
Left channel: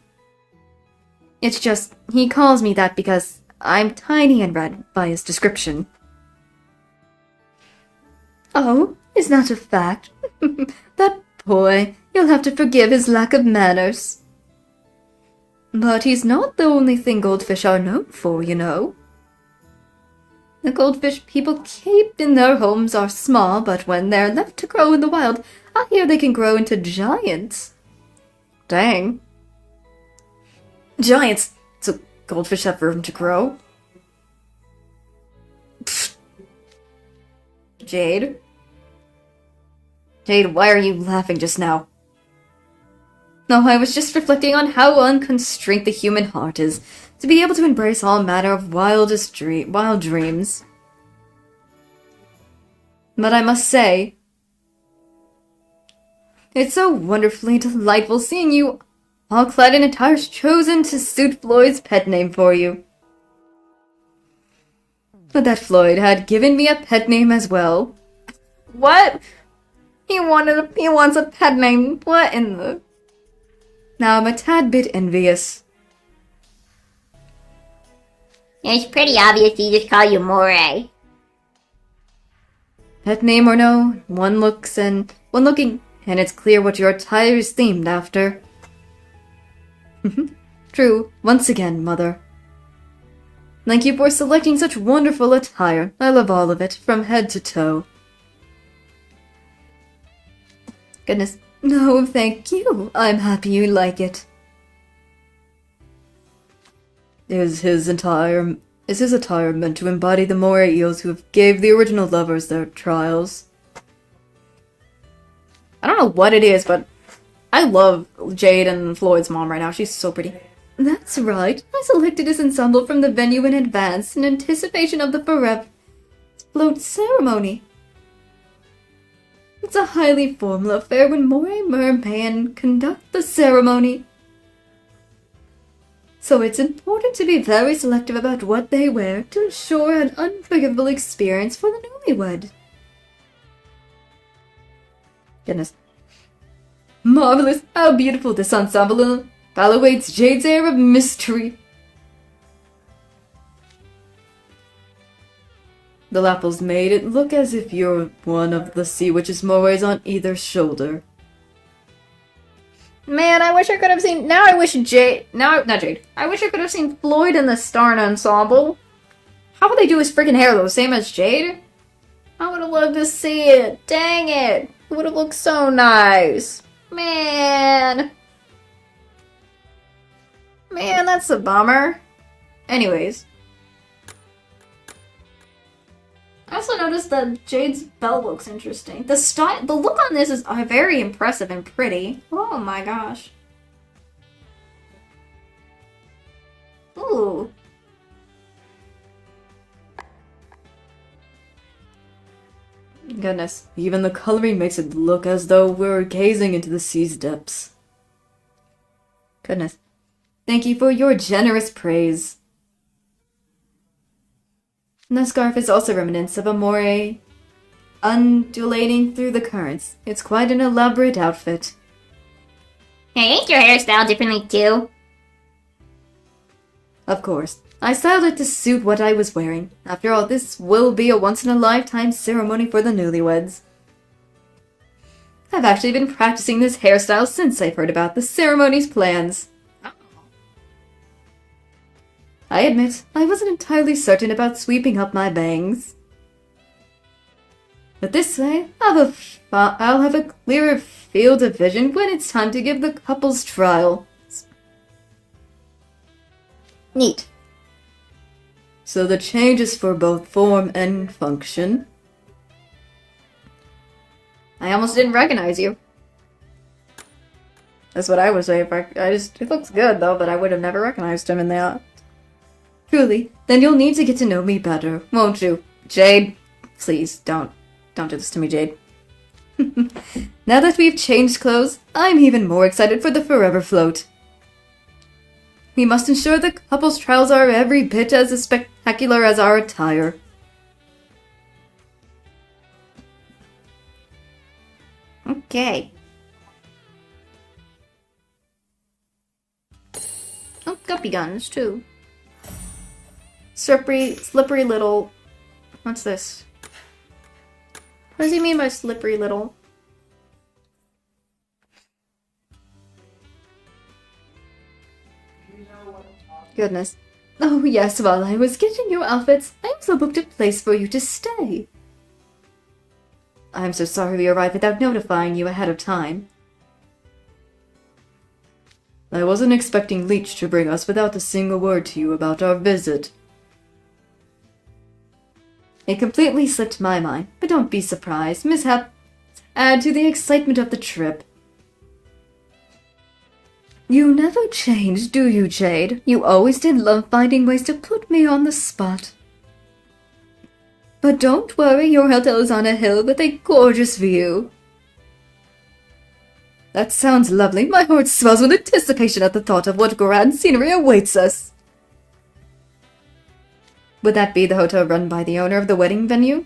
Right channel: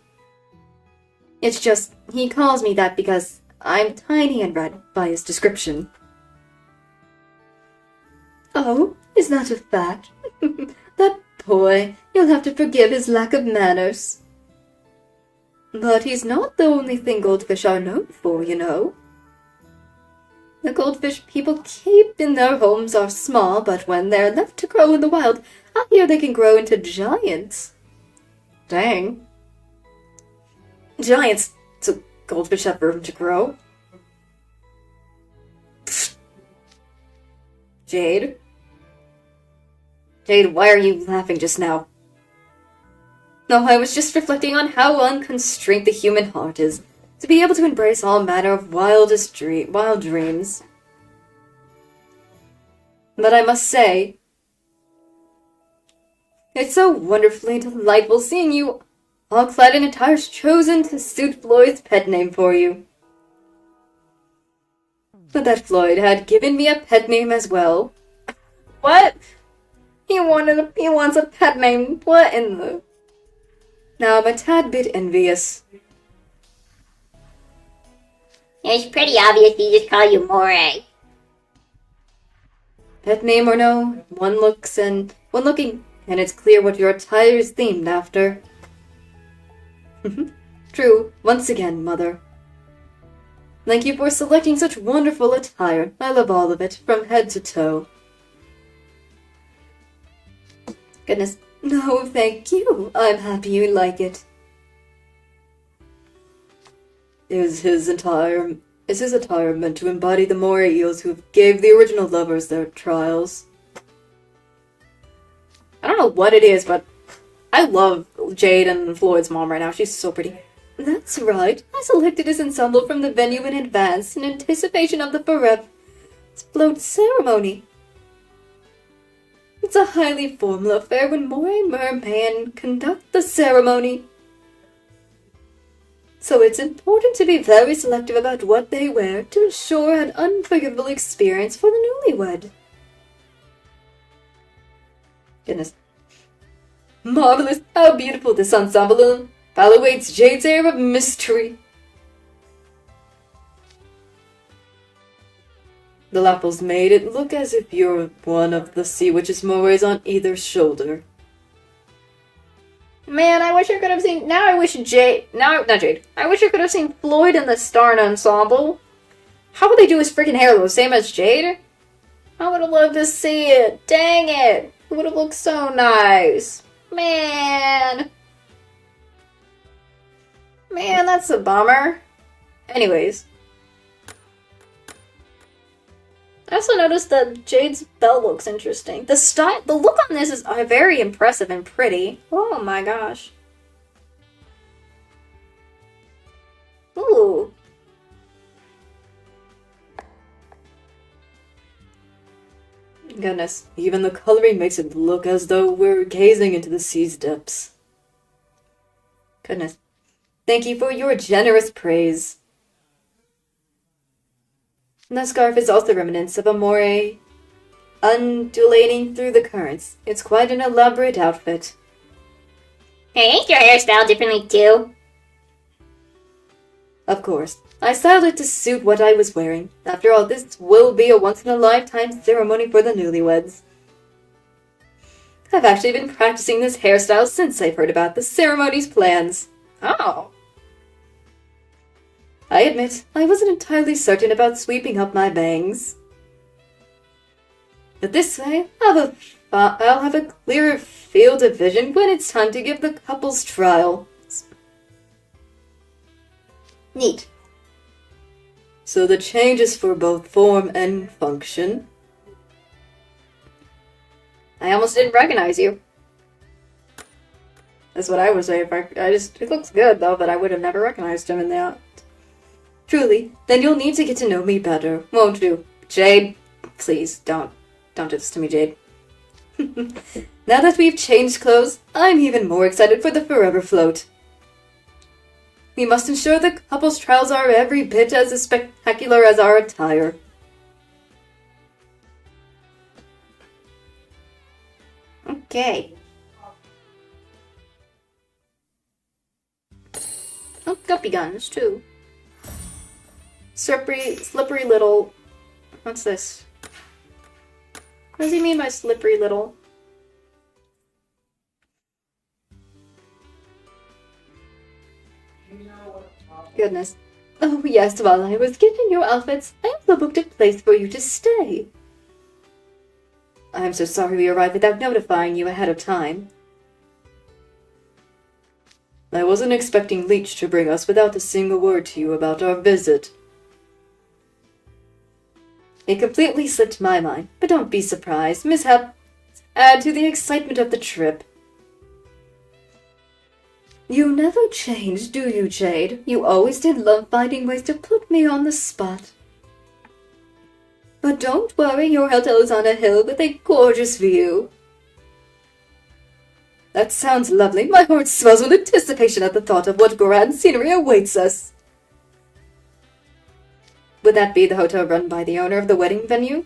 It's just, he calls me that because I'm tiny and red by his description. Oh, is that a fact? That boy, you'll have to forgive his lack of manners. But he's not the only thing goldfish are known for, you know. The goldfish people keep in their homes are small, but when they're left to grow in the wild, I hear they can grow into giants. Dang. Giants? So goldfish have room to grow? Pfft. Jade? Jade, why are you laughing just now? No, I was just reflecting on how unconstrained the human heart is, to be able to embrace all manner of wild dreams. But I must say, it's so wonderfully delightful seeing you all clad in attires chosen to suit Floyd's pet name for you. But that Floyd had given me a pet name as well. What? He wants a pet name. What in the... Now I'm a tad bit envious. It's pretty obvious he just call you Moray. Pet name or no, one looking, and it's clear what your attire is themed after. True, once again, Mother. Thank you for selecting such wonderful attire. I love all of it, from head to toe. Goodness, no, thank you. I'm happy you like it. Is his attire meant to embody the moray eels who have gave the original lovers their trials? I don't know what it is, but I love Jade and Floyd's mom right now. She's so pretty. That's right. I selected this ensemble from the venue in advance in anticipation of the forever float ceremony. It's a highly formal affair when moray mermen conduct the ceremony. So it's important to be very selective about what they wear to ensure an unforgettable experience for the newlywed. Goodness. Marvelous! How beautiful this ensemble evaluates Jade's air of mystery. The lapels made it look as if you're one of the sea witch's morays on either shoulder. Man, I wish I could have seen... I wish I could have seen Floyd in the Starn ensemble. How would they do his freaking hair though? Same as Jade? I would have loved to see it. Dang it. It would have looked so nice. Man, that's a bummer. Anyways. also noticed that Jade's belt looks interesting. The look on this is very impressive and pretty. Oh my gosh. Ooh. Goodness, even the coloring makes it look as though we're gazing into the sea's depths. Goodness. Thank you for your generous praise. And the scarf is also remnants of a moray undulating through the currents. It's quite an elaborate outfit. Hey, ain't your hairstyle differently too? Of course. I styled it to suit what I was wearing. After all, this will be a once-in-a-lifetime ceremony for the newlyweds. I've actually been practicing this hairstyle since I've heard about the ceremony's plans. Oh. I admit, I wasn't entirely certain about sweeping up my bangs. But this way, I'll have a clearer field of vision when it's time to give the couple's trial. Neat. So the change is for both form and function. I almost didn't recognize you. That's what I was saying. It looks good though, but I would have never recognized him in that. Truly, then you'll need to get to know me better, won't you? Jade, please don't do this to me, Jade. Now that we've changed clothes, I'm even more excited for the forever float. We must ensure the couple's trials are every bit as spectacular as our attire. Okay. Oh, guppy guns, too. Slippery little... What's this? What does he mean by slippery little? Goodness. Oh yes, while I was getting your outfits, I also booked a place for you to stay. I'm so sorry we arrived without notifying you ahead of time. I wasn't expecting Leech to bring us without a single word to you about our visit. It completely slipped my mind, but don't be surprised. Mishaps add to the excitement of the trip. You never change, do you, Jade? You always did love finding ways to put me on the spot. But don't worry, your hotel is on a hill with a gorgeous view. That sounds lovely. My heart swells with anticipation at the thought of what grand scenery awaits us. Would that be the hotel run by the owner of the wedding venue?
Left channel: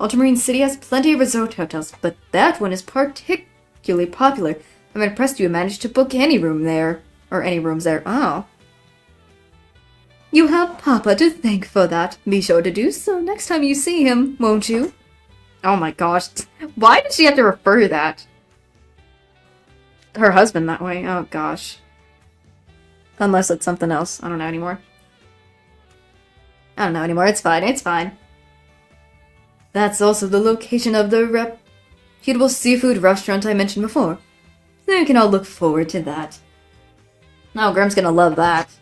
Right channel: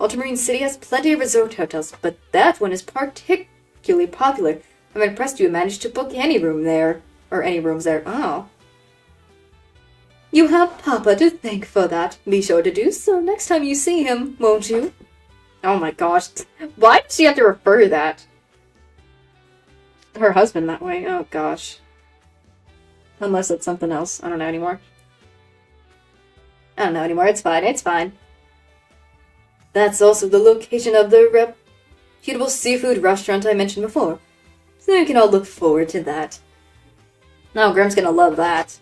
Ultramarine City has plenty of resort hotels, but that one is particularly popular. I'm impressed you managed to book any room there. Or any rooms there. Oh. You have Papa to thank for that. Be sure to do so next time you see him, won't you? Oh my gosh. Why did she have to refer that? Her husband that way. Oh gosh. Unless it's something else. I don't know anymore. I don't know anymore. It's fine. It's fine. That's also the location of the reputable seafood restaurant I mentioned before. So you can all look forward to that. No, Grimm's gonna love that.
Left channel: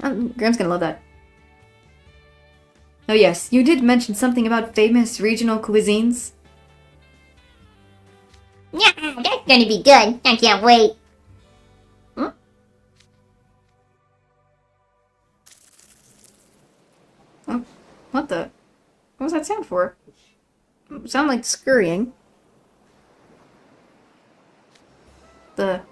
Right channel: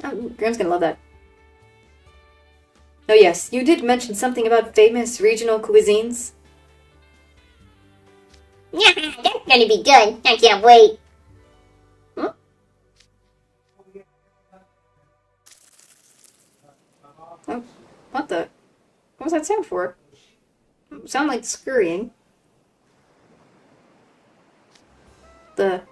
Grimm's gonna love that. Oh yes, you did mention something about famous regional cuisines. Yeah, that's gonna be good. I can't wait. Huh? Oh, what the? What was that sound for? Sound like scurrying. The...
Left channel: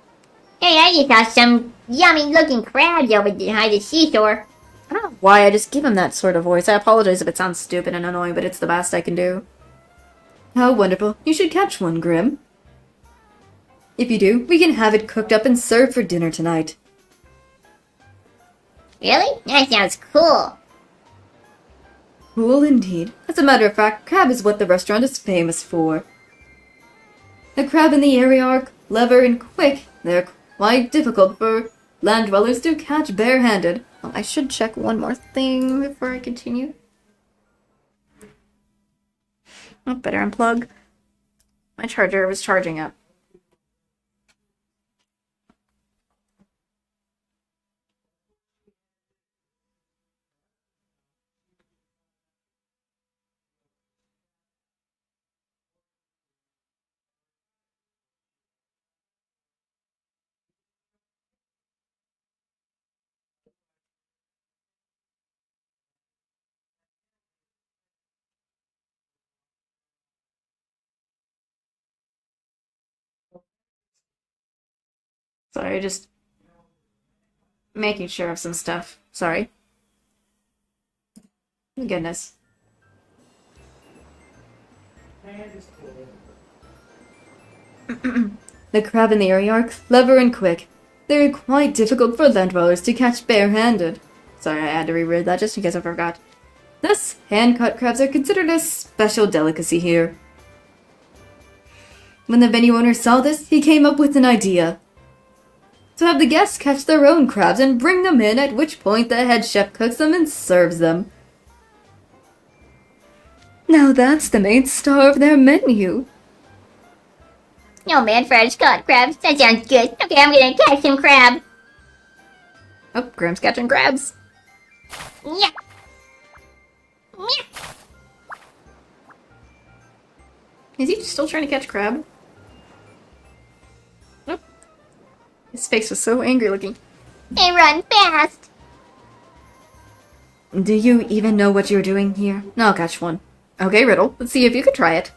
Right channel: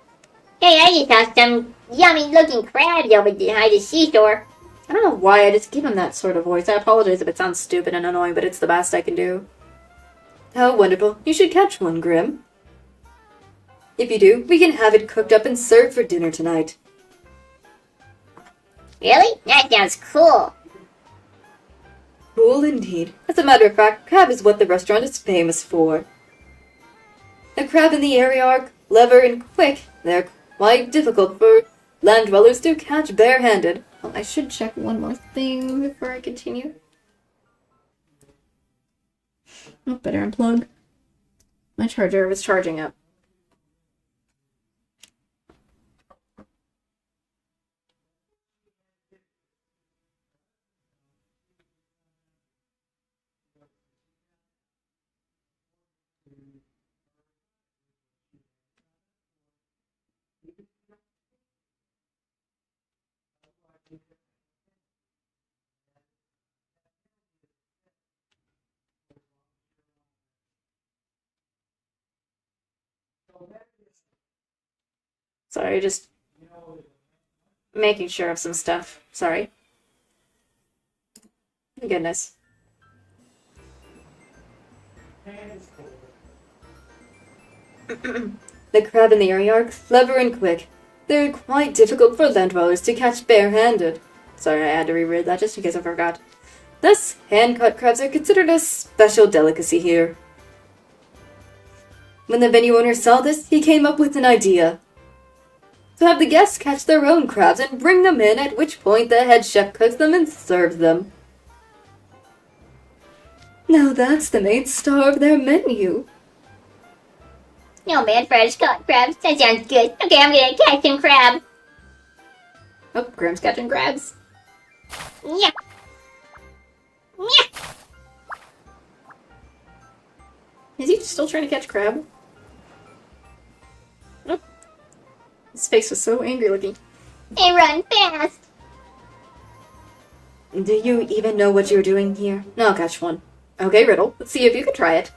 Hey, I just saw some yummy-looking crabs over behind the seashore. I don't know why I just give him that sort of voice. I apologize if it sounds stupid and annoying, but it's the best I can do. How wonderful. You should catch one, Grimm. If you do, we can have it cooked up and served for dinner tonight. Really? That sounds cool. Cool indeed. As a matter of fact, crab is what the restaurant is famous for. The crab in the area are clever and quick. They're quite difficult for land dwellers to catch barehanded. Well, I should check one more thing before I continue. Oh, better unplug. My charger was charging up. Sorry, just making sure of some stuff. Sorry. Goodness. The crab in the area are clever and quick. They're quite difficult for land dwellers to catch bare-handed. Sorry, I had to reread that just in case I forgot. Thus, hand-cut crabs are considered a special delicacy here. When the venue owner saw this, he came up with an idea. To have the guests catch their own crabs and bring them in, at which point the head chef cooks them and serves them. Now that's the main star of their menu. No man, fresh caught crabs. That sounds good. Okay, I'm gonna catch some crab. Oh, Graham's catching crabs. Yeah. Yeah. Is he still trying to catch crab? Oh. His face was so angry looking. They run fast. Do you even know what you're doing here? I'll catch one. Okay, Riddle, let's see if you can try it.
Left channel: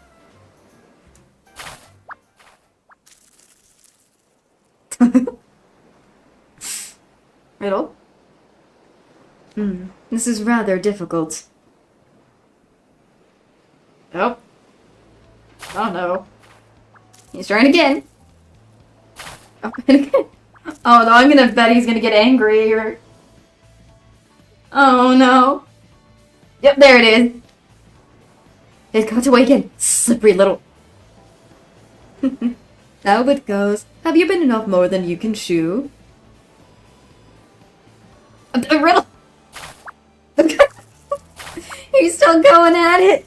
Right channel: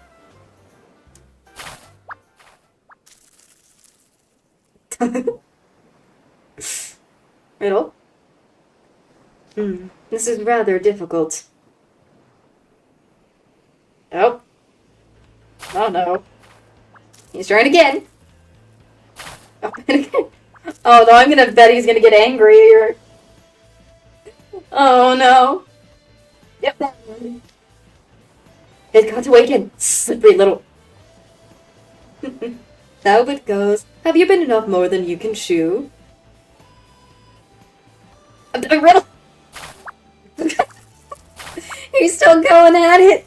Riddle? This is rather difficult. Oh. Oh no. He's trying again. Oh, and again. Oh no, I'm gonna bet he's gonna get angry or... Oh no. Yep, there it is. It got away again. Slippery little... How it goes. Have you been enough more than you can chew? Riddle! He's still going at it!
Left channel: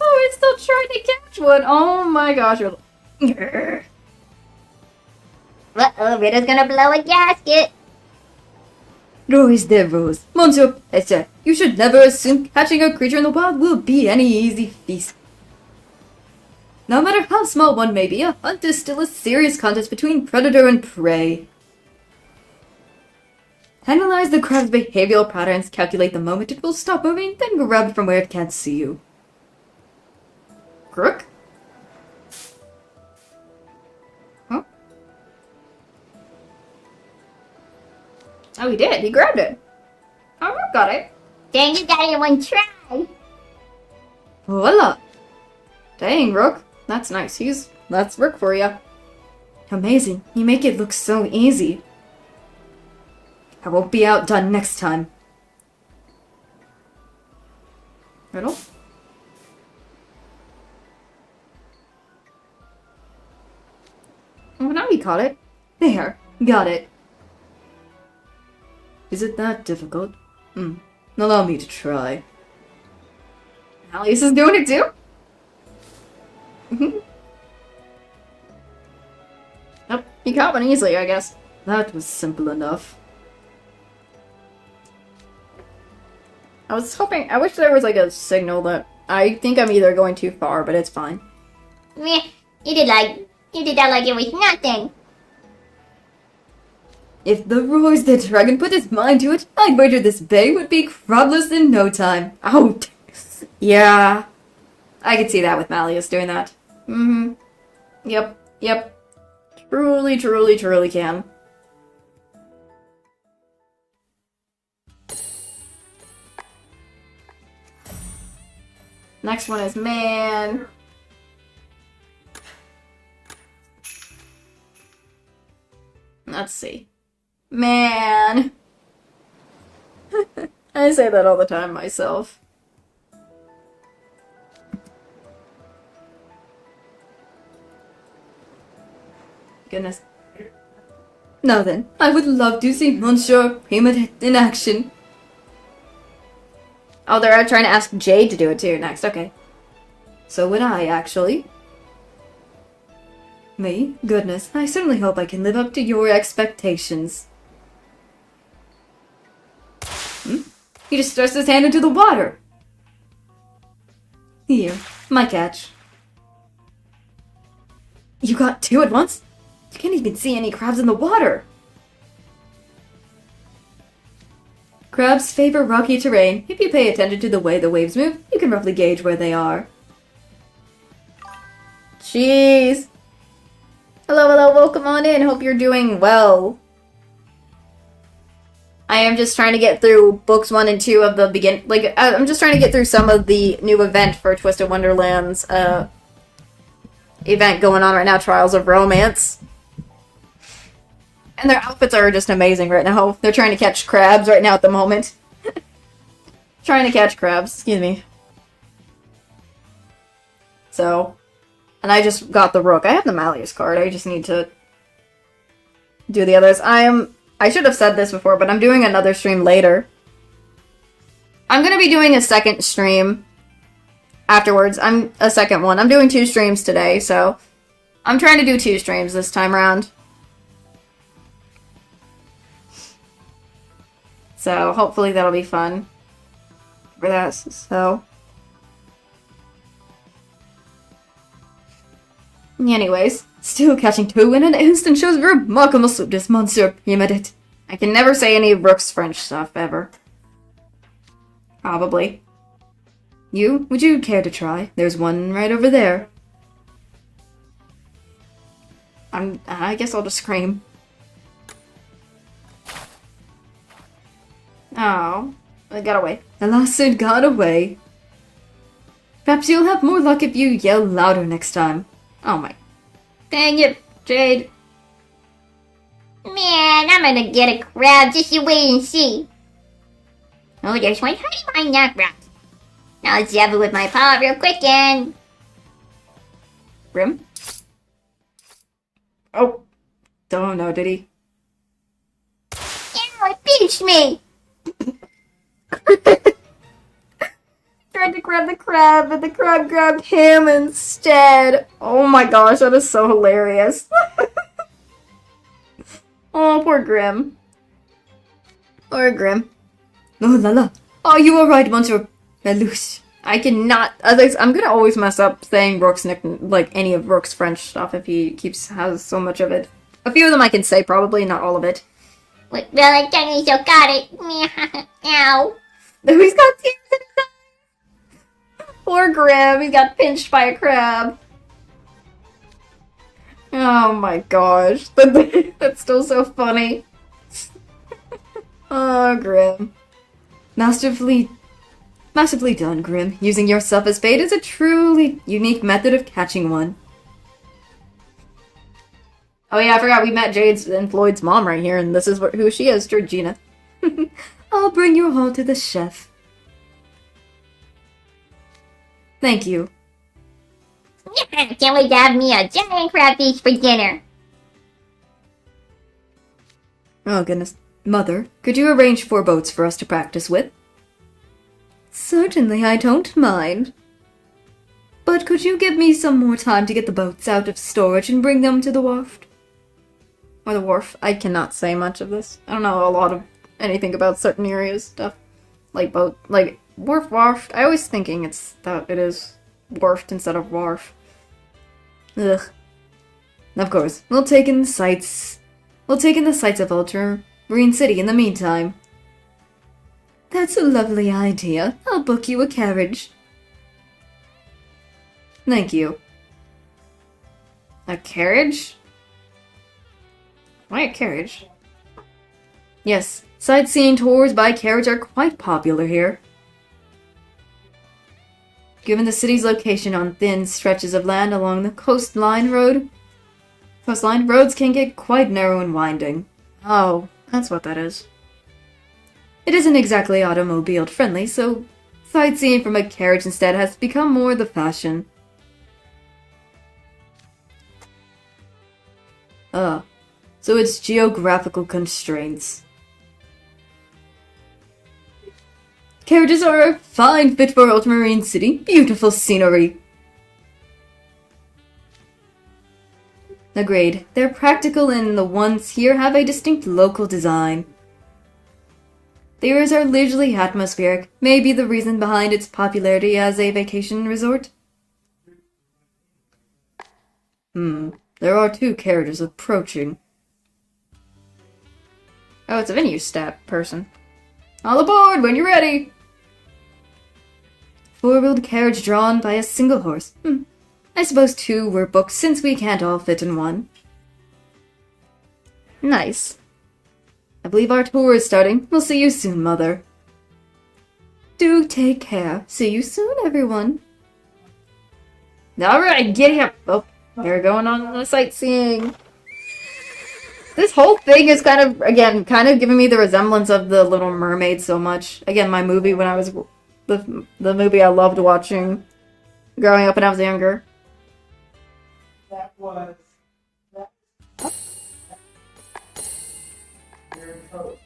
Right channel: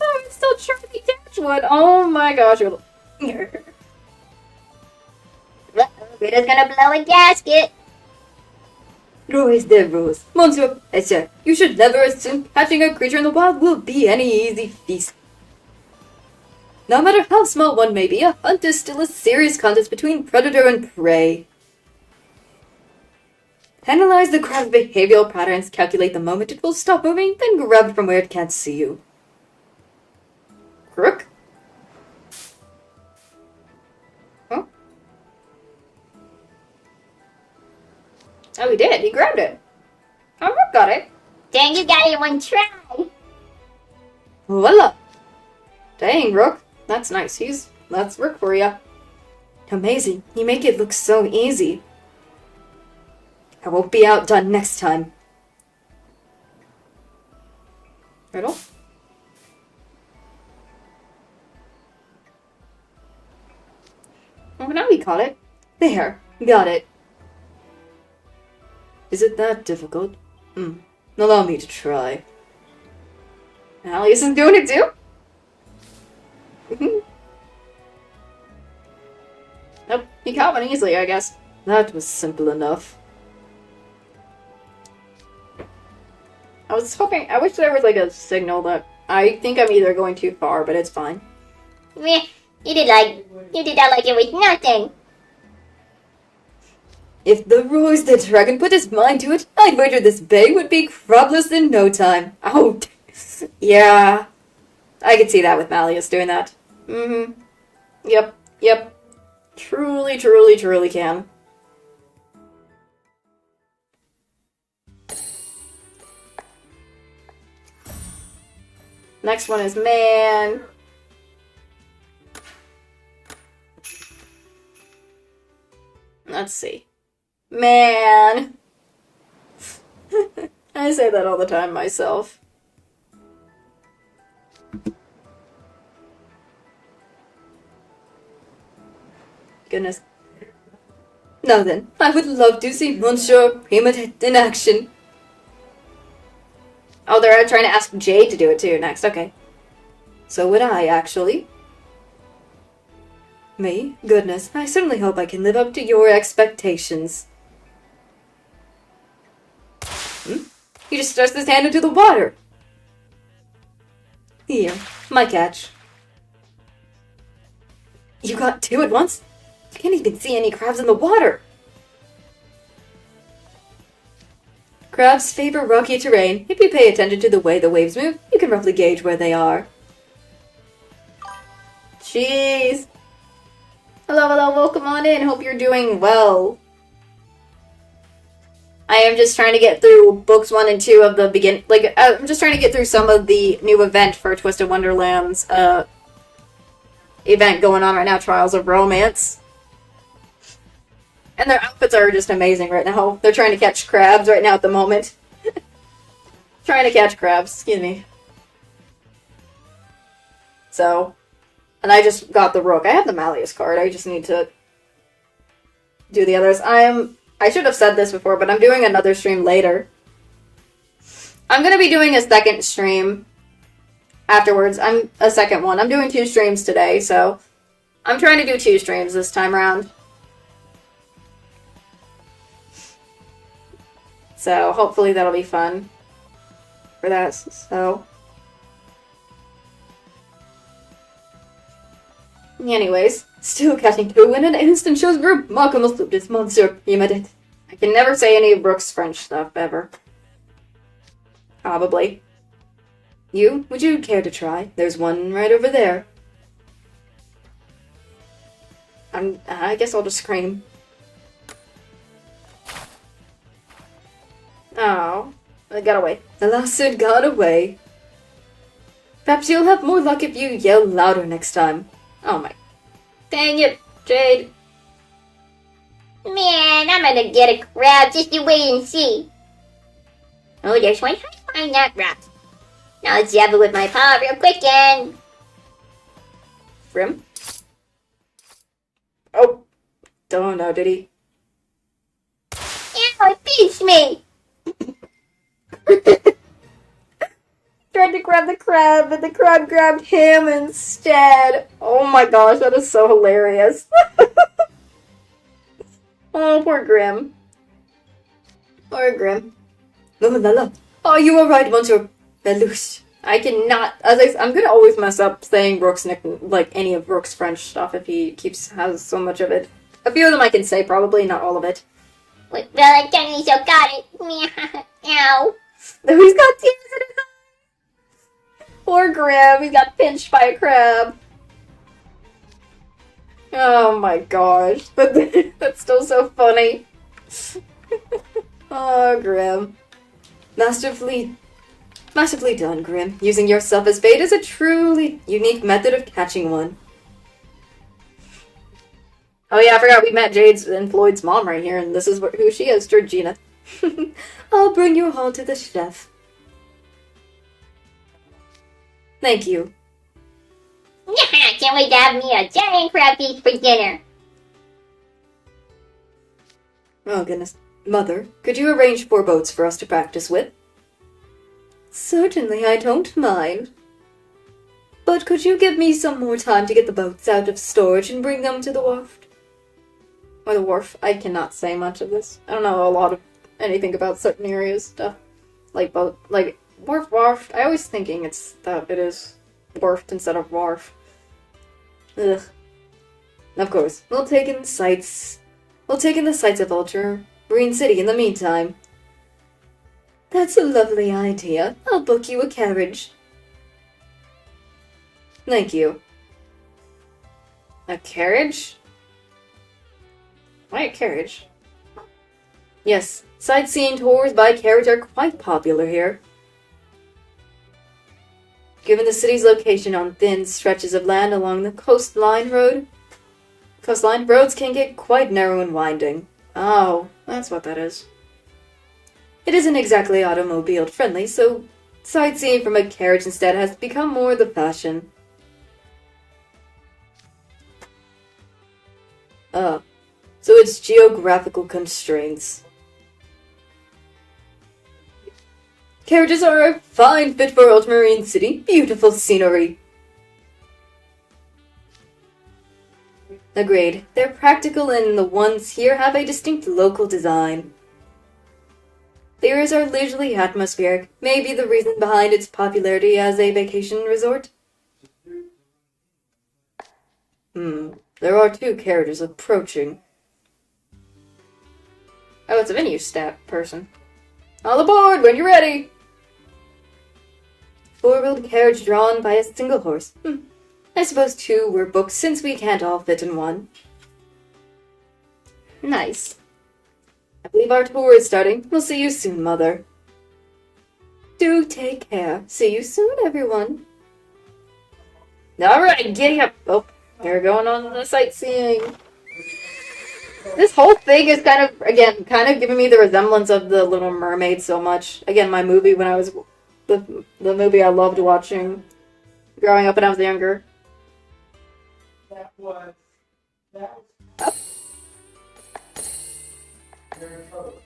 Oh, he's still trying to catch one! Oh my gosh, Riddle. Uh-oh, Riddle's gonna blow a gasket. Rules the rules. Monsieur Pesce, you should never assume catching a creature in the wild will be any easy feast. No matter how small one may be, a hunt is still a serious contest between predator and prey. Analyze the crab's behavioral patterns, calculate the moment it will stop moving, then grab from where it can't see you. Crook? Huh? Oh, he did. He grabbed it. Oh, Rook got it. Dang, you got it in one try. Voila! Dang, Rook. That's nice. That's Rook for ya. Amazing. You make it look so easy. I won't be outdone next time. Riddle? Oh, now he caught it. There. Got it. Is it that difficult? Allow me to try. Alice is doing it too? Nope, he caught one easily, I guess. That was simple enough. I was hoping, I wish there was like a signal that I think I'm either going too far, but it's fine. Meh, you did that like it was nothing. If the Roy's the dragon put his mind to it, I'd wager this bay would be crabless in no time. Oh, yeah. I could see that with Malleus doing that. Yep. Truly can. Next one is man. Let's see. Man. I say that all the time myself. Goodness. Now then, I would love to see Monsieur Primat in action. Oh, they're trying to ask Jade to do it too next. Okay. So would I, actually. Me? Goodness, I certainly hope I can live up to your expectations. He just thrust his hand into the water. Here, my catch. You got two at once? You can't even see any crabs in the water. Crabs favor rocky terrain. If you pay attention to the way the waves move, you can roughly gauge where they are. Jeez. Hello, hello, welcome on in. Hope you're doing well. I am just trying to get through books 1 and 2 of the begin. Like, I'm just trying to get through some of the new event for Twisted Wonderland's event going on right now, Trials of Romance. And their outfits are just amazing right now. They're trying to catch crabs right now at the moment. Trying to catch crabs, excuse me. So, and I just got the Rook. I have the Malleus card. I just need to do the others. I should have said this before, but I'm doing another stream later. I'm gonna be doing a second stream afterwards. A second one. I'm doing 2 streams today, so I'm trying to do 2 streams this time around. So hopefully that'll be fun for that. So anyways, still catching 2 in an instant shows remarkable swiftness, Monsieur Primidet. I can never say any of Brooke's French stuff, ever. Probably. You? Would you care to try? There's one right over there. I guess I'll just scream. Oh, it got away. Alas, it got away. Perhaps you'll have more luck if you yell louder next time. Oh my. Dang it, Jade. Man, I'm gonna get a crab, just you wait and see. Oh, there's one. How do you find that crab? Now let's jab it with my paw real quick and... Grim? Oh. Don't know, did he? Ow, it pinched me! Tried to grab the crab, but the crab grabbed him instead. Oh my gosh, that is so hilarious. Oh, poor Grim. Poor Grim. Oh la la. Oh, you were right, Monsieur Lelouch. I cannot. I'm gonna always mess up saying Brooke's nickname, like any of Brooke's French stuff, if he has so much of it. A few of them I can say, probably not all of it. Well, I technically still got it. Ow. He's got tears in his eyes. Poor Grim. He got pinched by a crab. Oh my gosh. That's still so funny. Oh, Grim. Masterfully done, Grim. Using yourself as bait is a truly unique method of catching one. Oh yeah, I forgot we met Jade's and Floyd's mom right here, and this is who she is, Georgina. I'll bring you all to the chef. Thank you. Can't wait to have me a giant crabfish for dinner. Oh goodness. Mother, could you arrange 4 boats for us to practice with? Certainly, I don't mind. But could you give me some more time to get the boats out of storage and bring them to the wharf? Or the wharf. I cannot say much of this. I don't know a lot of anything about certain areas stuff. Like boat, like wharf. I always thinking it is wharfed instead of wharf. Ugh. Of course, we'll take in the sights of Ultramarine City in the meantime. That's a lovely idea. I'll book you a carriage. Thank you. A carriage? Why a carriage? Yes, sightseeing tours by carriage are quite popular here. Given the city's location on thin stretches of land along the coastline, roads can get quite narrow and winding. Oh, that's what that is. It isn't exactly automobile friendly, so sightseeing from a carriage instead has become more the fashion. So it's geographical constraints. Carriages are a fine fit for Ultramarine City. Beautiful scenery. Agreed. They're practical and the ones here have a distinct local design. Theories are leisurely atmospheric, may be the reason behind its popularity as a vacation resort. There are 2 carriages approaching. Oh, it's a venue staff person. All aboard when you're ready! 4-wheeled carriage drawn by a single horse. I suppose 2 were booked since we can't all fit in one. Nice. I believe our tour is starting. We'll see you soon, Mother. Do take care. See you soon, everyone. Alright, getting up. Oh, we're going on the sightseeing. This whole thing is kind of, again, giving me the resemblance of The Little Mermaid so much. Again, my movie when I was, the movie I loved watching growing up when I was younger. That was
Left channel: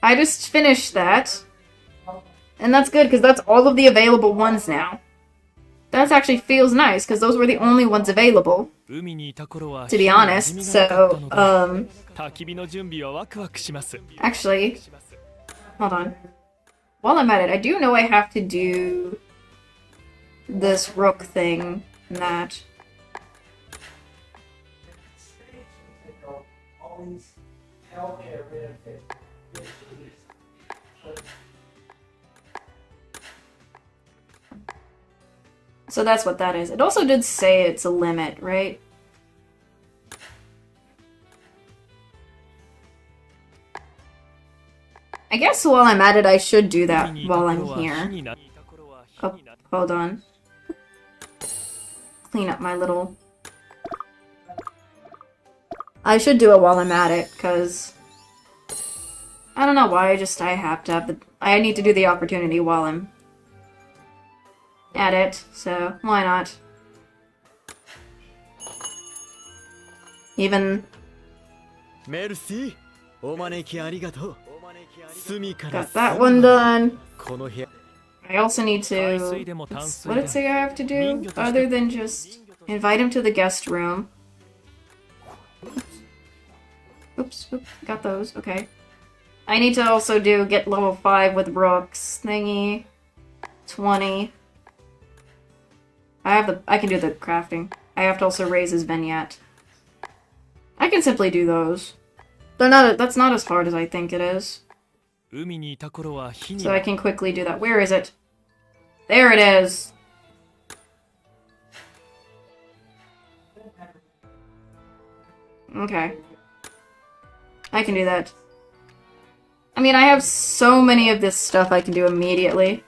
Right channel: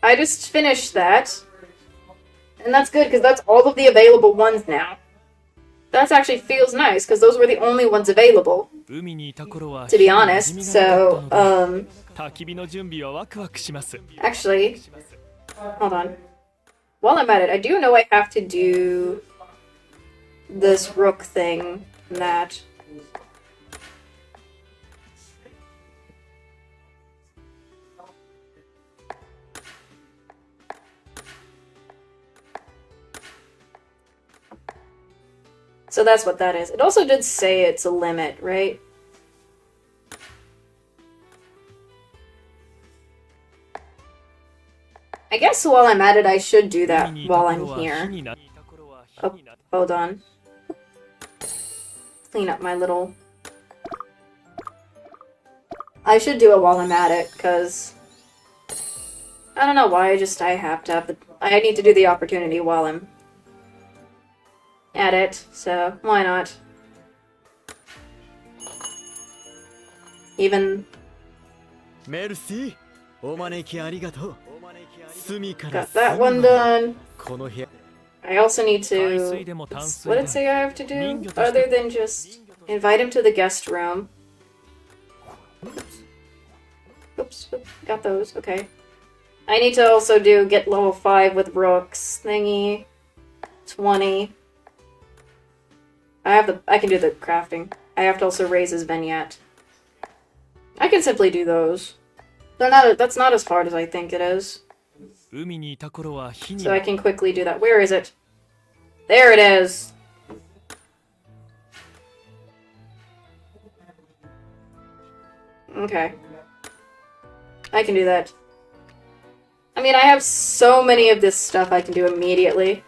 I just finished that. And that's good, because that's all of the available ones now. That actually feels nice, because those were the only ones available. To be honest, so, actually, hold on. While I'm at it, I do know I have to do this rook thing and that. So that's what that is. It also did say it's a limit, right? I guess while I'm at it, I should do that while I'm here. Oh, hold on. Clean up my little... I should do it while I'm at it, because... I don't know why, I have to have the... I need to do the opportunity while I'm at it, so why not? Even... Merci. Got that one done. I also need to... What did it say I have to do? Other than just invite him to the guest room. Oops, got those, okay. I need to also get level 5 with Brooks thingy. 20. I can do the crafting. I have to also raise his vignette. I can simply do those. That's not as hard as I think it is. So I can quickly do that. Where is it? There it is! Okay. I can do that. I mean, I have so many of this stuff I can do immediately.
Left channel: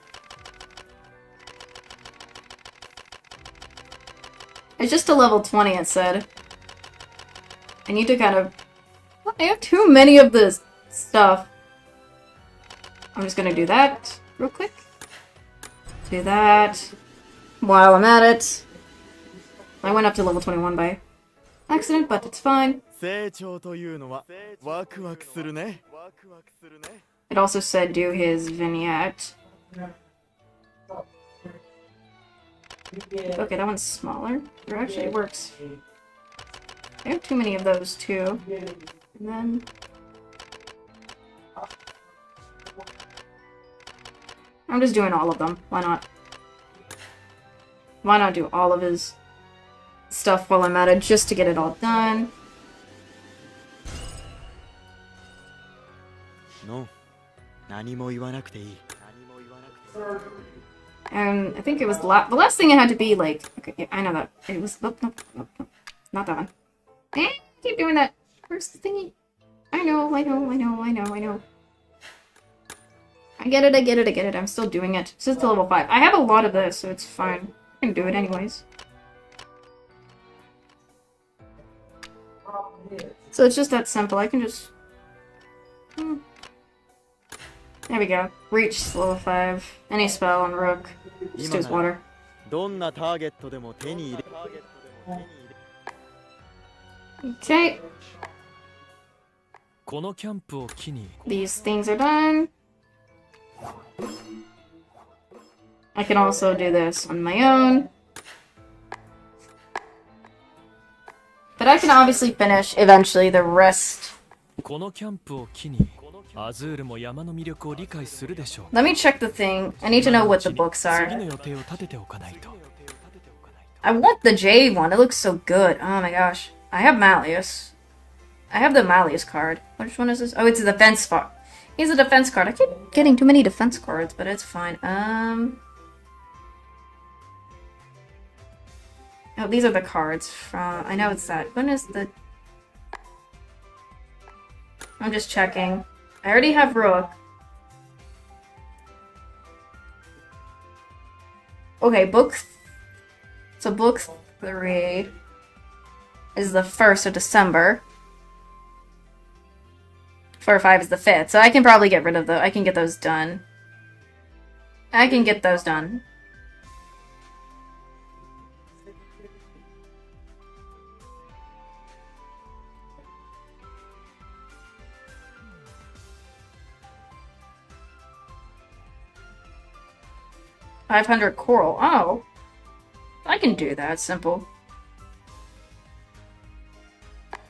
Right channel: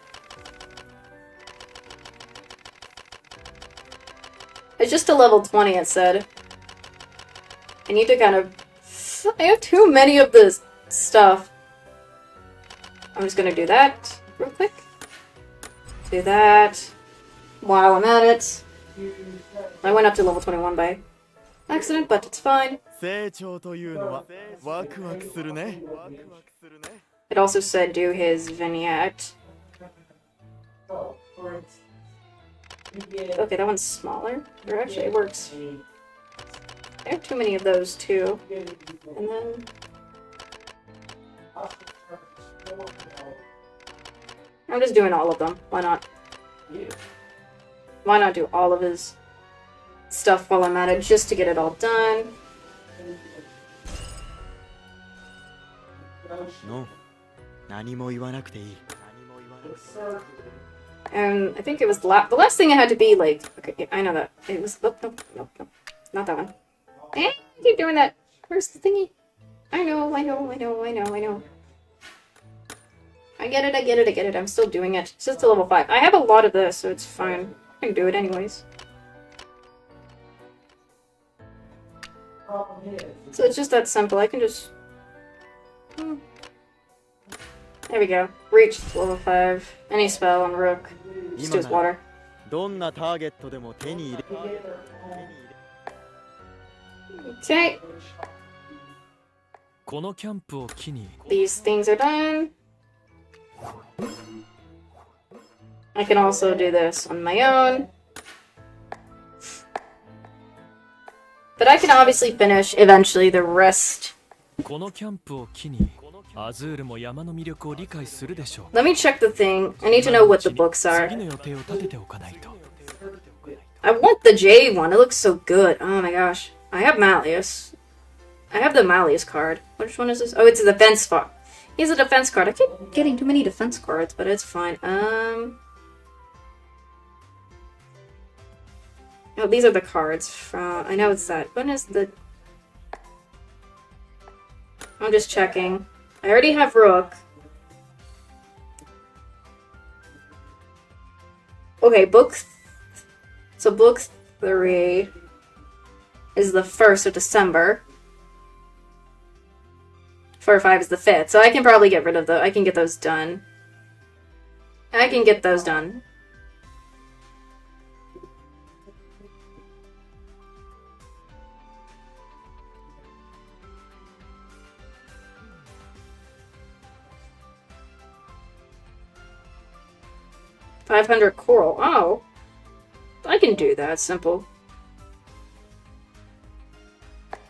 It's just a level 20, it said. I need to kind of... I have too many of this stuff. I'm just gonna do that real quick. Do that. While I'm at it. I went up to level 21 by accident, but it's fine. It also said do his vignette. Okay, that one's smaller. It actually works. I have too many of those too. And then... I'm just doing all of them. Why not? Why not do all of his stuff while I'm at it, just to get it all done? No. And I think it was the last thing it had to be like... Okay, I know that. It was... Nope. Not that one. I keep doing that. Where's the thingy? I know. I get it. I'm still doing it. It's just a level 5. I have a lot of this, so it's fine. I can do it anyways. So it's just that simple. I can just... There we go. Reach level 5. Any spell on Rook. Just do his water. Okay. These things are done. I can also do this on my own. But I can obviously finish eventually the rest. Let me check the thing. I need to know what the books are. I want the J one. It looks so good. Oh my gosh. I have Malleus. I have the Malleus card. Which one is this? Oh, it's a defense card. He's a defense card. I keep getting too many defense cards, but it's fine. Oh, these are the cards from... I know it's that. When is the... I'm just checking. I already have Rook. Okay, book 3 is the 1st of December. 4 or 5 is the 5th, so I can probably get rid of I can get those done. I can get those done. $500 coral. Oh. I can do that. Simple.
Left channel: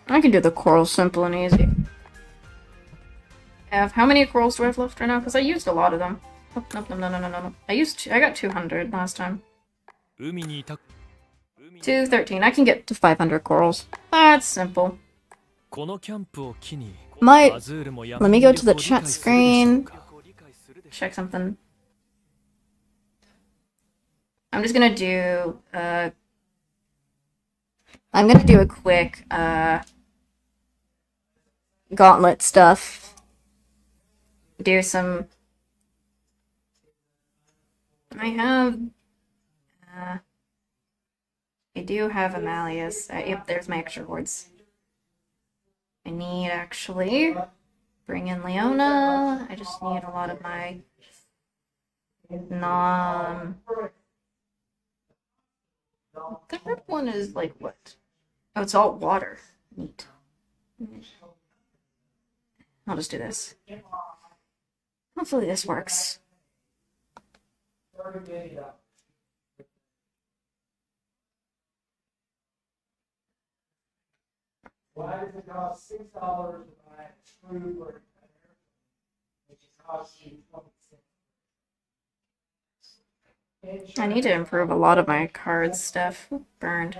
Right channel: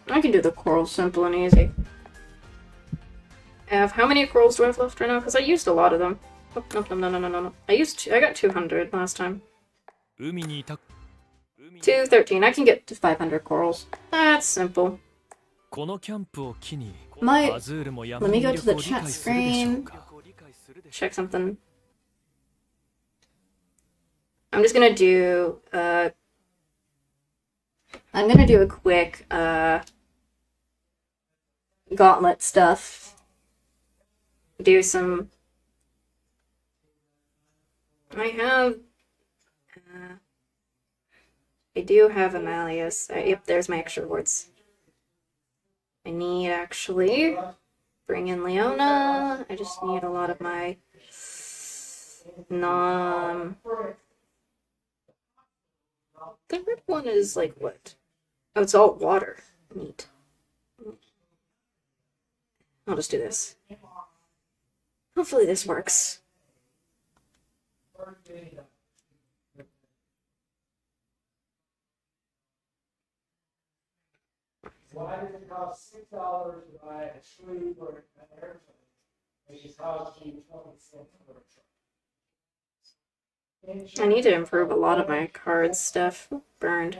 I can do the coral simple and easy. How many corals do I have left right now? Because I used a lot of them. Oh, no. I got 200 last time. 213. I can get to 500 corals. That's simple. Let me go to the chat screen. Check something. I'm just gonna do I'm gonna do a quick gauntlet stuff. Do some I do have a Malleus. Yep, there's my extra rewards. I need actually bring in Leona. I just need a lot of my the red one is like what? Oh, it's all water. Neat. I'll just do this. Hopefully this works. Why does it cost $6 to buy a screw for an airplane? It just costs you 20 cents for a truck. I need to improve a lot of my card stuff. Burned.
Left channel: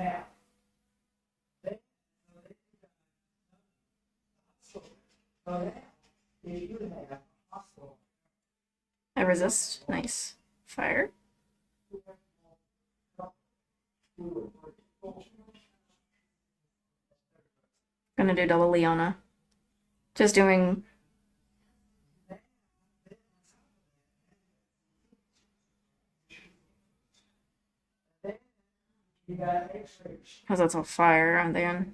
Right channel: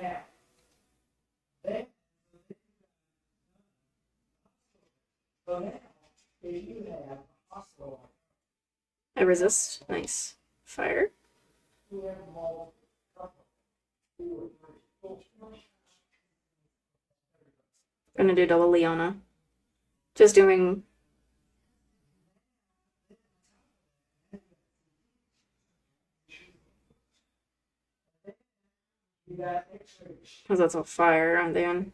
I resist. Nice. Fire. Gonna do double Leona. Just doing. Because that's all fire, and then.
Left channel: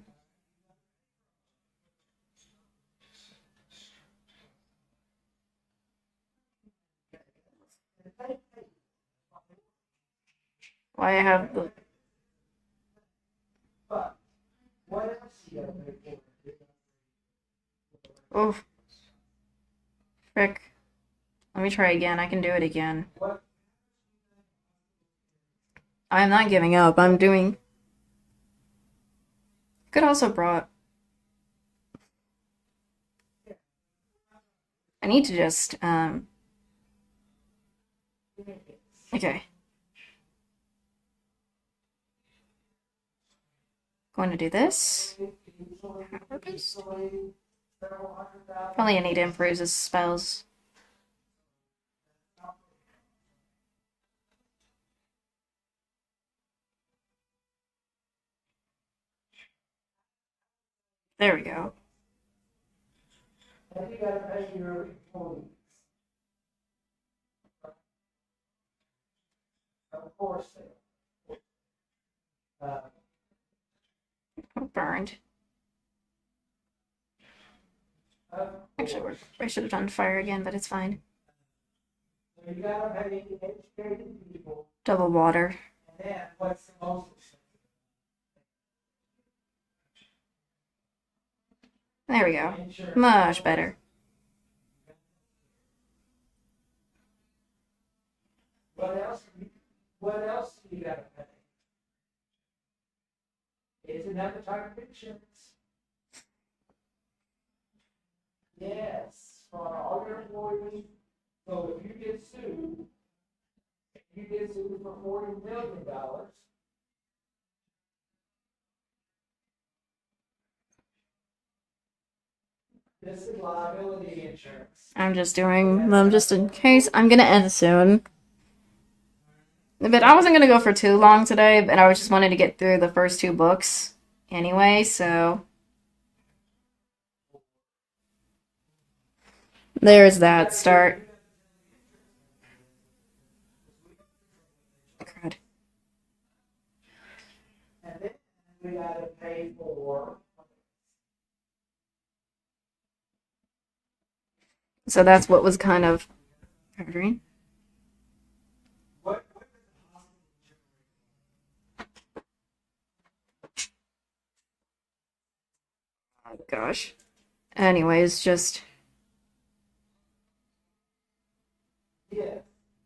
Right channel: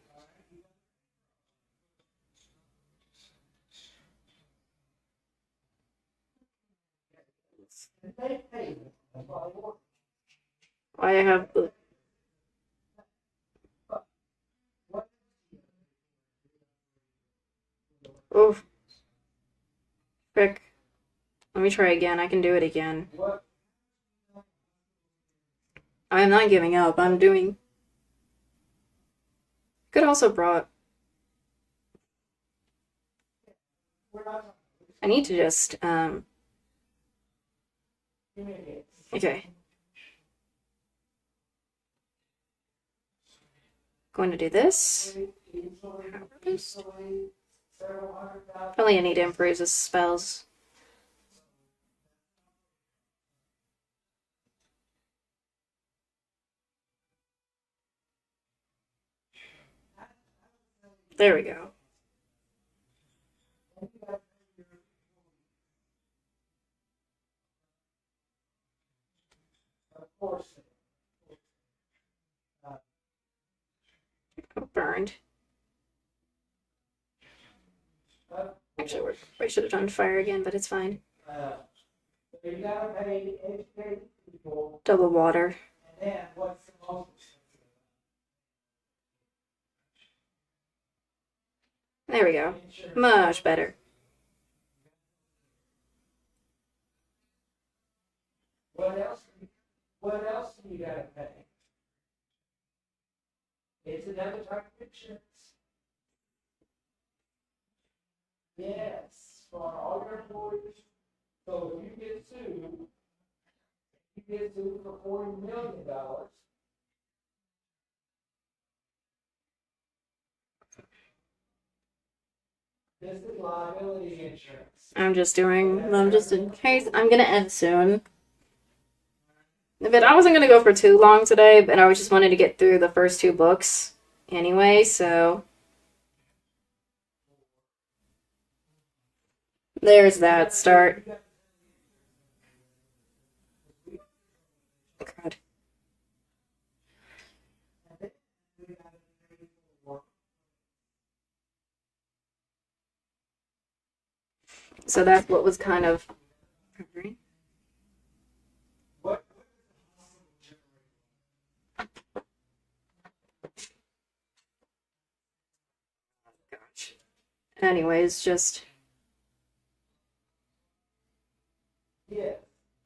Why I have the. Oh. Frick. Let me try again. I can do it again. I'm not giving up. I'm doing. Could also brought. I need to just okay. Going to do this. Probably I need to improve his spells. There we go. Burned. Actually, I should have done fire again, but it's fine. Double water. There we go. Much better. What else do you gotta pay? It's another type of insurance. Yes, for all your employees. So if you get sued for $40 million. This is liability insurance. I'm just doing them just in case. I'm gonna end soon. But I wasn't gonna go for too long today, but I was just wanted to get through the first 2 books anyway, so. There's that start. Crud. And then we gotta pay for. So that's what was kind of hurting. What Oh gosh. Anyways, just Yes,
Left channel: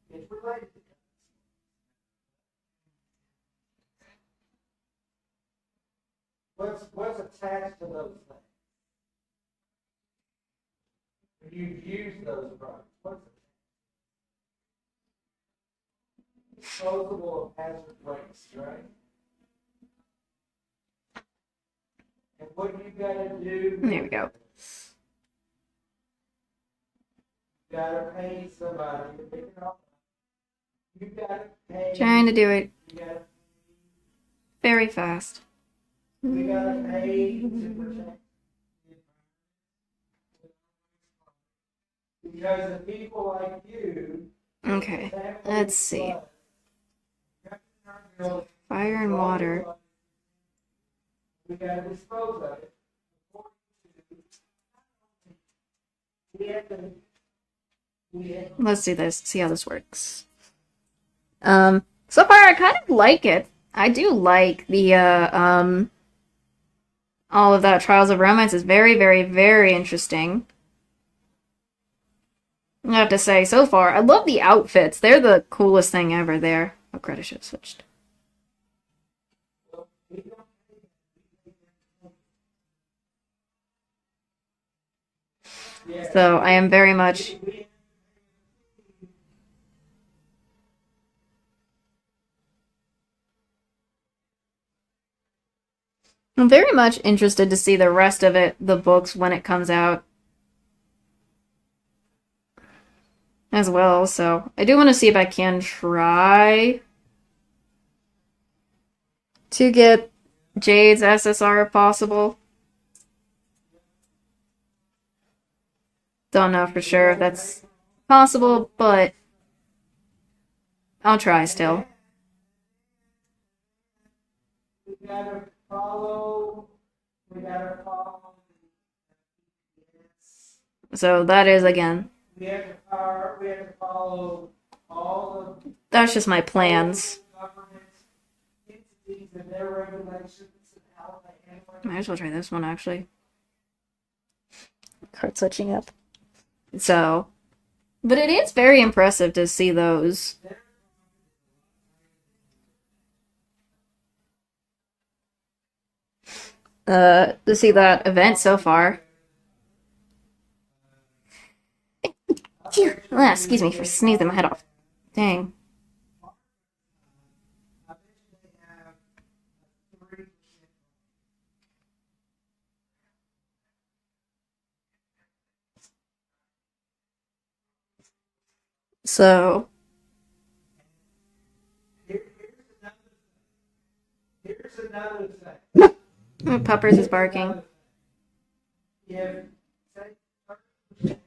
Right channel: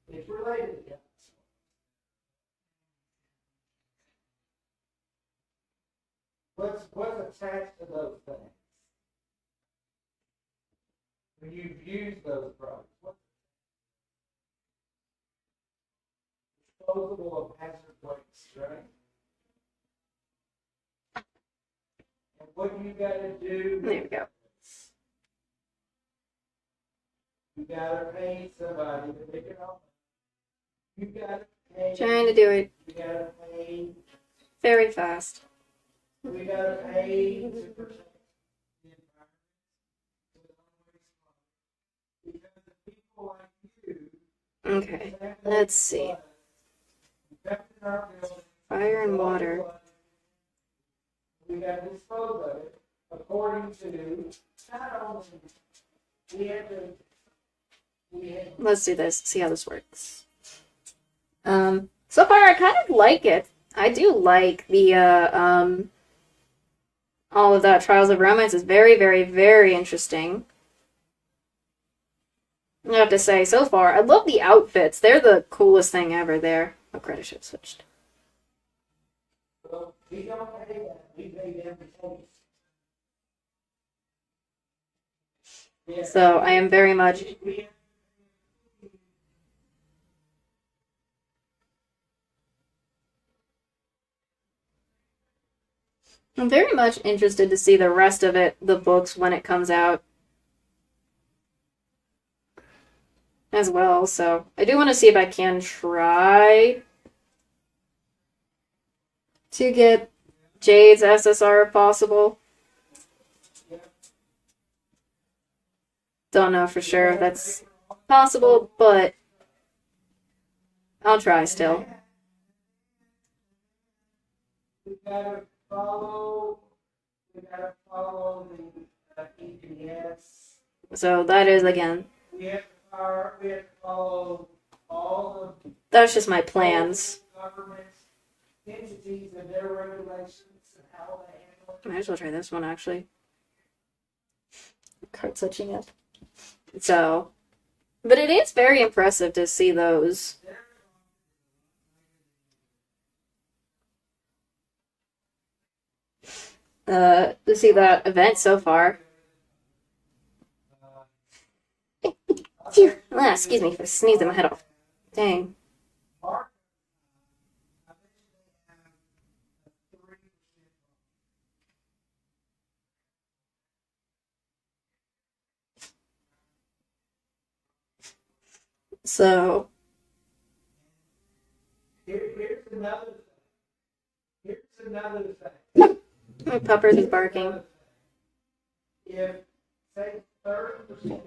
it's related to that. What's attached to those things? When you've used those products, what's disposable of hazard waste, right? And what you gotta do? there we go. You gotta pay somebody to pick it up. You gotta pay. Trying to do it You gotta pay. very fast. We gotta pay to protect the environment. Because of people like you. Okay, let's see. Fire and water. We gotta dispose of it according to not only we have Let's do this. See how this works. So far I kind of like it. I do like the all of that Trials of Romance is very, very, very interesting. I have to say, so far, I love the outfits. They're the coolest thing ever there. Oh, credit should have switched. we don't pay that. We pay them to take it. Yeah. So I am very much I'm very much interested to see the rest of it, the books, when it comes out as well. So I do want to see if I can try to get Jade's SSR if possible. Don't know for sure if that's possible, but I'll try still. We gotta follow the EPS. So that is, again, We have to follow all of that's just my plans. government entities and their regulations and how they handle it. Might as well try this one, actually. Card switching up. So, but it is very impressive to see those. To see that event so far. Excuse me for sneezing my head off. Dang. I bet they have a 3%. So, Here's another thing. Puppers is barking. If, say, 30% of your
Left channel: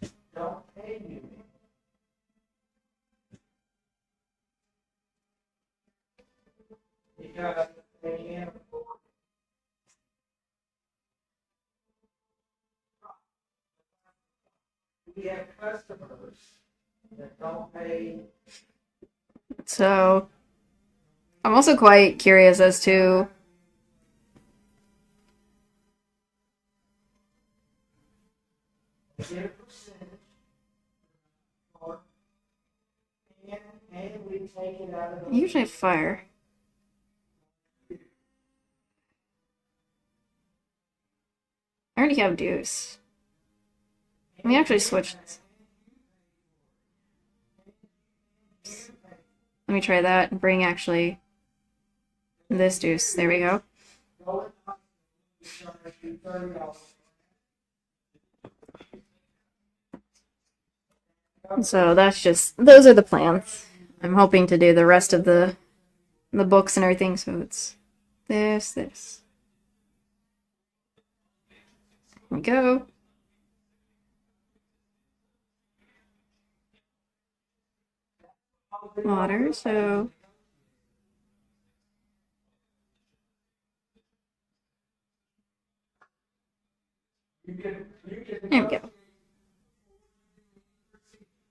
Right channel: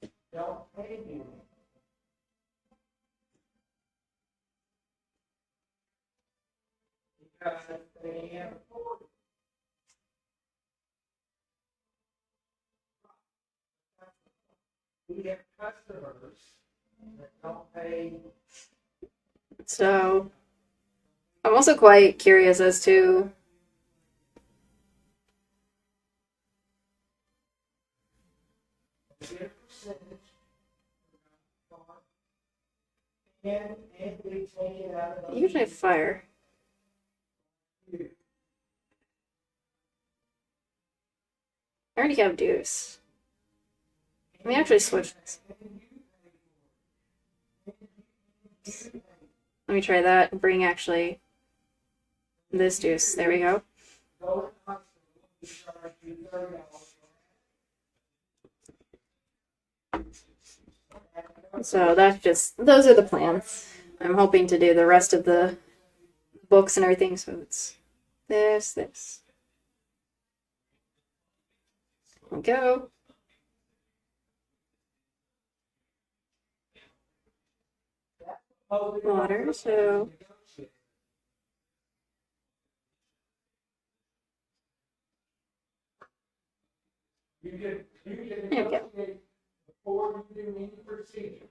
customers don't pay you, because they can't afford it. We have customers that don't pay. So, I'm also quite curious as to Get a percentage, and we take it out of the. usually fire. I already have deuce. Let me actually switch this. Let me try that and bring actually this deuce. There we go. Go in the hospital, we charge you $30. So that's just, those are the plans. I'm hoping to do the rest of the books and everything, so it's this. we go. Water, so You can there we go. negotiate before you do any procedure.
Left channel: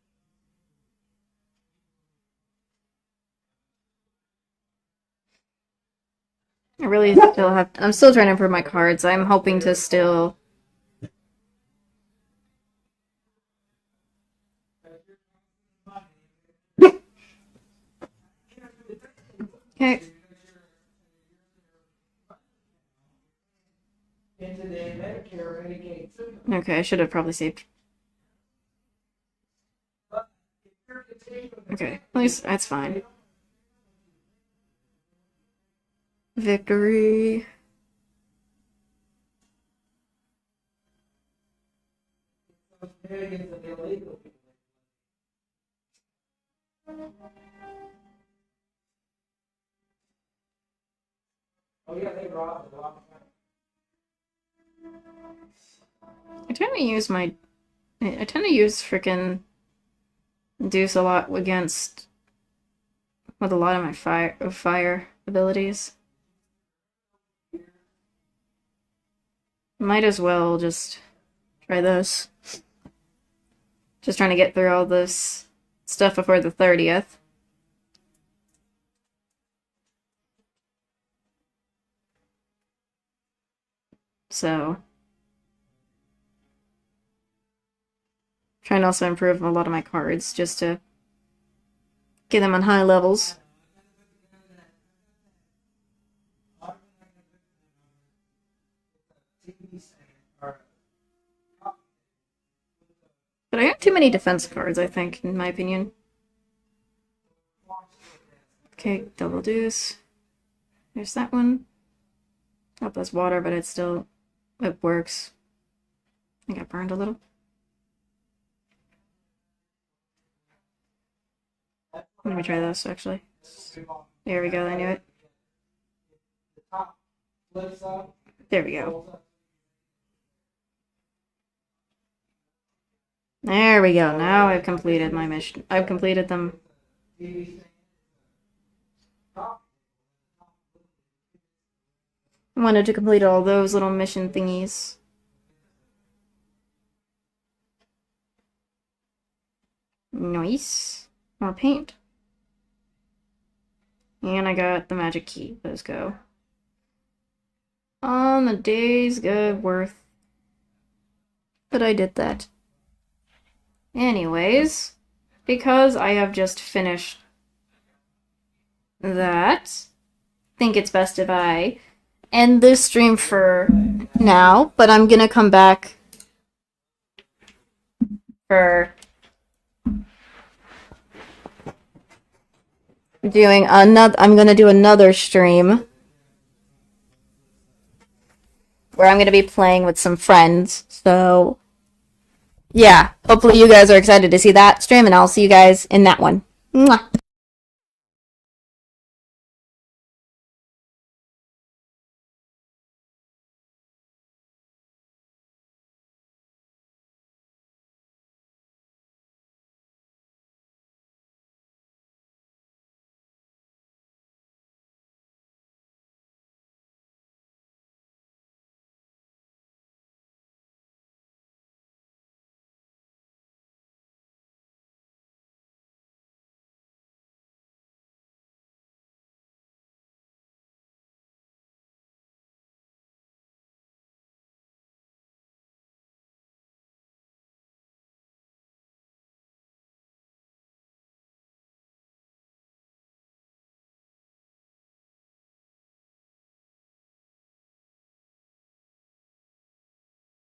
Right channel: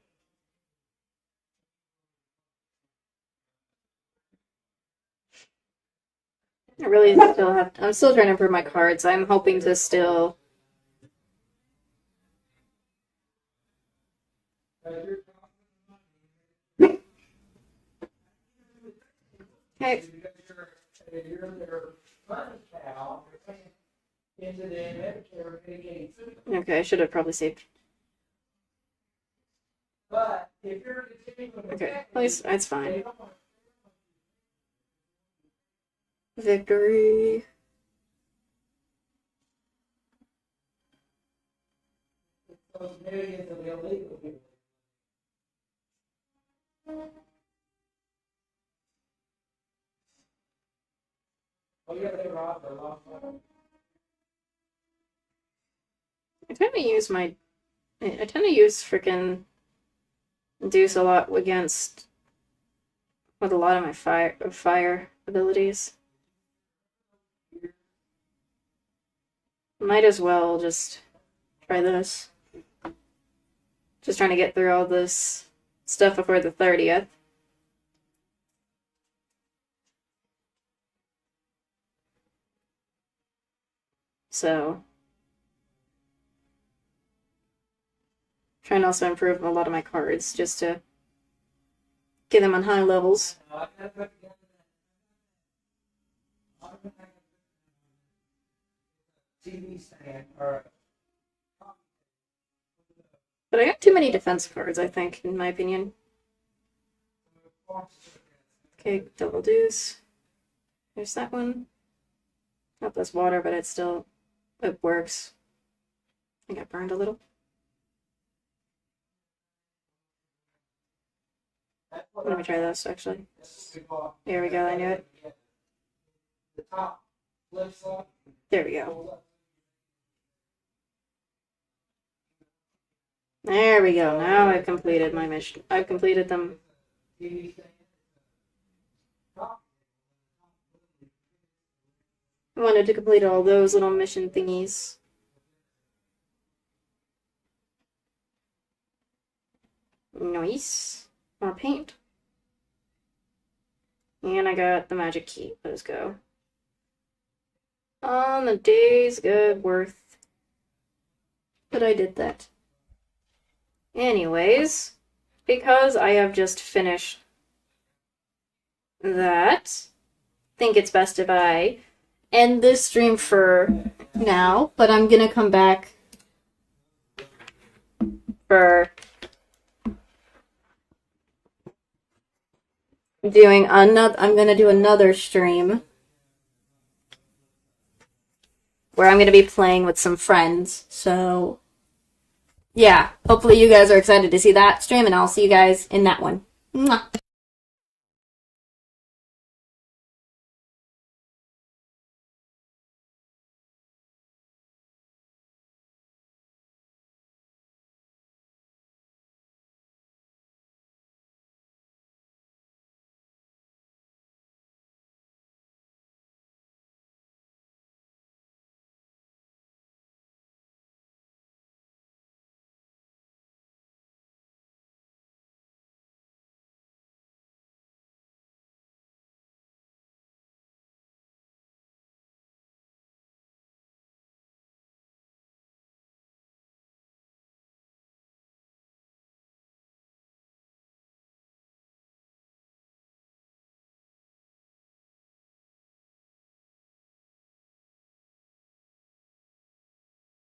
I really still have. I'm still trying to improve my cards. I'm hoping to still. Okay. You're their money cow, you're paying into the Medicare, Medicaid system. Okay, I should have probably saved. But if you're continuing to Okay, at least that's they fine. don't want Victory. those millions of illegal people. Oh yeah, they robbed a lot of money. I tend to use freaking Deuce a lot against with a lot of my fire abilities. Might as well just try this. Just trying to get through all this stuff before the 30th. So, trying to also improve a lot of my cards just to get them on high levels. TV stand or But I got too many defense cards, I think, in my opinion. Okay, double deuce. There's that one. Oh, that's water, but it works. I got burned a little. Let me try this, actually. There we go, I knew it. the top flips up. There we go. There we go. Now I've completed my mission. I've completed them. I wanted to complete all those little mission thingies. Nice. More paint. And I got the magic key. Let's go. On the day's good worth. But I did that. Anyways, because I have just finished that, I think it's best if I end this stream for now, but I'm gonna come back for doing another. I'm gonna do another stream where I'm gonna be playing with some friends. So yeah, hopefully you guys are excited to see that stream, and I'll see you guys in that one. Mwah.